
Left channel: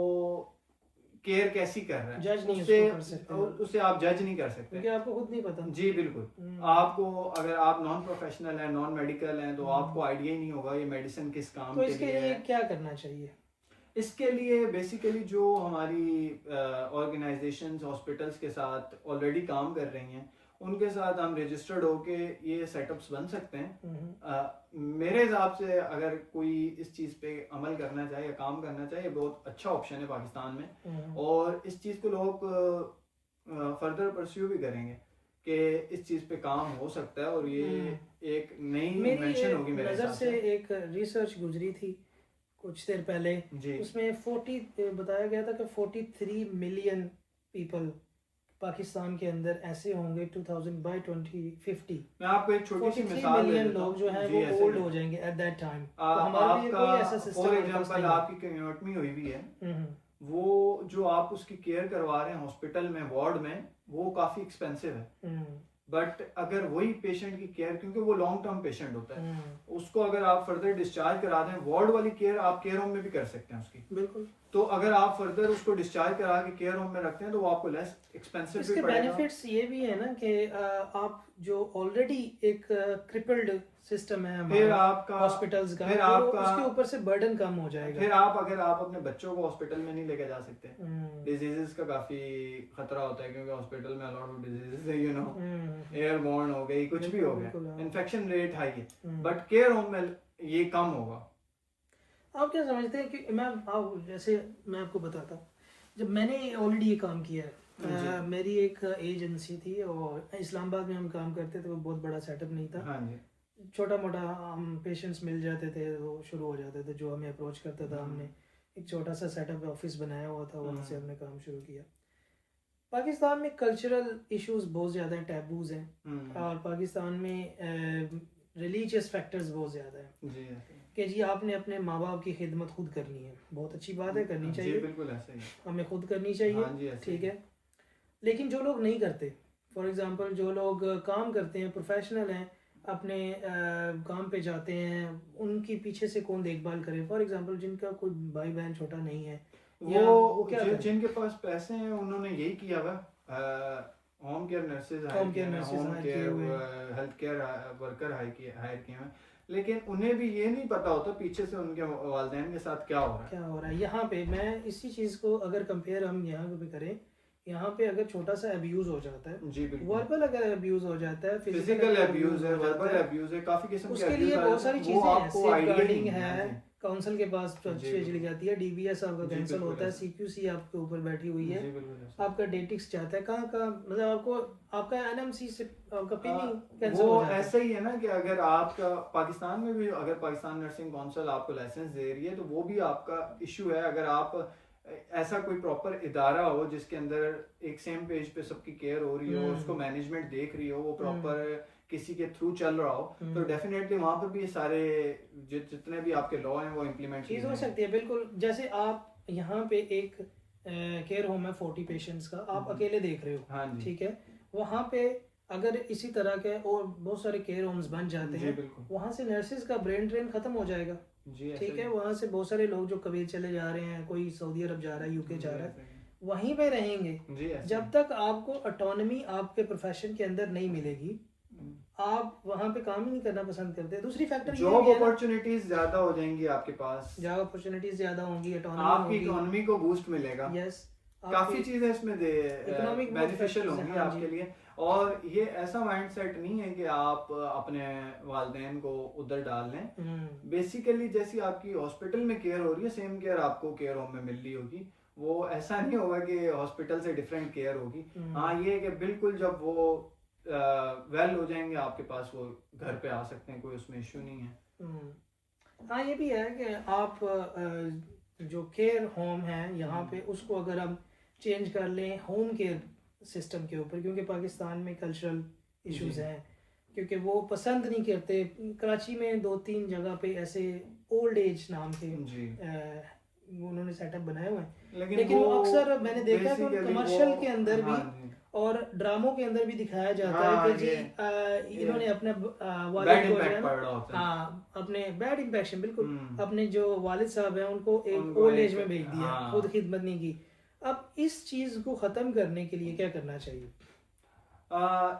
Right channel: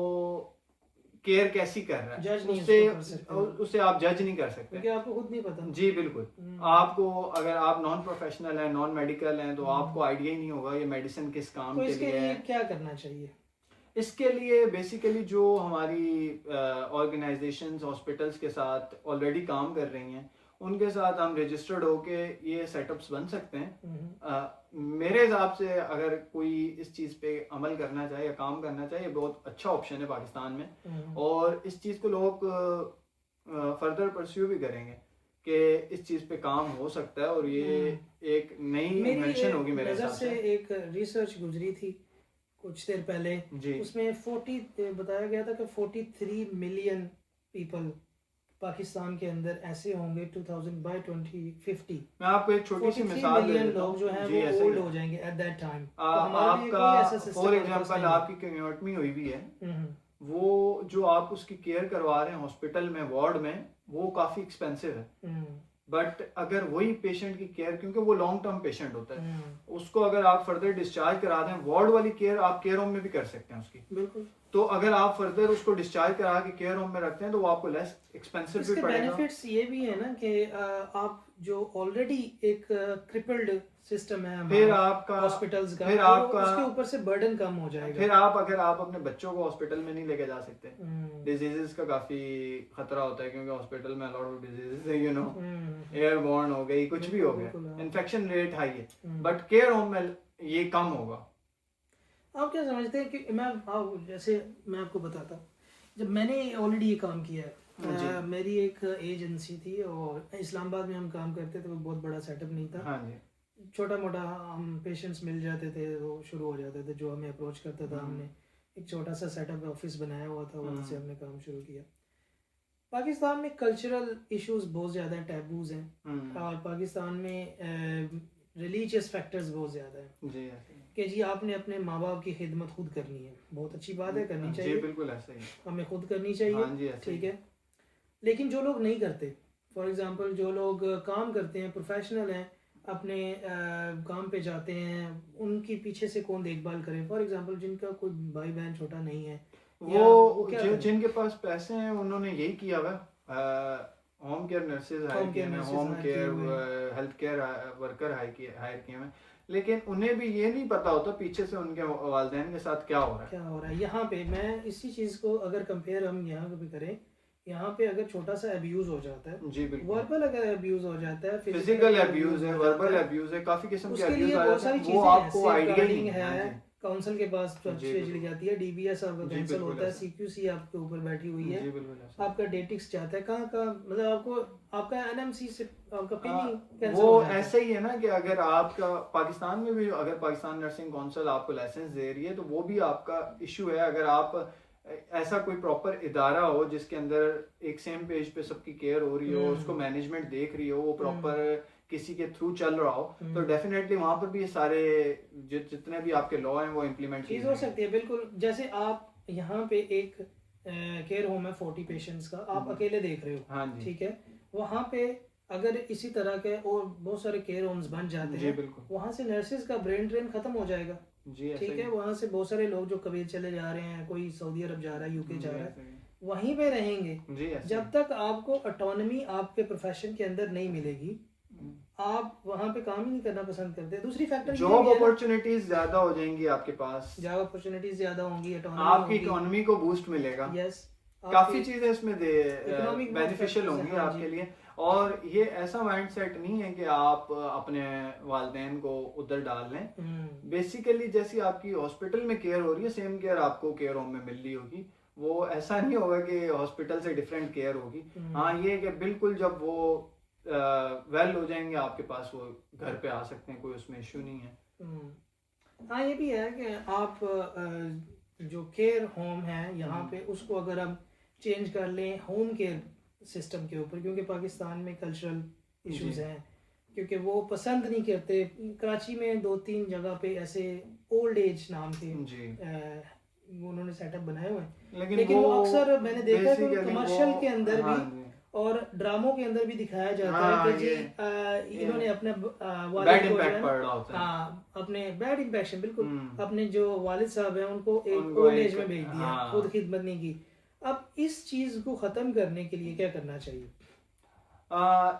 केयर कैसी कर रहा है। जज नहीं कर सकते, उसे आप जज नहीं कर सकते क्योंकि आपको खुद नहीं पता। जी बिल्कुल। आपको अगर आप नॉन प्रोफेशनल हैं, नॉन मेडिकल हैं, तो आपको आइडिया ही नहीं होगा ये मेडिसिन किस काम तो के इसके लिए क्या करना चाहिए? इसके लिए बेसिकली जो हमारी ऑर्गेनाइजेशंस हॉस्पिटल्स के साथ ऑलरेडी काम कर रही हैं उनके साथ हम रजिस्टर्ड होके ये सेटअप्स बन सकते हैं। मेरे हिसाब से अगर कोई इस चीज़ पे अमल करना चाहे या काम करना चाहे, ये बहुत अच्छा ऑप्शन है पाकिस्तान में, और इस चीज़ को लोग फर्दर परस्यू भी करेंगे कि इस चीज़ पे काम हो सकता है और ये एक नई इन्वेंशन होगी। मेरे नज़र से एक रिसर्च गुजरी थी कुछ देर पहले, उसमें बताया गया था कि 43 मिलियन पीपल पाकिस्तान के अंदर ऐसे होंगे 2000 बाय 2050 मैं आपको एक छोटी सी 43 मिसाल दे मिलियन देता लोग हूँ जो हैं जी, वो ऐसे ओल्ड ही। हो जाएंगे एट दैट टाइम, तो हमारे लिए आपका कोई ऐसा सिस्टम फॉर हमारे पास एग्जांपल नहीं है। आपकी कम्यूनिटी हुई भी है, हम्म, वो जो आप उसकी केयर करवा रहे हैं हॉस्पिटल में वार्ड में, वो काफी एक्सपेंसिव है। हम्म, बट अगर वही पेशेंट की केयर, क्योंकि वो लॉन्ग टर्म पेशेंट होता है, हम्म, उसको अगर आप फर्दर डिस्चार्ज करा दें, वार्ड वाली केयर आप केयर होम में भी कर सकते हैं उसकी। बिल्कुल। तो अगर आप फर्दर उसको डिस्चार्ज करा के केयर होम में रखते हैं तो वो आपको लेस एक्सपेंसिव भी इसके पड़ेगा। बेनिफिट्स ये भी है ना कि आप जो ऑलरेडी एक क्रिपल्ड सिस्टम है फिर हमारा आपका हॉस्पिटल्स का, फिर वो आपका उसके ऊपर से बर्डन कम हो जाएगा। फिर अगर आप अपने बच्चों को हॉस्पिटल में नहीं लेके जा सकते, डिजीजेस का काफी खतरा होता है, क्योंकि हॉस्पिटल में अलॉट ऑफ डिजीजेस है, यू नो, एयरबॉर्न हो गई, कुछ भी हो गया, इन्फेक्शन रेट हाई है। बट केयर होम में ये कम होगा। आप क्या समझते हैं कि जैसे मैं आपको बताता हूँ, जब मैंने ऑलरेडी ये काम किया है, मेरी एक एजेंसी थी और इस्लामाबाद में हम काम करते थे, वो बहुत बड़ा सेटअप नहीं था। हाँ जी। छोटा मोटा हम पेशेंट्स मिल जाते थे, वो शुरू हो जाते थे, जो हमें अप्रोच करता था, हमने एक छोटा सा सेटअप ऑफिस बनाया हुआ था, वहाँ से हमने काम शुरू किया। पाकिस्तान में कल्चरल इश्यूज बहुत ज़्यादा हैं, टैबूज हैं, और पाकिस्तान में रिलीजियस फैक्टर्स बहुत ज़्यादा हैं जी, कि जी आपने अपने माँ बाप की खिदमत खुद करनी है, बहुत अच्छी बात है, करनी चाहिए, बिल्कुल ऐसा ही, हमें खुद करनी चाहिए, ठीक है। लेकिन जो लोग नहीं करते, फॉर एग्जांपल जो लोग काम करते हैं, प्रोफेशनल हैं, अपने काम पे जाते हैं, उनकी पीछे से कौन देखभाल करे? फॉर एग्जांपल जिनका कोई भाई बहन छोटा नहीं है, वो क्या जिनके पास पैसे हैं उन्होंने यही किया हुआ, होम केयर नर्सेज हायर किए हैं, home care health care worker hire किए हैं, लेकिन उन्हें भी ये नहीं पता होता पीछे से उनके वालिदैन के साथ क्या हो रहा है। यहाँ पे मैं इसी चीज को अगर कंपेयर हम यहाँ पे करें, यहाँ पे अगर छोटा सा अब्यूज हो जाता है, जी बिल्कुल, वर्बल अगर अब्यूज हो जाता है, फिजिकल अब्यूज है, वर्बल अब्यूज है, काफी किस्म के उसके लिए बहुत सारी चीजें हैं, सेफगार्डिंग है, है, काउंसिल के पास चली जाती है, डीबीएस आपका कैंसिल होता है, सीक्यूसी आपके ऊपर बैठी हुई है, आपका डेटिक्स जाता है, कहाँ का मतलब आपको आपका एनएमसी से आपका पीनी कैंसिल हो जाता है। ऐसे ही है ना कि अगर आपका पाकिस्तान में भी अगर पाकिस्तान नर्सिंग काउंसिल आपको लाइसेंस दे रही है तो वो भी आपका इशू है। अगर आप ऐसा कोई प्रॉपर इदारा हो जिसके अंदर एक सेम पेज पे सबकी केयर हो रही हो, उसको मैनेजमेंट देख रही हो, वो प्रॉपर किसी के थ्रू चल रहा हो, तो डेफिनेटली वहां पर भी ये सारे जितने भी आपके लॉ हैं वो इम्प्लीमेंट चीज हो सकती है। बिल्कुल, जैसे आप यहाँ पे एक केयर होम है 40 पेशेंट्स का, आप अकेले देख रहे हो, ठीक है, वहाँ पे अगर इसी तरह के और बहुत सारे केयर होम्स बन जाते हैं, वहाँ से नर्सेज का ब्रेन ड्रेन खत्म हो जाएगा, ठीक है। वहाँ से बहुत सारे लोग जो कभी चले जा रहे हैं, कोई सऊदी अरब जा रहा है, यूके जा रहा है, वहीं पे रहेंगे। जब तक आपको ऑटोनॉमी आपके प्रोफेशन के अंदर नहीं मिलेगी, आप वहाँ पे काम ही नहीं करना पसंद करते। दूसरी फैक्टर जॉब अपॉर्चुनिटीज ज्यादा हो जाएंगी आपके पास, जॉब अपॉर्चुनिटीज ज्यादा होंगी, आपकी इकोनॉमी को बूस्ट मिलेगा, यस, काफी चीजें इसमें बेनिफिशियल होंगी आपके लिए। और ये ऐसा माइंडसेट नहीं है कि आप अपने वालिदैन को उधर डाल लें। बेसिकली जैसी आपकी हॉस्पिटल में केयर हो रही है, सेम केयर आपको केयर होम में मिल रही होगी। वो ऐसा नहीं होगा कि हॉस्पिटल से डिफरेंट केयर होगी। हाँ, ये कि बिल्कुल जब वो वेल हो जाएंगे आपके पास, वो घर पे आ सकते हैं, कोई उसमें इशू नहीं है। हाँ, ये भी है कि आप जो केयर होम है यहाँ पे, उसको अगर हम चेंज कर लें होम केयर सिस्टम के ऊपर, क्योंकि पाकिस्तान में कल्चरल इश्यूज हैं, क्योंकि वो पसंद नहीं करते। कराची में 2-3 जगह पे ऐसे ओल्ड एज नाम के उन्होंने सेटअप बनाए हुए हैं, लेकिन वो अक्सर मैंने देखा है कि कमर्शियल के अंदर भी और ड्रामों के अंदर भी दिखाया जाता है कि जी इन्होंने अपने वालिद को जो है अपने बैड इम्पैक्शन, बिल्कुल, अपने जो वालिद साहब हैं उनको एक ओल्ड एज में भेज दिया, खुद खिदमत नहीं की। अब इस चीज को खत्म करने के लिए क्या करना चाहिए?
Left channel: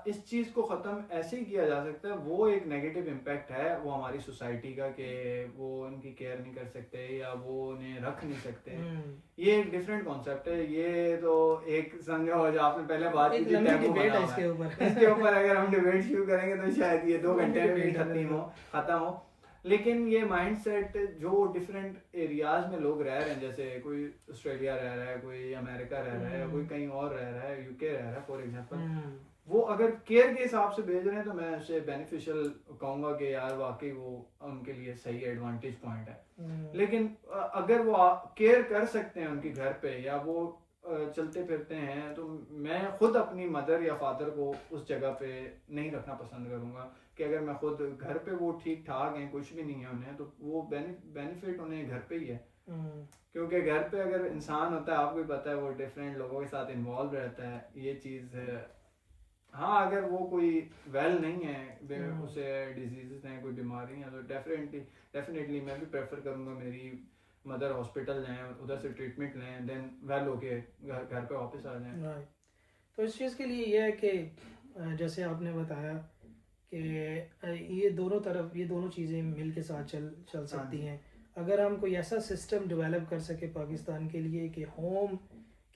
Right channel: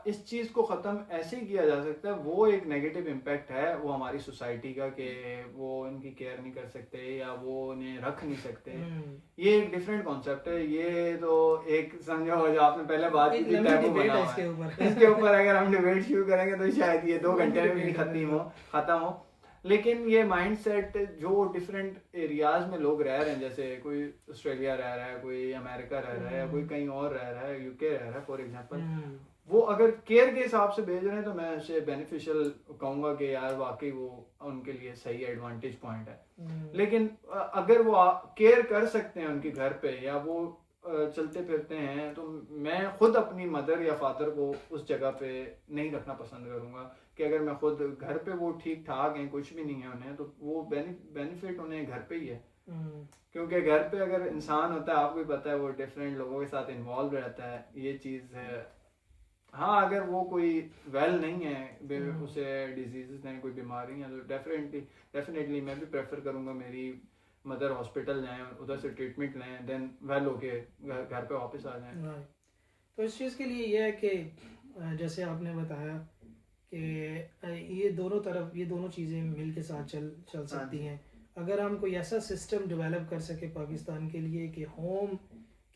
इस चीज को खत्म ऐसे ही किया जा सकता है। वो एक नेगेटिव इम्पैक्ट है वो हमारी सोसाइटी का, कि वो उनकी केयर नहीं कर सकते या वो उन्हें रख नहीं सकते। ये एक डिफरेंट कॉन्सेप्ट है। ये तो एक समझो जो आपने पहले बात की, डिबेट है इसके ऊपर अगर हम डिबेट शुरू करेंगे तो शायद ये 2 घंटे में भी खत्म हो। लेकिन ये माइंडसेट जो डिफरेंट एरियाज में लोग रह रहे हैं, जैसे कोई ऑस्ट्रेलिया रह रहा है, कोई अमेरिका रह रहा है, कोई कहीं और रह रहा है, यूके रह रहा है फॉर एग्जांपल, वो अगर केयर के हिसाब से भेज रहे हैं तो मैं उसे बेनिफिशियल कहूंगा कि यार वाकई वो उनके लिए सही एडवांटेज पॉइंट है। लेकिन अगर वो केयर कर सकते हैं उनके घर पे, या वो चलते फिरते हैं तो मैं खुद अपनी मदर या फादर को उस जगह पे नहीं रखना पसंद करूँगा कि अगर मैं खुद घर पे वो ठीक ठाक हैं, कुछ भी नहीं है उन्हें, तो वो बेनिफिट उन्हें घर पे ही है। क्योंकि घर पे अगर इंसान होता है, आपको भी पता है, वो डिफरेंट लोगों के साथ इन्वॉल्व रहता है, ये चीज़ है। हाँ, अगर वो कोई वेल नहीं है, उसे डिजीज़ हैं, कोई बीमारी हैं, तो डेफिनेटली मैं भी प्रेफर करूँगा मेरी मदर हॉस्पिटल लें, उधर से ट्रीटमेंट लें, देन वेल होके घर पे वापस आ जाएं। राइट। तो इस चीज़ के लिए ये है कि जैसे आपने बताया कि ये दोनों चीज़ें मिल के साथ चल सकती हैं। अगर हम कोई ऐसा सिस्टम डेवलप कर सके पाकिस्तान के लिए कि होम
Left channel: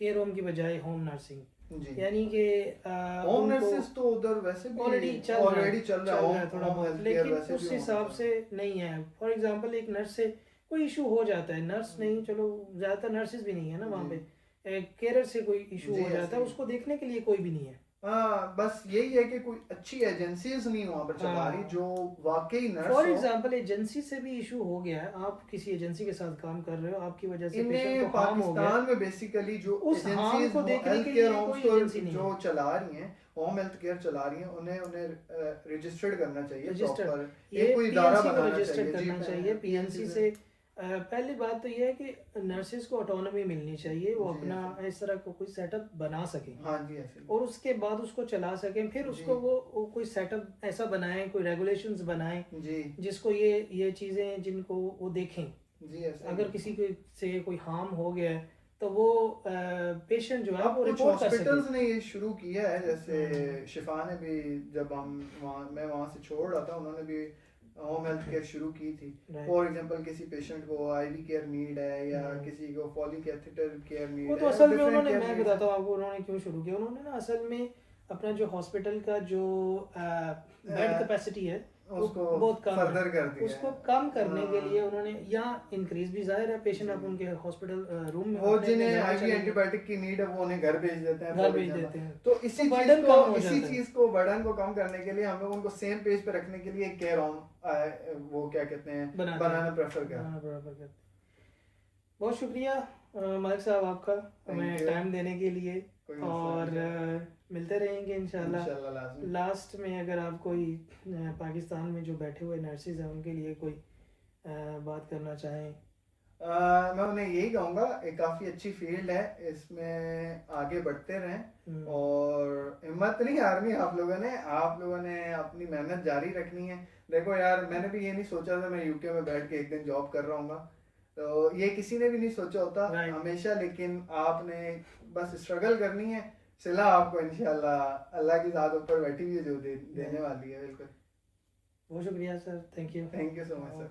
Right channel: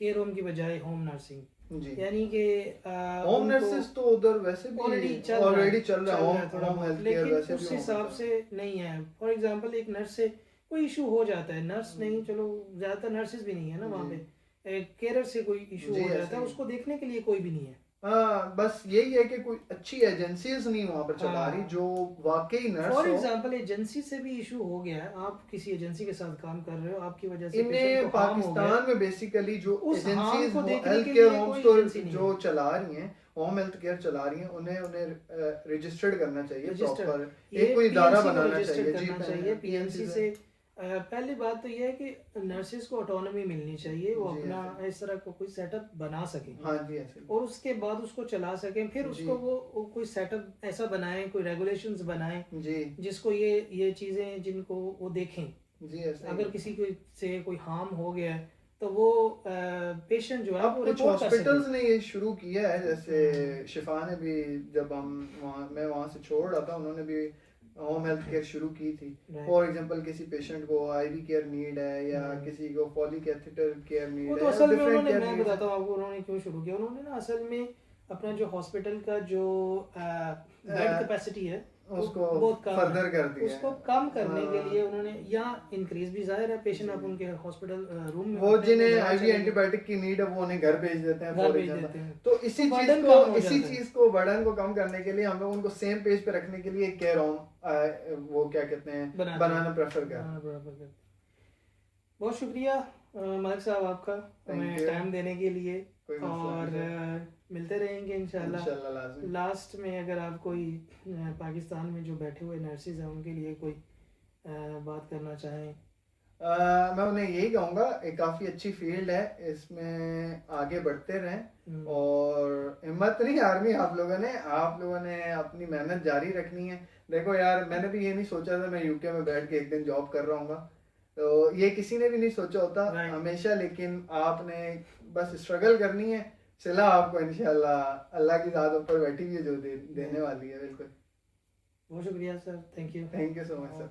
केयर होम की बजाय होम नर्सिंग, यानी कि होम नर्सेस तो उधर वैसे भी ऑलरेडी चल रहा है थोड़ा बहुत, लेकिन उस हिसाब से नहीं है। फॉर एग्जांपल एक नर्स से कोई इशू हो जाता है, नर्स नहीं, चलो ज़्यादातर नर्सेज भी नहीं है ना वहाँ पे, केयरर से कोई इशू हो जाता है, उसको देखने के लिए कोई भी नहीं है। हाँ, बस यही है कि कोई अच्छी एजेंसीज नहीं वहाँ पर चला रही जो वाकई नर्स फॉर एग्जांपल एजेंसी से भी इशू हो गया है, आप किसी एजेंसी के साथ काम कर रहे हो, आपकी वजह से पेशेंट को हार्म हो गया, पाकिस्तान में बेसिकली जो उस हार्म को देखने के लिए लिए कोई एजेंसी नहीं जो चला रही हैं, होम हेल्थ केयर चला रही हैं, उन्हें रजिस्टर्ड करना चाहिए, प्रॉपर ये कोई इदारा पीएनसी को बनाना रजिस्टर्ड चाहिए। करना चाहिए पीएनसी से। पहली बात तो ये है कि नर्सेज को ऑटोनॉमी मिलनी चाहिए, वो अपना इस तरह को कोई सेटअप बना सके, हाँ जी, ऐसे और उसके बाद उसको चला सकें, फिर उसको वो कोई सेटअप ऐसा बनाएं, कोई रेगुलेशंस बनाएं जिसको ये चीज़ें जिनको वो देखें। अगर किसी को से कोई हार्म हो गया है तो वो पेशेंट जो है वो रिपोर्ट कर सके। हॉस्पिटल्स ने ये शुरू किया है, जैसे शिफा ने भी, जब मैं वहाँ से छोड़ रहा था, उन्होंने भी होम हेल्थ केयर शुरू की थी। फॉर एग्जांपल किसी पेशेंट को आईवी केयर नीड है या किसी को पॉलीकैथेटर केयर नीड है, वो तो असल में उन्होंने, मैं बताता हूँ आपको उन्होंने क्यों शुरू किया। उन्होंने ना असल में अपना जो हॉस्पिटल का जो बेड कैपेसिटी है उसको बहुत कम फर्दर कर दिया, उसको कम करने के लिए उन्होंने यहाँ इंक्रीज भी, जाहिर है पेशेंट आप उनके हॉस्पिटल रूम में, वो जिन्हें आईवी एंटीबायोटिक की नीड है वो उन्हें घर भेज देते हैं, तो इसी चीज को बर्डन को कम करने के लिए हम लोग उनको सेम पेज पे रखने के लिए केयर होम वो क्या कहते हैं बनाना प्रेफर करते हैं। बहुत शुक्रिया मलिक साहब आपका हमें टाइम देने के लिए, और मिलते रहेंगे इंशाल्लाह। लास्ट में अगर आप कोई पाकिस्तान में जो बैठे हुए नर्सेज हैं उनके लिए कोई बात करना चाहें। मैं उन्हें यही कहूँगा, एक काफ़ी अच्छी फील्ड है, इसमें आगे बढ़ते रहें और हिम्मत नहीं हारनी। आप लोगों ने अपनी मेहनत जारी रखनी है। देखो यार, मैंने भी ये नहीं सोचा था मैं यूके में बैठ के एक दिन जॉब कर रहा हूँ, तो ये किसी ने भी नहीं सोचा होता हमेशा, लेकिन आपने बस स्ट्रगल करनी है, सिला आपको इंशाल्लाह अल्लाह की ज़ात ऊपर बैठी हुई है जो देने वाली है। बिल्कुल, बहुत शुक्रिया sir, thank you so much sir.